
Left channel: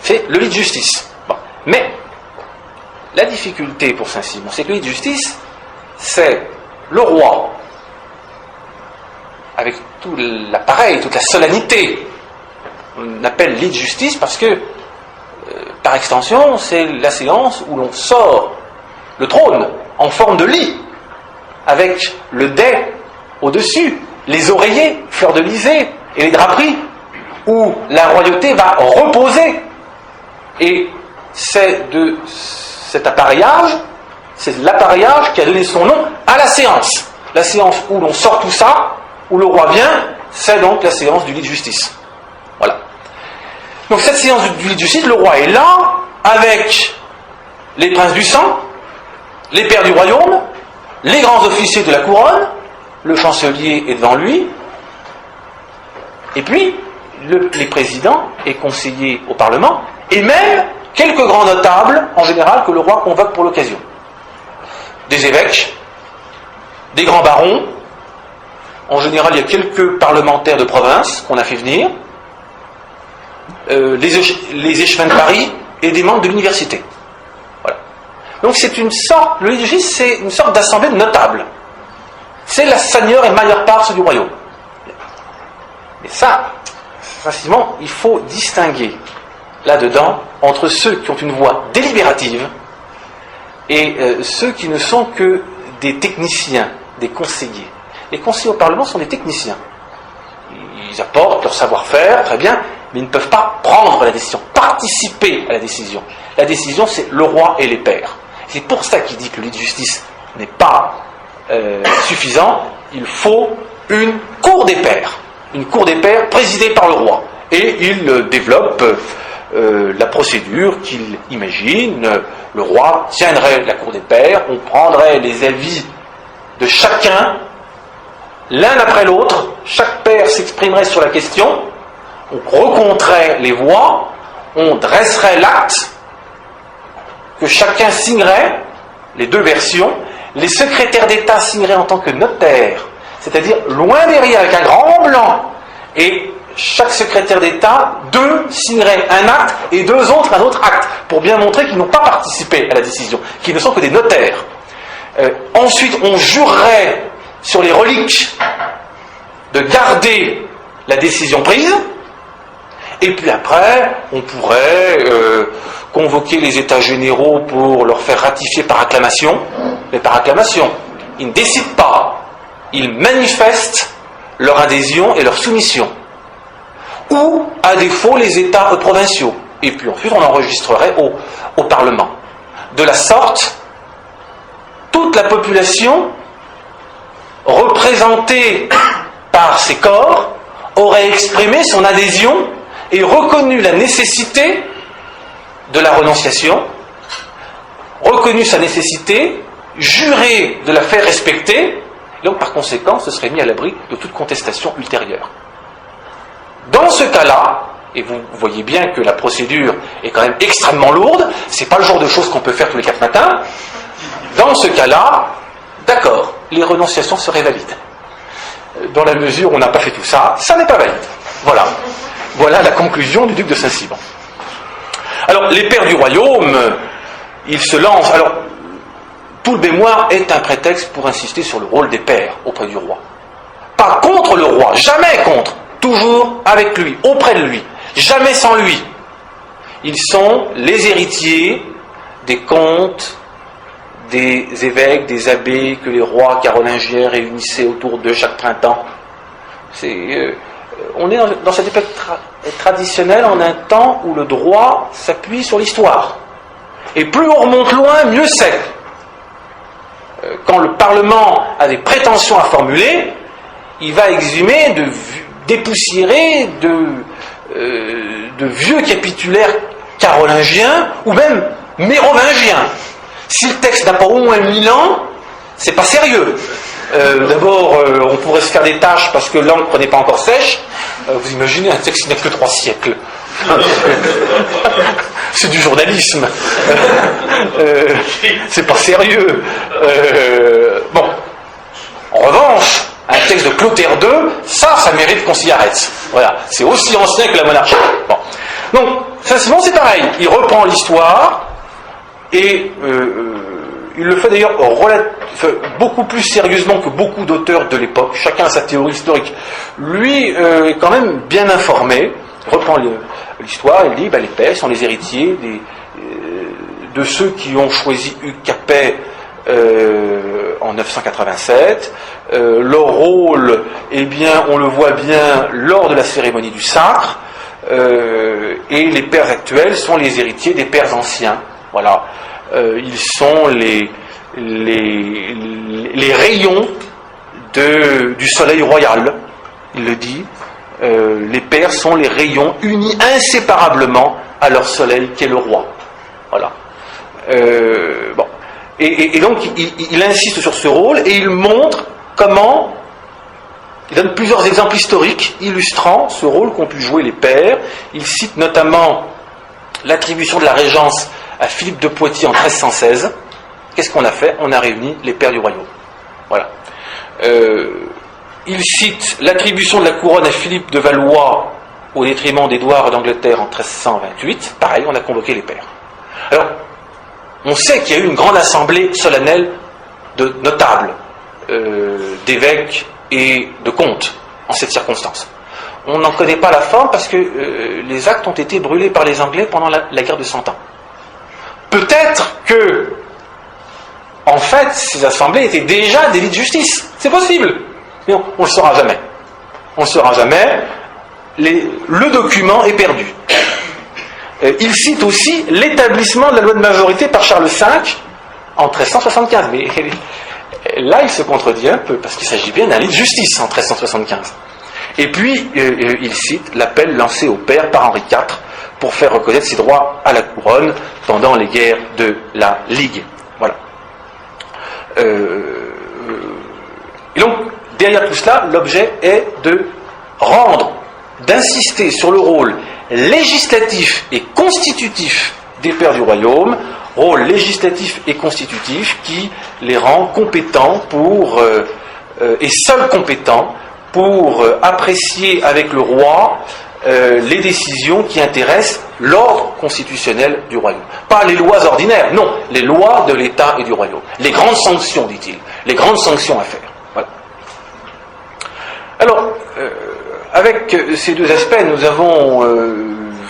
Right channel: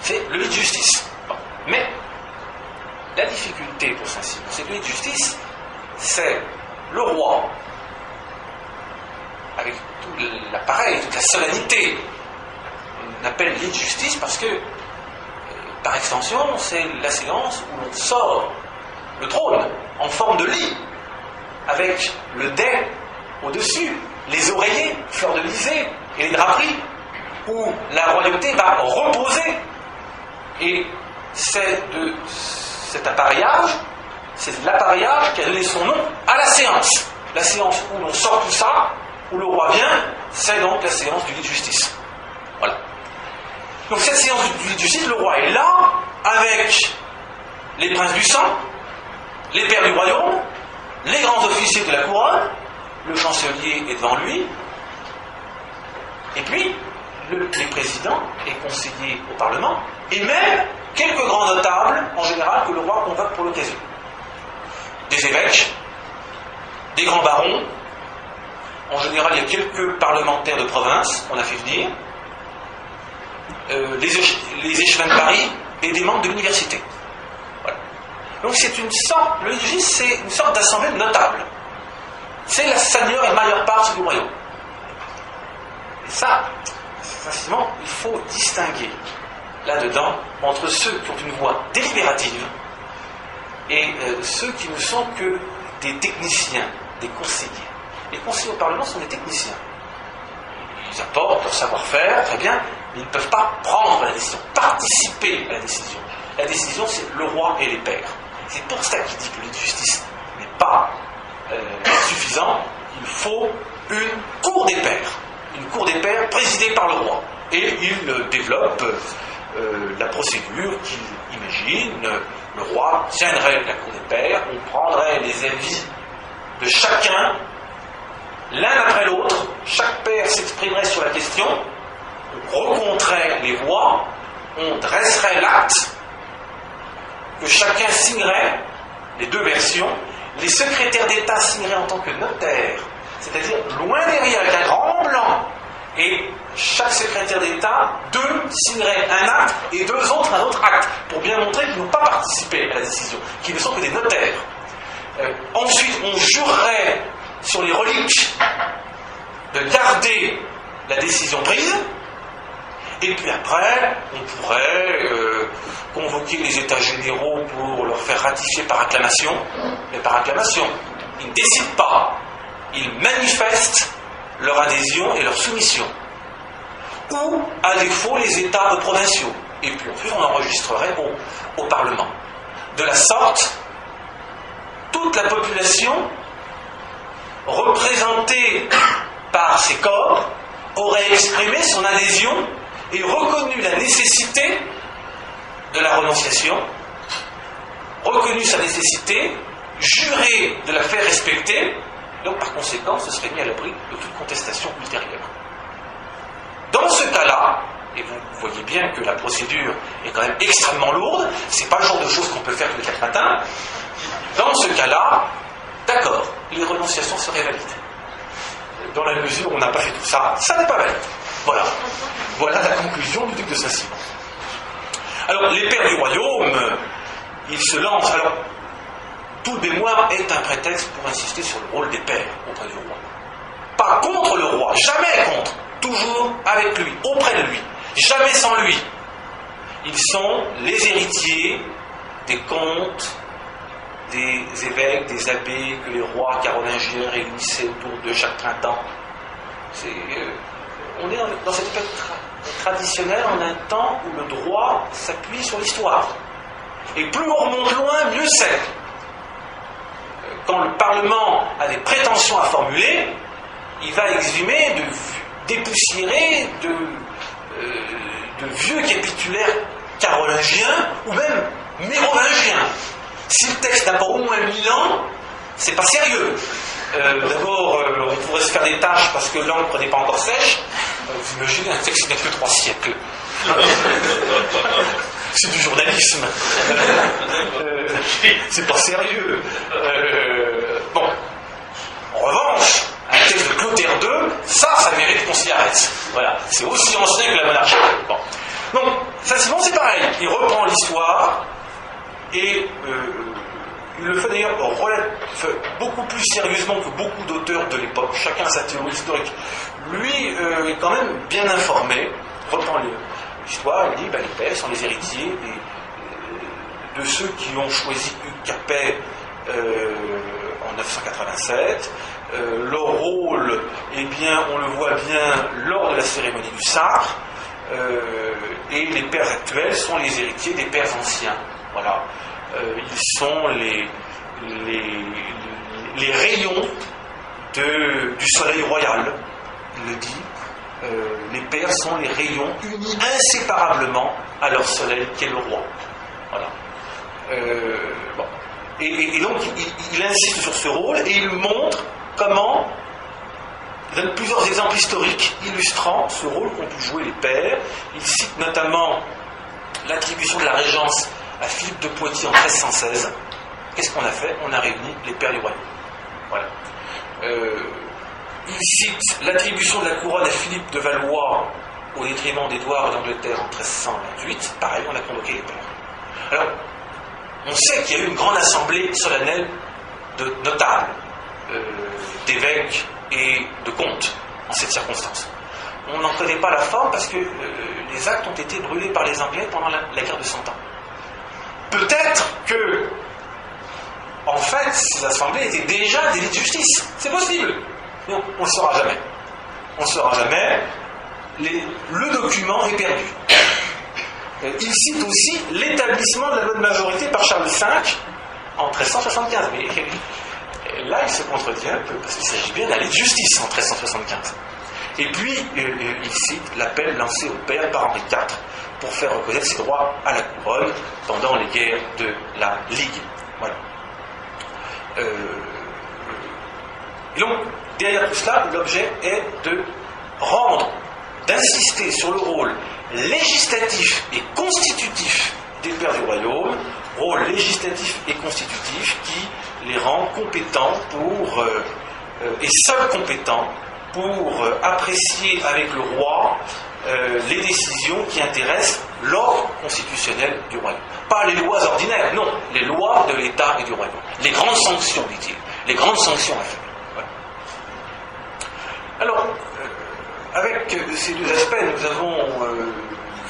C'est le lit de justice. Bon. Mais la difficulté pour Saint-Simon, c'est que le lit de justice, c'est le roi, avec tout l'appareil, toute la solennité. On appelle lit de justice parce que, par extension, c'est la séance où l'on sort le trône en forme de lit, avec le dais au-dessus, les oreillers, fleurs de lysée et les draperies, où la royauté va reposer. Et c'est de cet appareillage, c'est l'appareillage qui a donné son nom à la séance. La séance où l'on sort tout ça, où le roi vient, c'est donc la séance du lit de justice. Voilà. Donc cette séance du lit de justice, le roi est là, avec les princes du sang, les pairs du royaume, les grands officiers de la couronne, le chancelier est devant lui, et puis les présidents et conseillers au Parlement, et même quelques grands notables, en général, que le roi convoque pour l'occasion. Des évêques, des grands barons, en général, il y a quelques parlementaires de province qu'on a fait venir, les échevins de Paris et des membres de l'université. Voilà. Donc c'est une sorte, le lit de justice, c'est une sorte d'assemblée de notables. C'est la seigneur et majeure part du royaume. Et ça, précisément, il faut distinguer là-dedans entre ceux qui ont une voix délibérative et ceux qui ne sont que des techniciens, des conseillers. Les conseillers au Parlement sont des techniciens. Ils apportent leur savoir-faire, très bien, mais ils ne peuvent pas prendre la décision, participer à la décision. La décision, c'est le roi et les pairs. C'est pour ça qu'il dit que le lit de justice n'est pas suffisant. Il faut une cour des pairs. Une cour des pairs présidée par le roi. Et il développe la procédure qu'il imagine. Le roi tiendrait la cour des pairs, on prendrait les avis de chacun, l'un après l'autre, chaque pair s'exprimerait sur la question, on recompterait les voix, on dresserait l'acte, que chacun signerait, les deux versions, les secrétaires d'État signeraient en tant que notaires, c'est-à-dire loin derrière avec un grand blanc, et chaque secrétaire d'État, deux signeraient un acte et deux autres un autre acte, pour bien montrer qu'ils n'ont pas participé à la décision, qu'ils ne sont que des notaires. Ensuite, on jurerait sur les reliques de garder la décision prise, et puis après, on pourrait convoquer les États généraux pour leur faire ratifier par acclamation, mais par acclamation. ils ne décident pas, ils manifestent leur adhésion et leur soumission. Ou, à défaut, les États provinciaux. Et puis ensuite, on enregistrerait au Parlement. De la sorte, toute la population représentée par ces corps aurait exprimé son adhésion et reconnu la nécessité de la renonciation, reconnu sa nécessité, juré de la faire respecter, et donc par conséquent se serait mis à l'abri de toute contestation ultérieure. Dans ce cas-là, et vous voyez bien que la procédure est quand même extrêmement lourde, c'est pas le genre de choses qu'on peut faire tous les 4 matins, dans ce cas-là, d'accord, les renonciations seraient valides. Dans la mesure où on n'a pas fait tout ça, ça n'est pas valide. Voilà. Voilà la conclusion du duc de Saint-Simon. Alors, les pères du royaume, ils se lancent. Alors, tout le mémoire est un prétexte pour insister sur le rôle des pères auprès du roi. Pas contre le roi, jamais contre. Toujours avec lui, auprès de lui. Jamais sans lui. Ils sont les héritiers des comtes, des évêques, des abbés que les rois carolingiens réunissaient autour d'eux chaque printemps. On est dans cette époque traditionnelle, en un temps où le droit s'appuie sur l'histoire. Et plus on remonte loin, mieux c'est. Quand le Parlement a des prétentions à formuler, il va exhumer, dépoussiérer de vieux capitulaires carolingiens ou même mérovingiens. Si le texte n'a pas au moins 1000 ans, c'est pas sérieux. D'abord, on pourrait se faire des tâches parce que l'encre n'est pas encore sèche. Vous imaginez un texte qui n'a que 3 siècles. C'est du journalisme. C'est pas sérieux. Bon. En revanche, un texte de Clotaire II, ça mérite qu'on s'y arrête. Voilà. C'est aussi ancien que la monarchie. Bon. Donc, Saint-Simon, c'est pareil. Il reprend l'histoire et il le fait d'ailleurs beaucoup plus sérieusement que beaucoup d'auteurs de l'époque. Chacun a sa théorie historique. Lui est quand même bien informé. Il reprend l'histoire. Il dit les pères sont les héritiers de ceux qui ont choisi Hugues Capet en 987. Leur rôle, eh bien, on le voit bien lors de la cérémonie du sacre. Et les pères actuels sont les héritiers des pères anciens. Voilà. Ils sont les rayons du soleil royal, il le dit. Les pères sont les rayons unis inséparablement à leur soleil qui est le roi. Voilà. Bon. Et donc il insiste sur ce rôle et il montre comment. Il donne plusieurs exemples historiques illustrant ce rôle qu'ont pu jouer les pères. Il cite notamment l'attribution de la régence à Philippe de Poitiers en 1316. Qu'est-ce qu'on a fait? On a réuni les pères du royaume. Voilà. Il cite l'attribution de la couronne à Philippe de Valois au détriment d'Édouard d'Angleterre en 1328. Pareil, on a convoqué les pères. Alors, on sait qu'il y a eu une grande assemblée solennelle de notables, d'évêques et de comtes en cette circonstance. On n'en connaît pas la forme parce que les actes ont été brûlés par les Anglais pendant la guerre de 100 ans. Peut-être que, en fait, ces assemblées étaient déjà des lits de justice. C'est possible. Mais on ne le saura jamais. On ne le saura jamais. Le document est perdu. Il cite aussi l'établissement de la loi de majorité par Charles V en 1375. Mais là, il se contredit un peu, parce qu'il s'agit bien d'un lit de justice en 1375. Et puis, il cite l'appel lancé au père par Henri IV pour faire reconnaître ses droits à la couronne pendant les guerres de la Ligue. Voilà. Et donc, derrière tout cela, l'objet est d'insister sur le rôle législatif et constitutif des pères du royaume, rôle législatif et constitutif qui les rend compétents et seuls compétents pour apprécier avec le roi les décisions qui intéressent l'ordre constitutionnel du royaume. Pas les lois ordinaires, non, les lois de l'État et du royaume. Les grandes sanctions, dit-il, les grandes sanctions à faire. Voilà. Alors, avec ces deux aspects, nous avons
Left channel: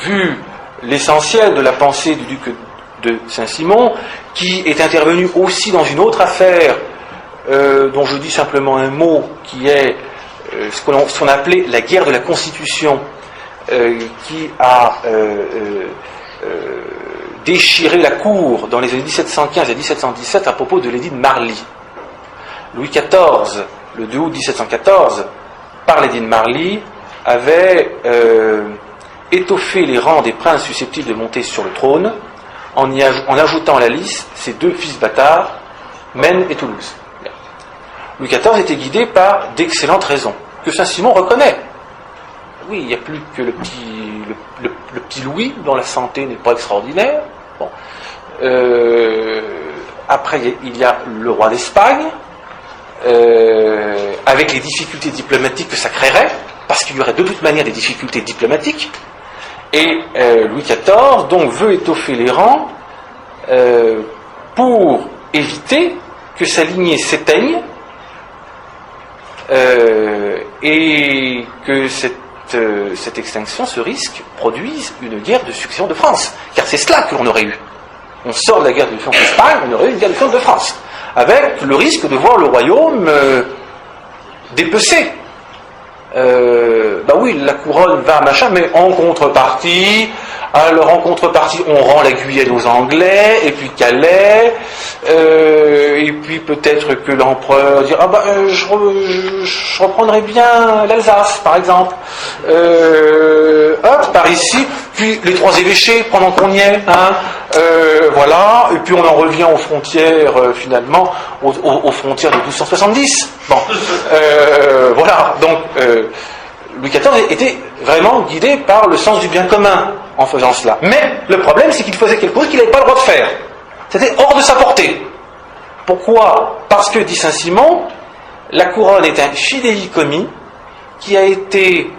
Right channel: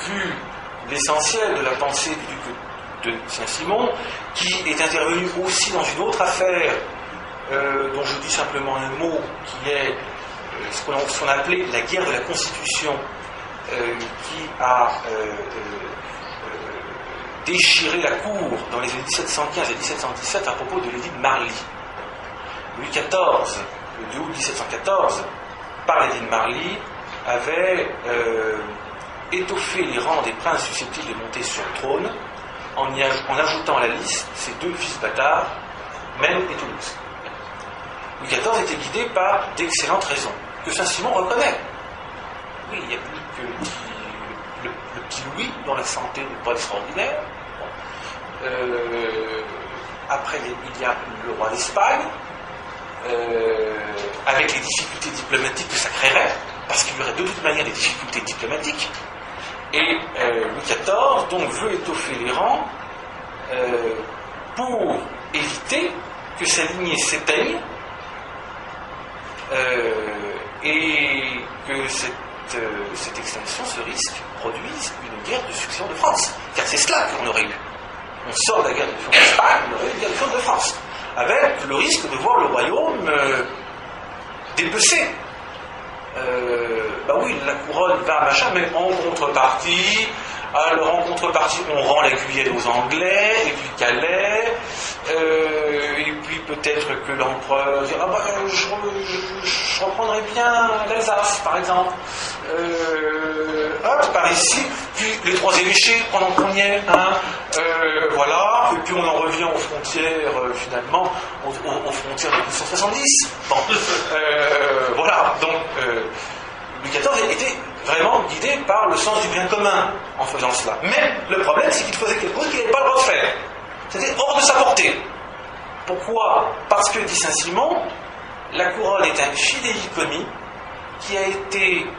vu l'essentiel de la pensée du duc de Saint-Simon, qui est intervenu aussi dans une autre affaire dont je dis simplement un mot, qui est ce qu'on appelait la guerre de la Constitution, qui a déchiré la cour dans les années 1715 et 1717 à propos de l'édit de Marly. Louis XIV, le 2 août 1714, par l'édit de Marly, avait étoffé les rangs des princes susceptibles de monter sur le trône en ajoutant à la liste ses 2 fils bâtards, Maine et Toulouse. Louis XIV était guidé par d'excellentes raisons, que Saint-Simon reconnaît. Oui, il n'y a plus que le petit Louis, dont la santé n'est pas extraordinaire. Bon. Après, il y a le roi d'Espagne, avec les difficultés diplomatiques que ça créerait, parce qu'il y aurait de toute manière des difficultés diplomatiques. Et Louis XIV, donc, veut étoffer les rangs pour éviter que sa lignée s'éteigne et que cette extinction, ce risque, produise une guerre de succession de France. Car c'est cela que l'on aurait eu. On sort de la guerre de succession d'Espagne, on aurait eu une guerre de succession de France, avec le risque de voir le royaume dépecé. Bah oui, la couronne va machin, mais en contrepartie, on rend la Guyenne aux Anglais, et puis Calais, et puis peut-être que l'empereur dit je reprendrai bien l'Alsace, par exemple. Par ici, puis les 3 évêchés pendant qu'on y est, voilà, et puis on en revient aux frontières, finalement, aux frontières de 1270. Bon, voilà, donc Louis XIV était vraiment guidé par le sens du bien commun en faisant cela. Mais le problème, c'est qu'il faisait quelque chose qu'il n'avait pas le droit de faire. C'était hors de sa portée. Pourquoi ? Parce que, dit Saint-Simon, la couronne est un fidéicommis qui a été,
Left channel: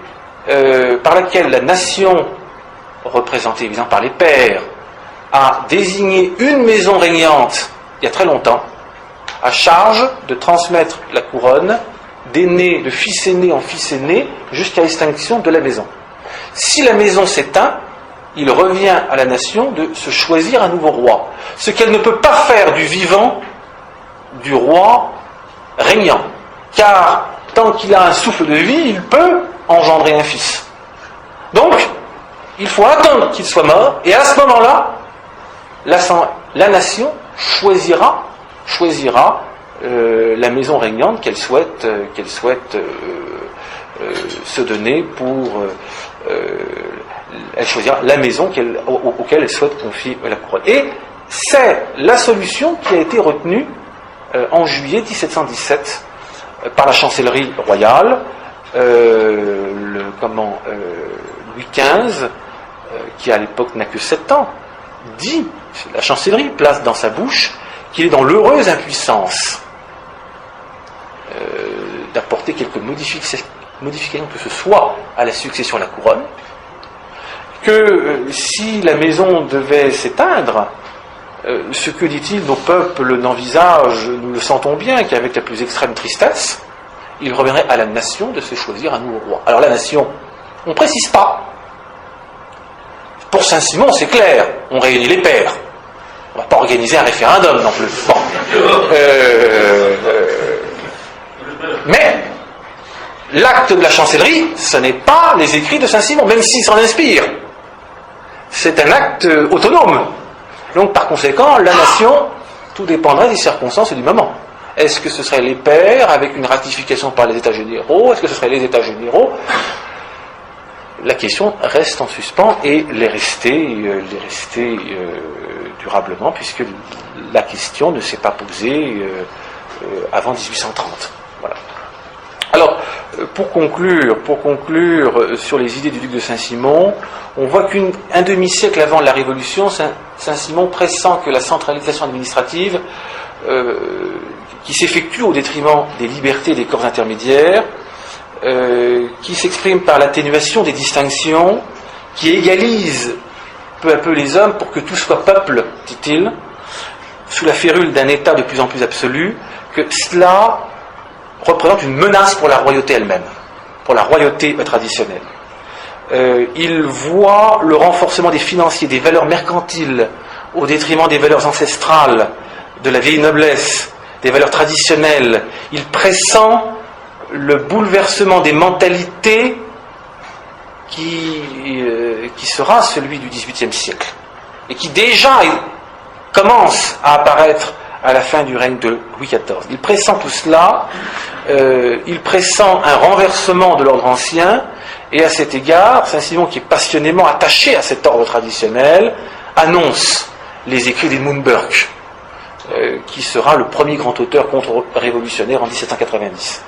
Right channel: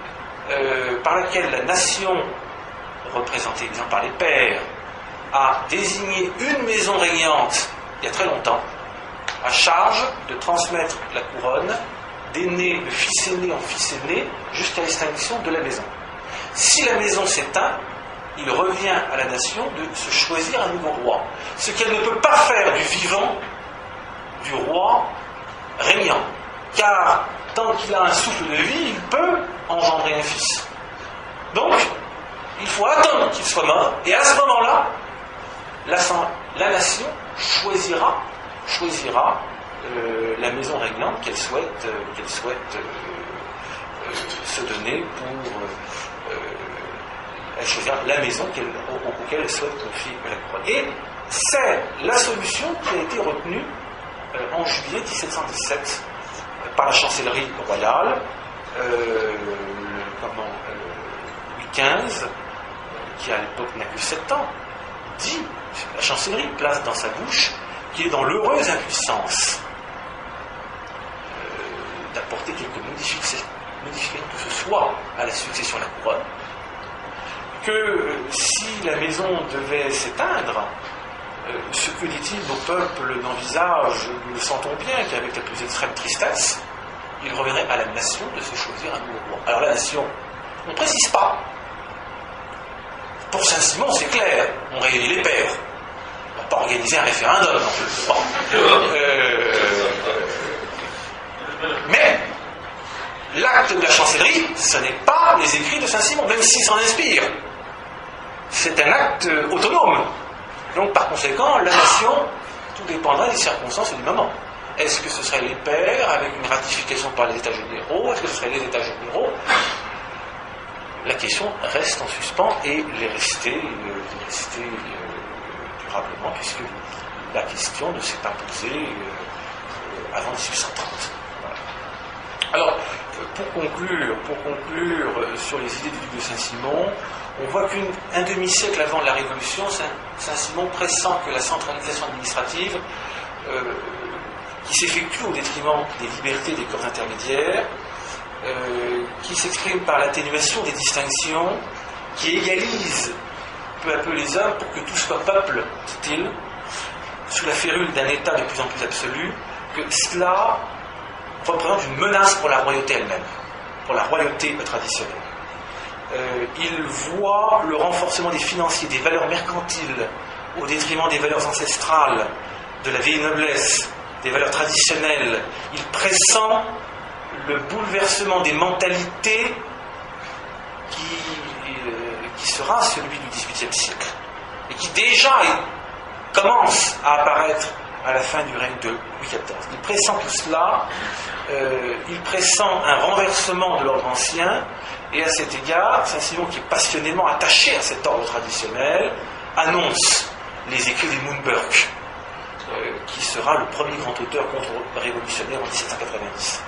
par laquelle la nation, représentée évidemment par les pairs, a désigné une maison régnante, il y a très longtemps, à charge de transmettre la couronne d'aîné, de fils aîné en fils aîné, jusqu'à l'extinction de la maison. Si la maison s'éteint, il revient à la nation de se choisir un nouveau roi. Ce qu'elle ne peut pas faire du vivant du roi régnant. Car tant qu'il a un souffle de vie, il peut engendrer un fils. Donc, il faut attendre qu'il soit mort, et à ce moment-là, la nation choisira la maison régnante qu'elle souhaite se donner pour elle choisira la maison auquel elle souhaite confier la couronne. Et c'est la solution qui a été retenue en juillet 1717 par la chancellerie royale. Louis XV, qui à l'époque n'a que 7 ans, dit, la chancellerie place dans sa bouche qu'il est dans l'heureuse impuissance d'apporter quelques modifications que ce soit à la succession à la couronne, que si la maison devait s'éteindre, ce que dit-il, nos peuples n'envisagent, nous le sentons bien, qu'avec la plus extrême tristesse, il reviendrait à la nation de se choisir un nouveau roi. Alors la nation, on ne précise pas. Pour Saint-Simon, c'est clair, on réunit les pairs. On ne va pas organiser un référendum non plus. Bon. Mais l'acte de la chancellerie, ce n'est pas les écrits de Saint-Simon, même s'il s'en inspire. C'est un acte autonome. Donc, par conséquent, la nation, tout dépendrait des circonstances et du moment. Est-ce que ce serait les pairs avec une ratification par les États généraux ? Est-ce que ce serait les États généraux ? La question reste en suspens et l'est restée durablement, puisque la question ne s'est pas posée avant 1830. Voilà. Alors, pour conclure sur les idées du duc de Saint-Simon, on voit qu'un demi-siècle avant la Révolution, Saint-Simon pressent que la centralisation administrative qui s'effectue au détriment des libertés des corps intermédiaires, qui s'exprime par l'atténuation des distinctions, qui égalise peu à peu les hommes pour que tout soit peuple, dit-il, sous la férule d'un État de plus en plus absolu, que cela représente une menace pour la royauté elle-même, pour la royauté traditionnelle. Il voit le renforcement des financiers, des valeurs mercantiles, au détriment des valeurs ancestrales de la vieille noblesse, des valeurs traditionnelles. Il pressent le bouleversement des mentalités qui sera celui du XVIIIe siècle et qui déjà commence à apparaître à la fin du règne de Louis XIV. Il pressent tout cela, il pressent un renversement de l'ordre ancien, et à cet égard, Saint-Simon, qui est passionnément attaché à cet ordre traditionnel, annonce les écrits d'Edmund Burke, qui sera le premier grand auteur contre-révolutionnaire en 1790.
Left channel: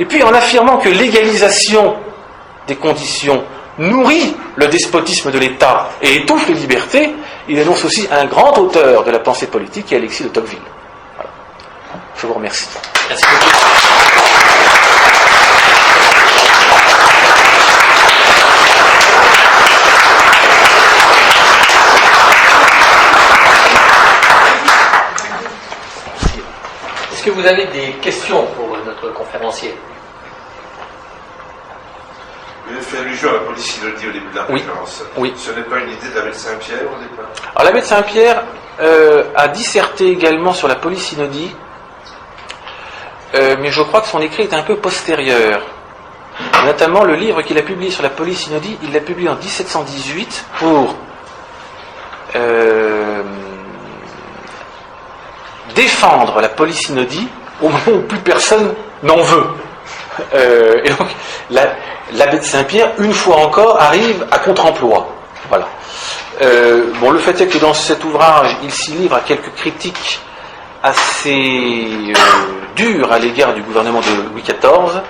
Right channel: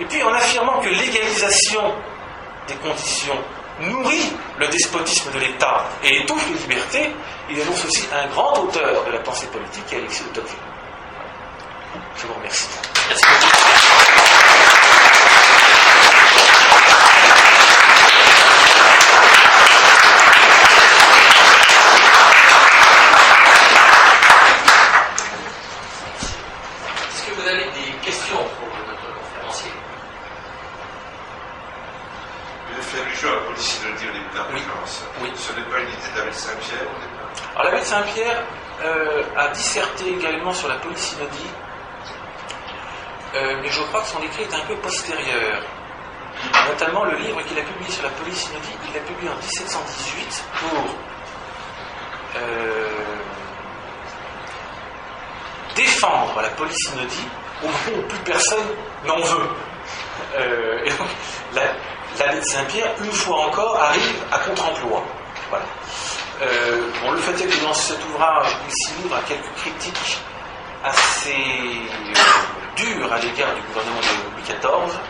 Et puis, en affirmant que l'égalisation des conditions nourrit le despotisme de l'État et étouffe les libertés, il annonce aussi un grand auteur de la pensée politique qui est Alexis de Tocqueville. Voilà. Je vous remercie. Merci beaucoup. Est-ce que vous avez des questions pour notre conférencier? Vous avez fait allusion à la police synodie au début de la conférence. Oui. Ce n'est pas une idée de l'abbé de Saint-Pierre au départ? Alors l'abbé de Saint-Pierre a disserté également sur la police synodie, mais je crois que son écrit est un peu postérieur. Notamment le livre qu'il a publié sur la police synodie, il l'a publié en 1718 pour défendre la police synodie au moment où plus personne n'en veut. Et donc, l'abbé de Saint-Pierre, une fois encore, arrive à contre-emploi. Voilà. Le fait est que dans cet ouvrage, il s'y livre à quelques critiques assez dures à l'égard du gouvernement de Louis XIV,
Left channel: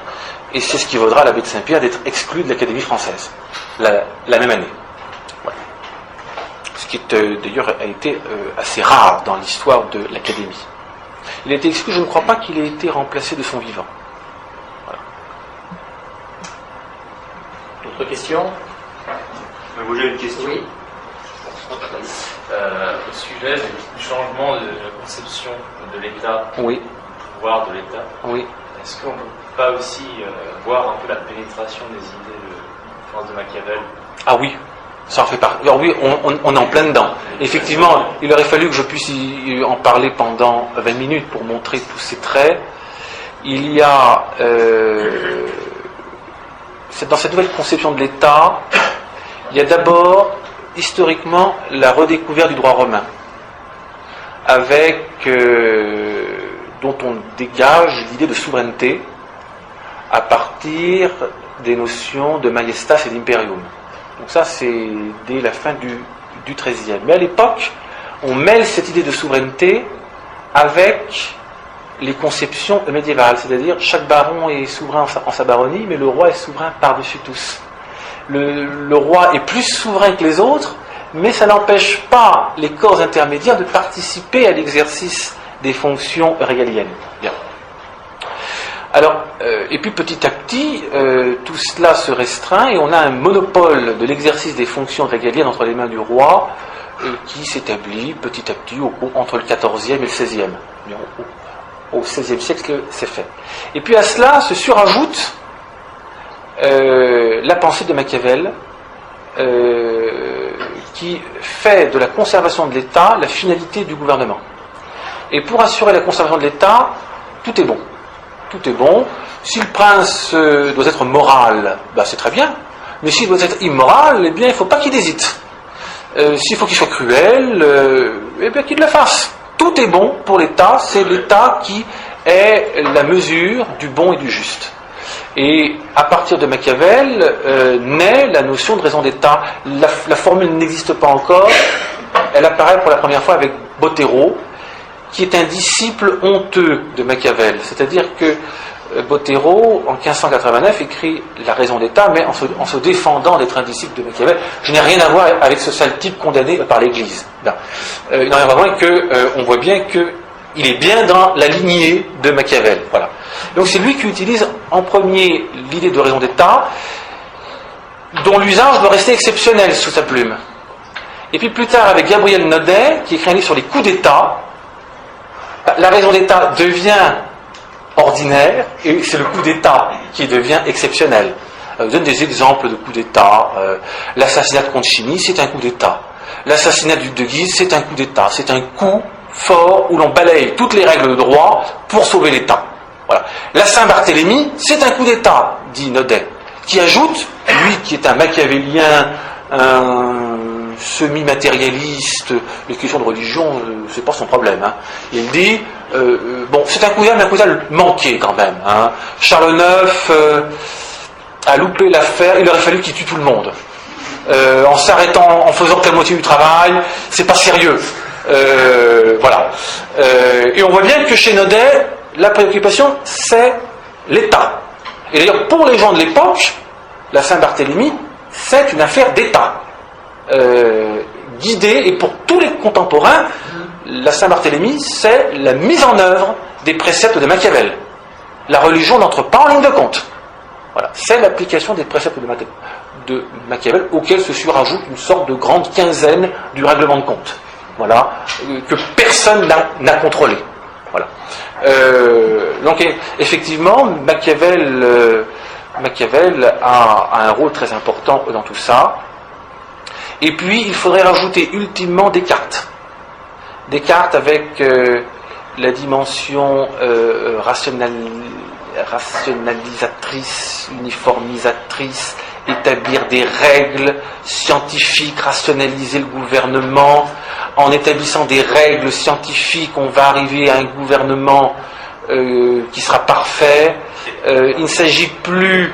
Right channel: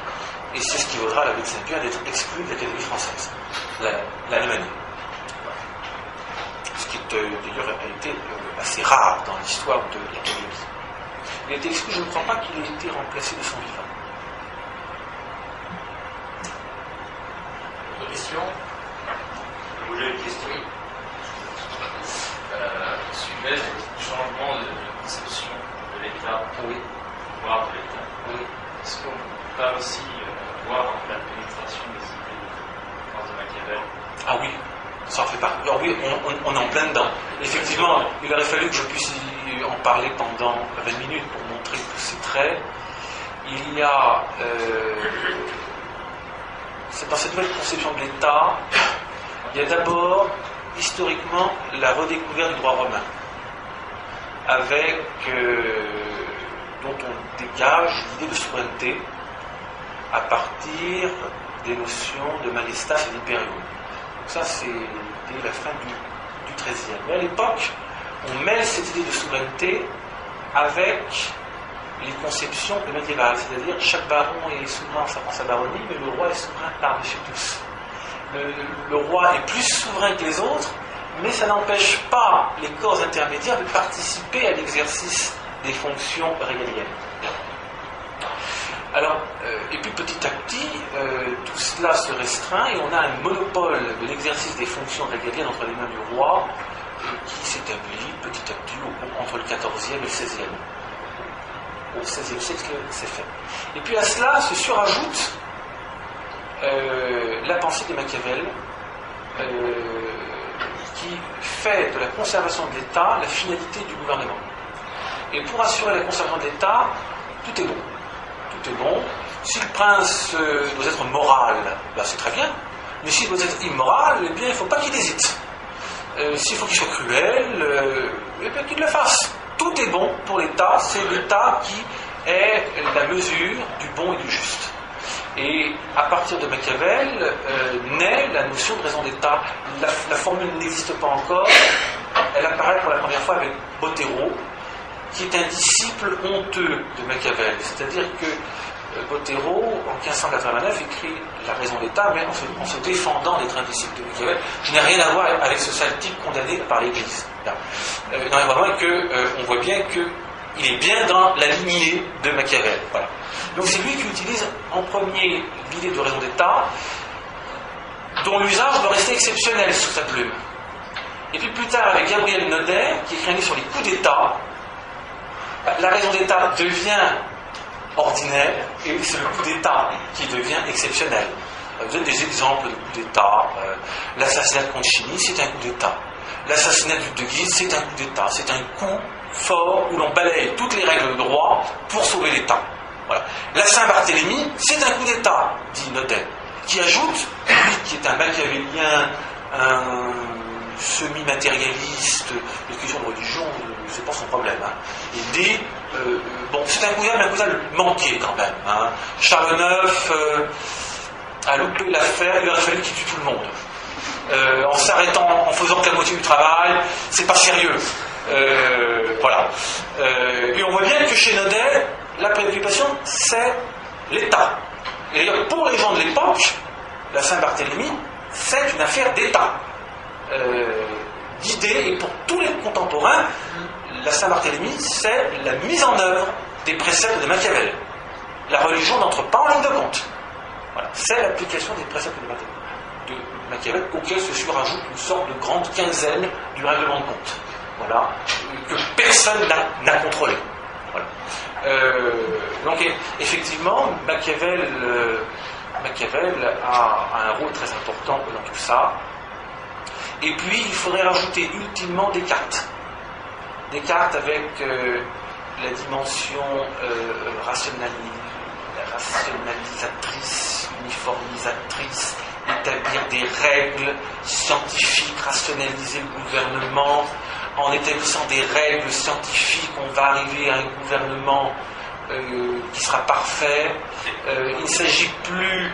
et c'est ce qui vaudra à l'abbé de Saint-Pierre d'être exclu de l'Académie française, la même année. Voilà. Ce qui d'ailleurs a été assez rare dans l'histoire de l'Académie. Il a été exclu, je ne crois pas qu'il ait été remplacé de son vivant. Autre question? Moi j'ai une question. Oui. Au sujet du changement de conception de l'État, Oui. du pouvoir de l'État, Oui. est-ce qu'on ne peut pas aussi voir un peu la pénétration des idées de France de Machiavel? Ah oui, ça en fait partie. Alors oui, on est en plein dedans. Effectivement, il aurait fallu que je puisse en parler pendant 20 minutes pour montrer tous ces traits. Il y a... dans cette nouvelle conception de l'État, il y a d'abord, historiquement, la redécouverte du droit romain, avec dont on dégage l'idée de souveraineté à partir des notions de majestas et d'imperium. Donc ça, c'est dès la fin du XIIIe. Mais à l'époque, on mêle cette idée de souveraineté avec les conceptions médiévales, c'est-à-dire chaque baron est souverain en sa baronnie, mais le roi est souverain par-dessus tous. Le roi est plus souverain que les autres, mais ça n'empêche pas les corps intermédiaires de participer à l'exercice des fonctions régaliennes. Bien. Alors, et puis petit à petit, tout cela se restreint et on a un monopole de l'exercice des fonctions régaliennes entre les mains du roi qui s'établit petit à petit entre le XIVe et le XVIe. Au XVIe siècle, c'est fait. Et puis à cela se surajoute la pensée de Machiavel, qui fait de la conservation de l'État la finalité du gouvernement. Et pour assurer la conservation de l'État, tout est bon. Tout est bon. Si le prince doit être moral, c'est très bien. Mais s'il doit être immoral, eh bien, il ne faut pas qu'il hésite. S'il faut qu'il soit cruel, eh bien, qu'il le fasse. Tout est bon pour l'État, c'est l'État qui est la mesure du bon et du juste. Et à partir de Machiavel naît la notion de raison d'État. La formule n'existe pas encore, elle apparaît pour la première fois avec Bottero, qui est un disciple honteux de Machiavel. C'est-à-dire que Bottero, en 1589, écrit La raison d'État, mais en se défendant d'être un disciple de Machiavel. Je n'ai rien à voir avec ce sale type condamné par l'Église. Il n'en a rien à voir qu'on voit bien qu'il est bien dans la lignée de Machiavel. Voilà. Donc c'est lui qui utilise en premier l'idée de raison d'État, dont l'usage doit rester exceptionnel sous sa plume. Et puis plus tard, avec Gabriel Naudet, qui écrit un livre sur les coups d'État, la raison d'État devient ordinaire, et c'est le coup d'État qui devient exceptionnel. Je donne des exemples de coups d'État. L'assassinat de Concini, c'est un coup d'État. L'assassinat du duc de Guise, c'est un coup d'État. C'est un coup fort où l'on balaye toutes les règles de droit pour sauver l'État. Voilà. La Saint-Barthélemy, c'est un coup d'État, dit Naudet, qui ajoute, lui qui est un machiavélien, un semi-matérialiste, les questions de religion, c'est pas son problème. Hein. Il dit, bon, c'est un coup d'État, mais un coup d'État manqué quand même. Hein. Charles IX a loupé l'affaire, il aurait fallu qu'il tue tout le monde. En s'arrêtant, en faisant que la moitié du travail, c'est pas sérieux. Voilà. Et on voit bien que chez Naudet, la préoccupation, c'est l'État. Et d'ailleurs, pour les gens de l'époque, la Saint-Barthélemy, c'est une affaire d'État. Guidée, et pour tous les contemporains, la Saint-Barthélemy, c'est la mise en œuvre des préceptes de Machiavel. La religion n'entre pas en ligne de compte. Voilà. C'est l'application des préceptes de Machiavel, auquel se surajoute une sorte de grande quinzaine du règlement de compte. Voilà, que personne n'a contrôlé. Voilà. Donc effectivement, Machiavel a un rôle très important dans tout ça. Et puis il faudrait rajouter ultimement Descartes. Descartes avec la dimension rationalisatrice, uniformisatrice, établir des règles scientifiques, rationaliser le gouvernement. En établissant des règles scientifiques, on va arriver à un gouvernement qui sera parfait. Il ne s'agit plus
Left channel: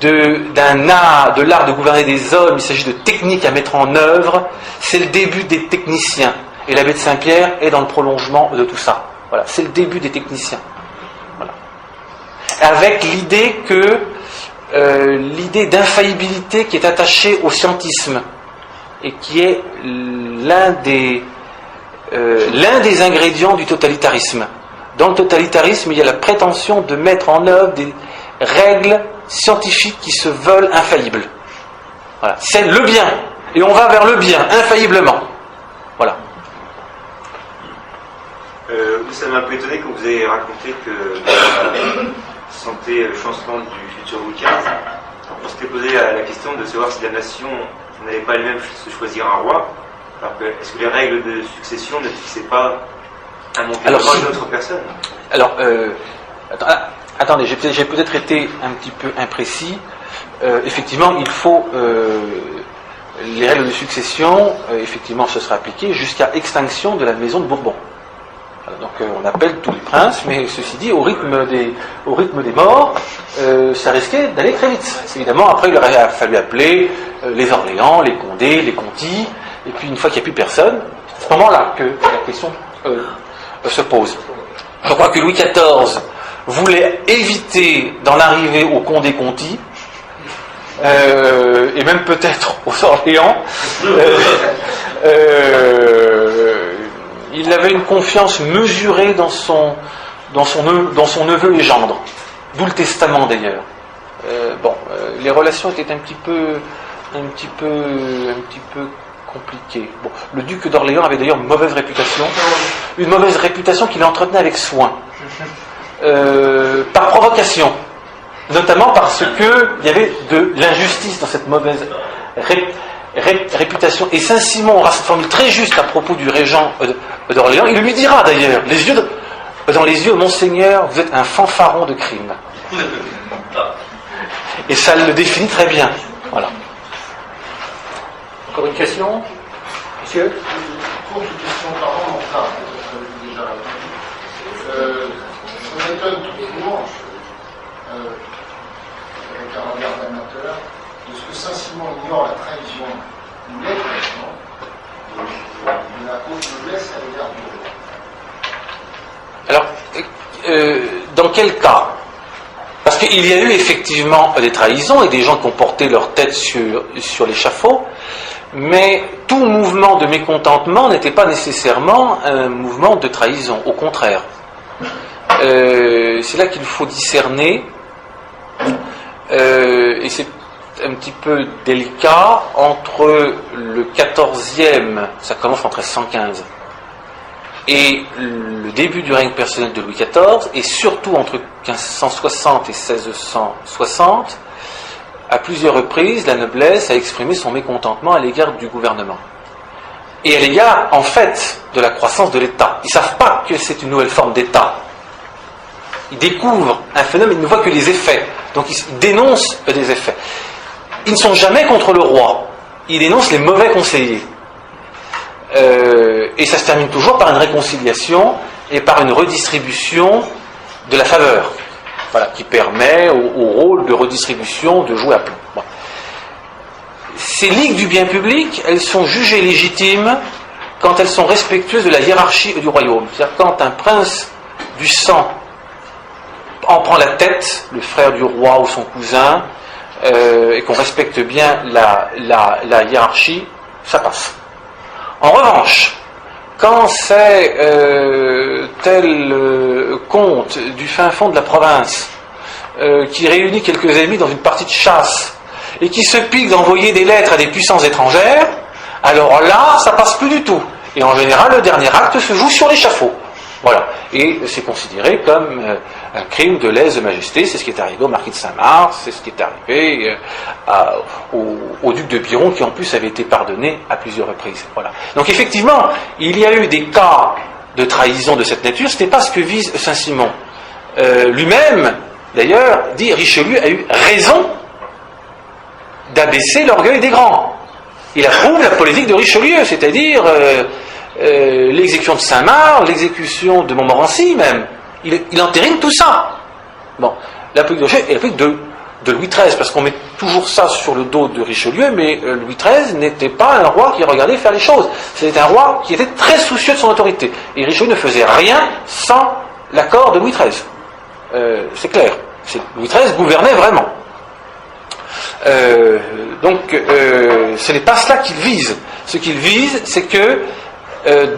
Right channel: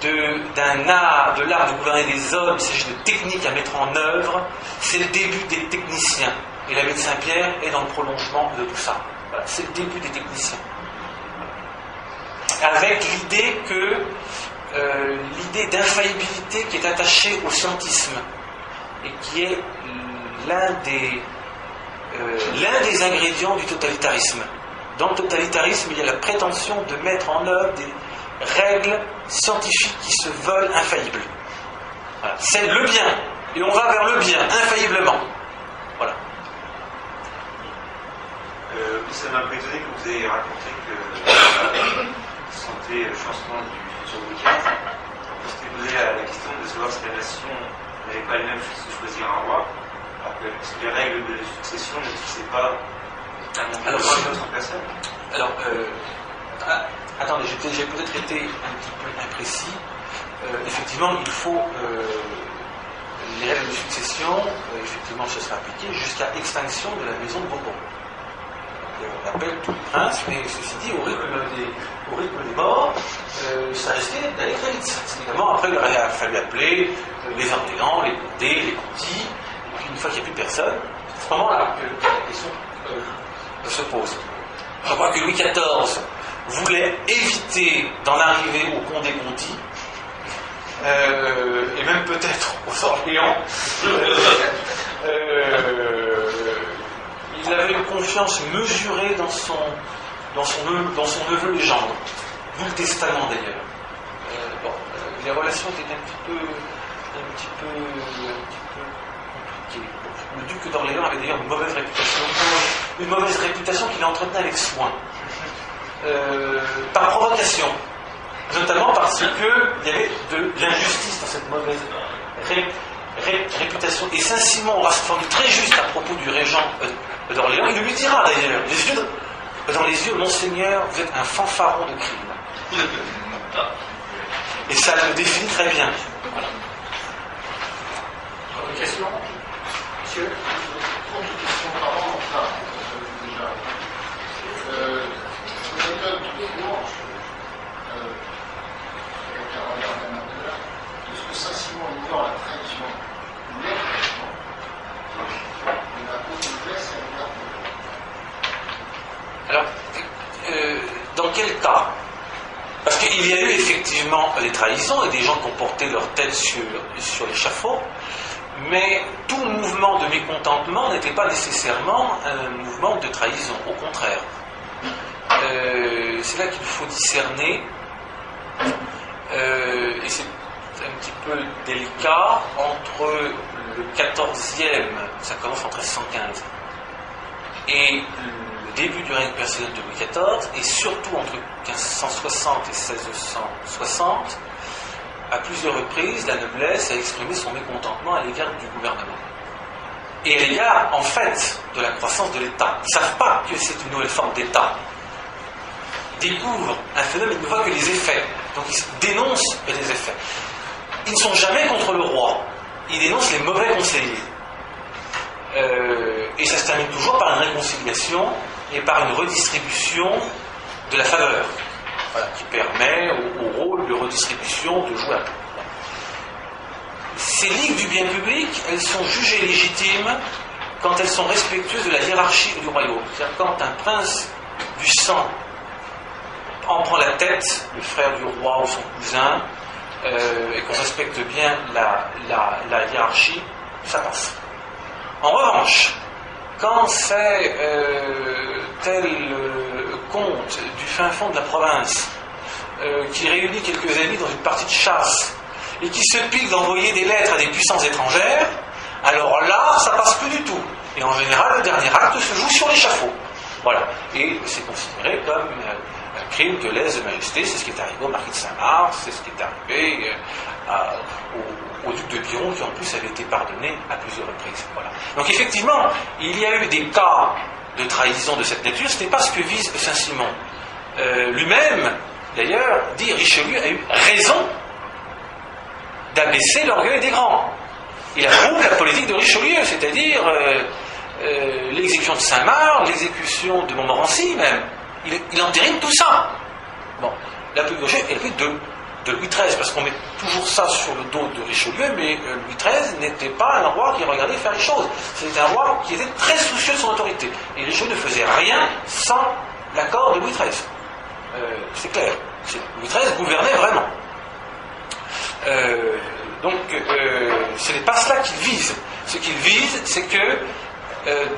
de l'art de gouverner des hommes, il s'agit de techniques à mettre en œuvre. C'est le début des techniciens. Et l'abbé de Saint-Pierre est dans le prolongement de tout ça. Voilà, c'est le début des techniciens. Voilà. Avec l'idée que l'idée d'infaillibilité qui est attachée au scientisme et qui est l'un des ingrédients du totalitarisme. Dans le totalitarisme, il y a la prétention de mettre en œuvre des règles scientifiques qui se veulent infaillibles. Voilà. C'est le bien, et on va vers le bien, infailliblement. Voilà. Ça m'a un peu étonné que vous ayez raconté que vous sentez le changement du futur Louis XV. On s'était posé la question de savoir si la nation n'allait pas elle-même se choisir un roi. Alors est-ce que les règles de succession ne fixaient pas un monter d'une autre personne? Alors, attendez, j'ai peut-être été un petit peu imprécis. Effectivement, il faut les règles de succession, effectivement, ce sera appliqué jusqu'à extinction de la maison de Bourbon. Donc on appelle tous les princes, mais ceci dit, au rythme des morts, ça risquait d'aller très vite. Évidemment, après il aurait fallu appeler les Orléans, les Condés, les Contis, et puis une fois qu'il n'y a plus personne, c'est à ce moment-là que la question se pose. Je crois que Louis XIV voulait éviter d'en arriver aux Condés-Contis, et même peut-être aux Orléans. Il avait une confiance mesurée dans son neveu et gendre, d'où le testament d'ailleurs. Les relations étaient un petit peu compliquées. Bon, le duc d'Orléans avait d'ailleurs une mauvaise réputation qu'il entretenait avec soin, par provocation, notamment parce que il y avait de l'injustice dans cette mauvaise réputation. Et Saint-Simon aura cette formule très juste à propos du régent d'Orléans. Il lui dira d'ailleurs, dans les yeux, Monseigneur, vous êtes un fanfaron de crime. Et ça le définit très bien. Voilà. Encore une question, monsieur? Une courte question par an, enfin, déjà. Je m'étonne toujours, avec un regard d'amateur, de ce que Saint-Simon ignore la trahison ou l'effacement de la cause noblesse à l'égard de l'eau. Alors, dans quel cas? Parce qu'il y a eu effectivement des trahisons et des gens qui ont porté leur tête sur l'échafaud, mais tout mouvement de mécontentement n'était pas nécessairement un mouvement de trahison, au contraire. C'est là qu'il faut discerner, et c'est un petit peu délicat, entre le 14e, ça commence en 1315, et le début du règne personnel de Louis XIV, et surtout entre 1560 et 1660, à plusieurs reprises, la noblesse a exprimé son mécontentement à l'égard du gouvernement. et à l'égard, en fait, de la croissance de l'État. Ils ne savent pas que c'est une nouvelle forme d'État. Ils découvrent un phénomène, ils ne voient que les effets. Donc ils dénoncent des effets. Ils ne sont jamais contre le roi. Ils dénoncent les mauvais conseillers. Et ça se termine toujours par une réconciliation et par une redistribution de la faveur. Voilà, qui permet au rôle de redistribution de jouer à plein. Bon. Ces ligues du bien public, elles sont jugées légitimes quand elles sont respectueuses de la hiérarchie du royaume. C'est-à-dire quand un prince du sang en prend la tête, le frère du roi ou son cousin, et qu'on respecte bien la hiérarchie, ça passe. En revanche, quand c'est tel comte du fin fond de la province qui réunit quelques amis dans une partie de chasse et qui se pique d'envoyer des lettres à des puissances étrangères, alors là, ça passe plus du tout. Et en général, le dernier acte se joue sur l'échafaud. Voilà. Et c'est considéré comme un crime de lèse-majesté. C'est ce qui est arrivé au marquis de Saint-Mars, c'est ce qui est arrivé au duc de Biron, qui en plus avait été pardonné à plusieurs reprises. Voilà. Donc effectivement, il y a eu des cas de trahison de cette nature. Ce n'est pas ce que vise Saint-Simon. Lui-même, d'ailleurs, dit Richelieu a eu raison d'abaisser l'orgueil des grands. Il approuve la politique de Richelieu, c'est-à-dire l'exécution de Saint-Marc, l'exécution de Montmorency même. Il entérine tout ça. Bon, la politique de Richelieu est la politique de Louis XIII, parce qu'on met toujours ça sur le dos de Richelieu, mais Louis XIII n'était pas un roi qui regardait faire les choses. C'était un roi qui était très soucieux de son autorité. Et Richelieu ne faisait rien sans l'accord de Louis XIII. C'est clair. Louis XIII gouvernait vraiment. Donc, ce n'est pas cela qu'il vise. Ce qu'il vise, c'est que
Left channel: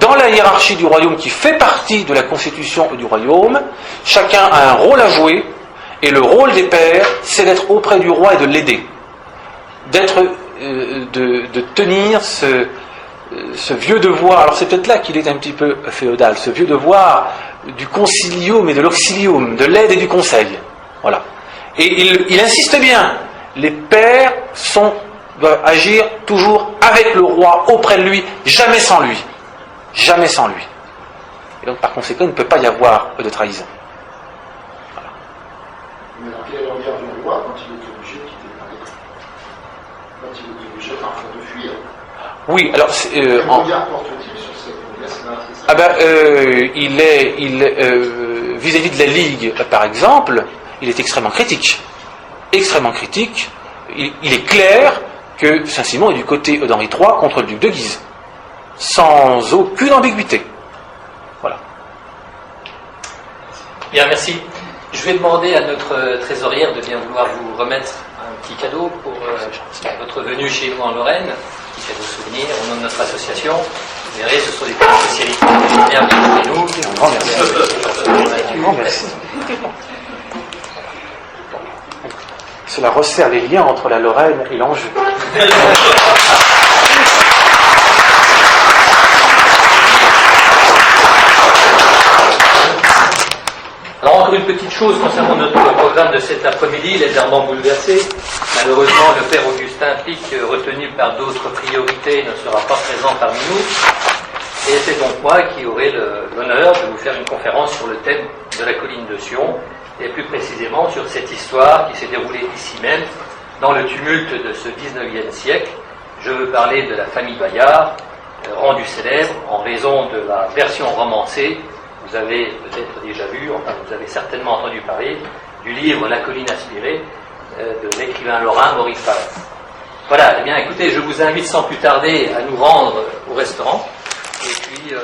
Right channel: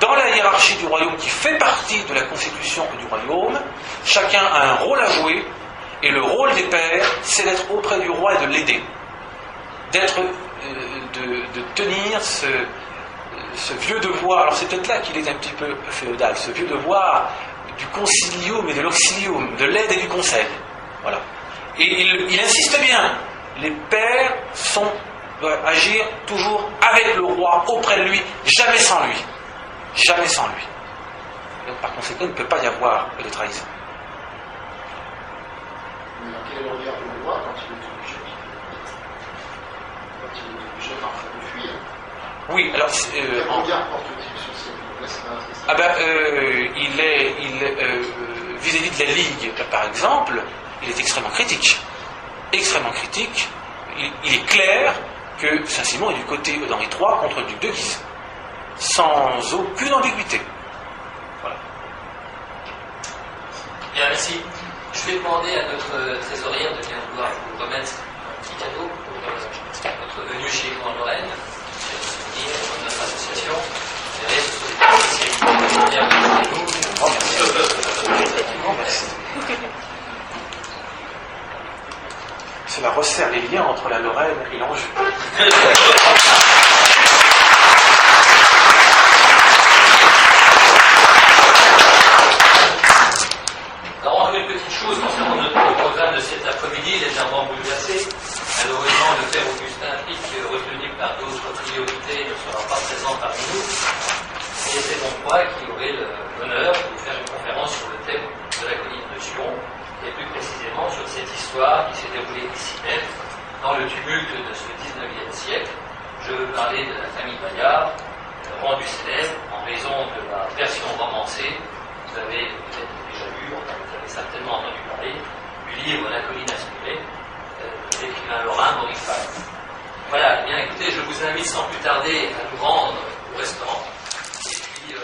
dans la hiérarchie du royaume qui fait partie de la constitution du royaume, chacun a un rôle à jouer, et le rôle des pères, c'est d'être auprès du roi et de l'aider. De tenir ce vieux devoir. Alors c'est peut-être là qu'il est un petit peu féodal, ce vieux devoir du concilium et de l'auxilium, de l'aide et du conseil. Voilà. Et il insiste bien. Les pères doivent agir toujours avec le roi, auprès de lui, jamais sans lui. Jamais sans lui. Et donc par conséquent, il ne peut pas y avoir de trahison. Voilà. Mais dans quel est le regard du roi quand il est obligé de quitter le pays ? Quand il est obligé parfois de fuir ? Oui, alors... quel regard porte-t-il sur cette noblesse-là ? Vis-à-vis de la Ligue, par exemple, il est extrêmement critique. Extrêmement critique. Il est clair que Saint-Simon est du côté d'Henri III contre le duc de Guise. Sans aucune ambiguïté. Voilà. Bien, merci. Je vais demander à notre trésorière de bien vouloir vous remettre un petit cadeau pour votre venue chez nous en Lorraine. Un cadeau souvenir au nom de notre association. Vous verrez, ce sont des petites spécialités. Bienvenue chez nous. Un grand merci. Un grand merci. Cela resserre les liens entre la Lorraine et l'Anjou. Alors encore une petite chose concernant notre programme de cet après-midi, légèrement bouleversé. Malheureusement, le père Augustin Pic, retenu par d'autres priorités, ne sera pas présent parmi nous. Et c'est donc moi qui aurai l'honneur de vous faire une conférence sur le thème de la colline de Sion, et plus précisément sur cette histoire qui s'est déroulée ici même, dans le tumulte de ce 19e siècle. Je veux parler de la famille Bayard, rendue célèbre en raison de la version romancée. Vous avez peut-être déjà vu, enfin vous avez certainement entendu parler, du livre La colline inspirée de l'écrivain lorrain Maurice Paré. Voilà, eh bien écoutez, je vous invite sans plus tarder à nous rendre au restaurant, et puis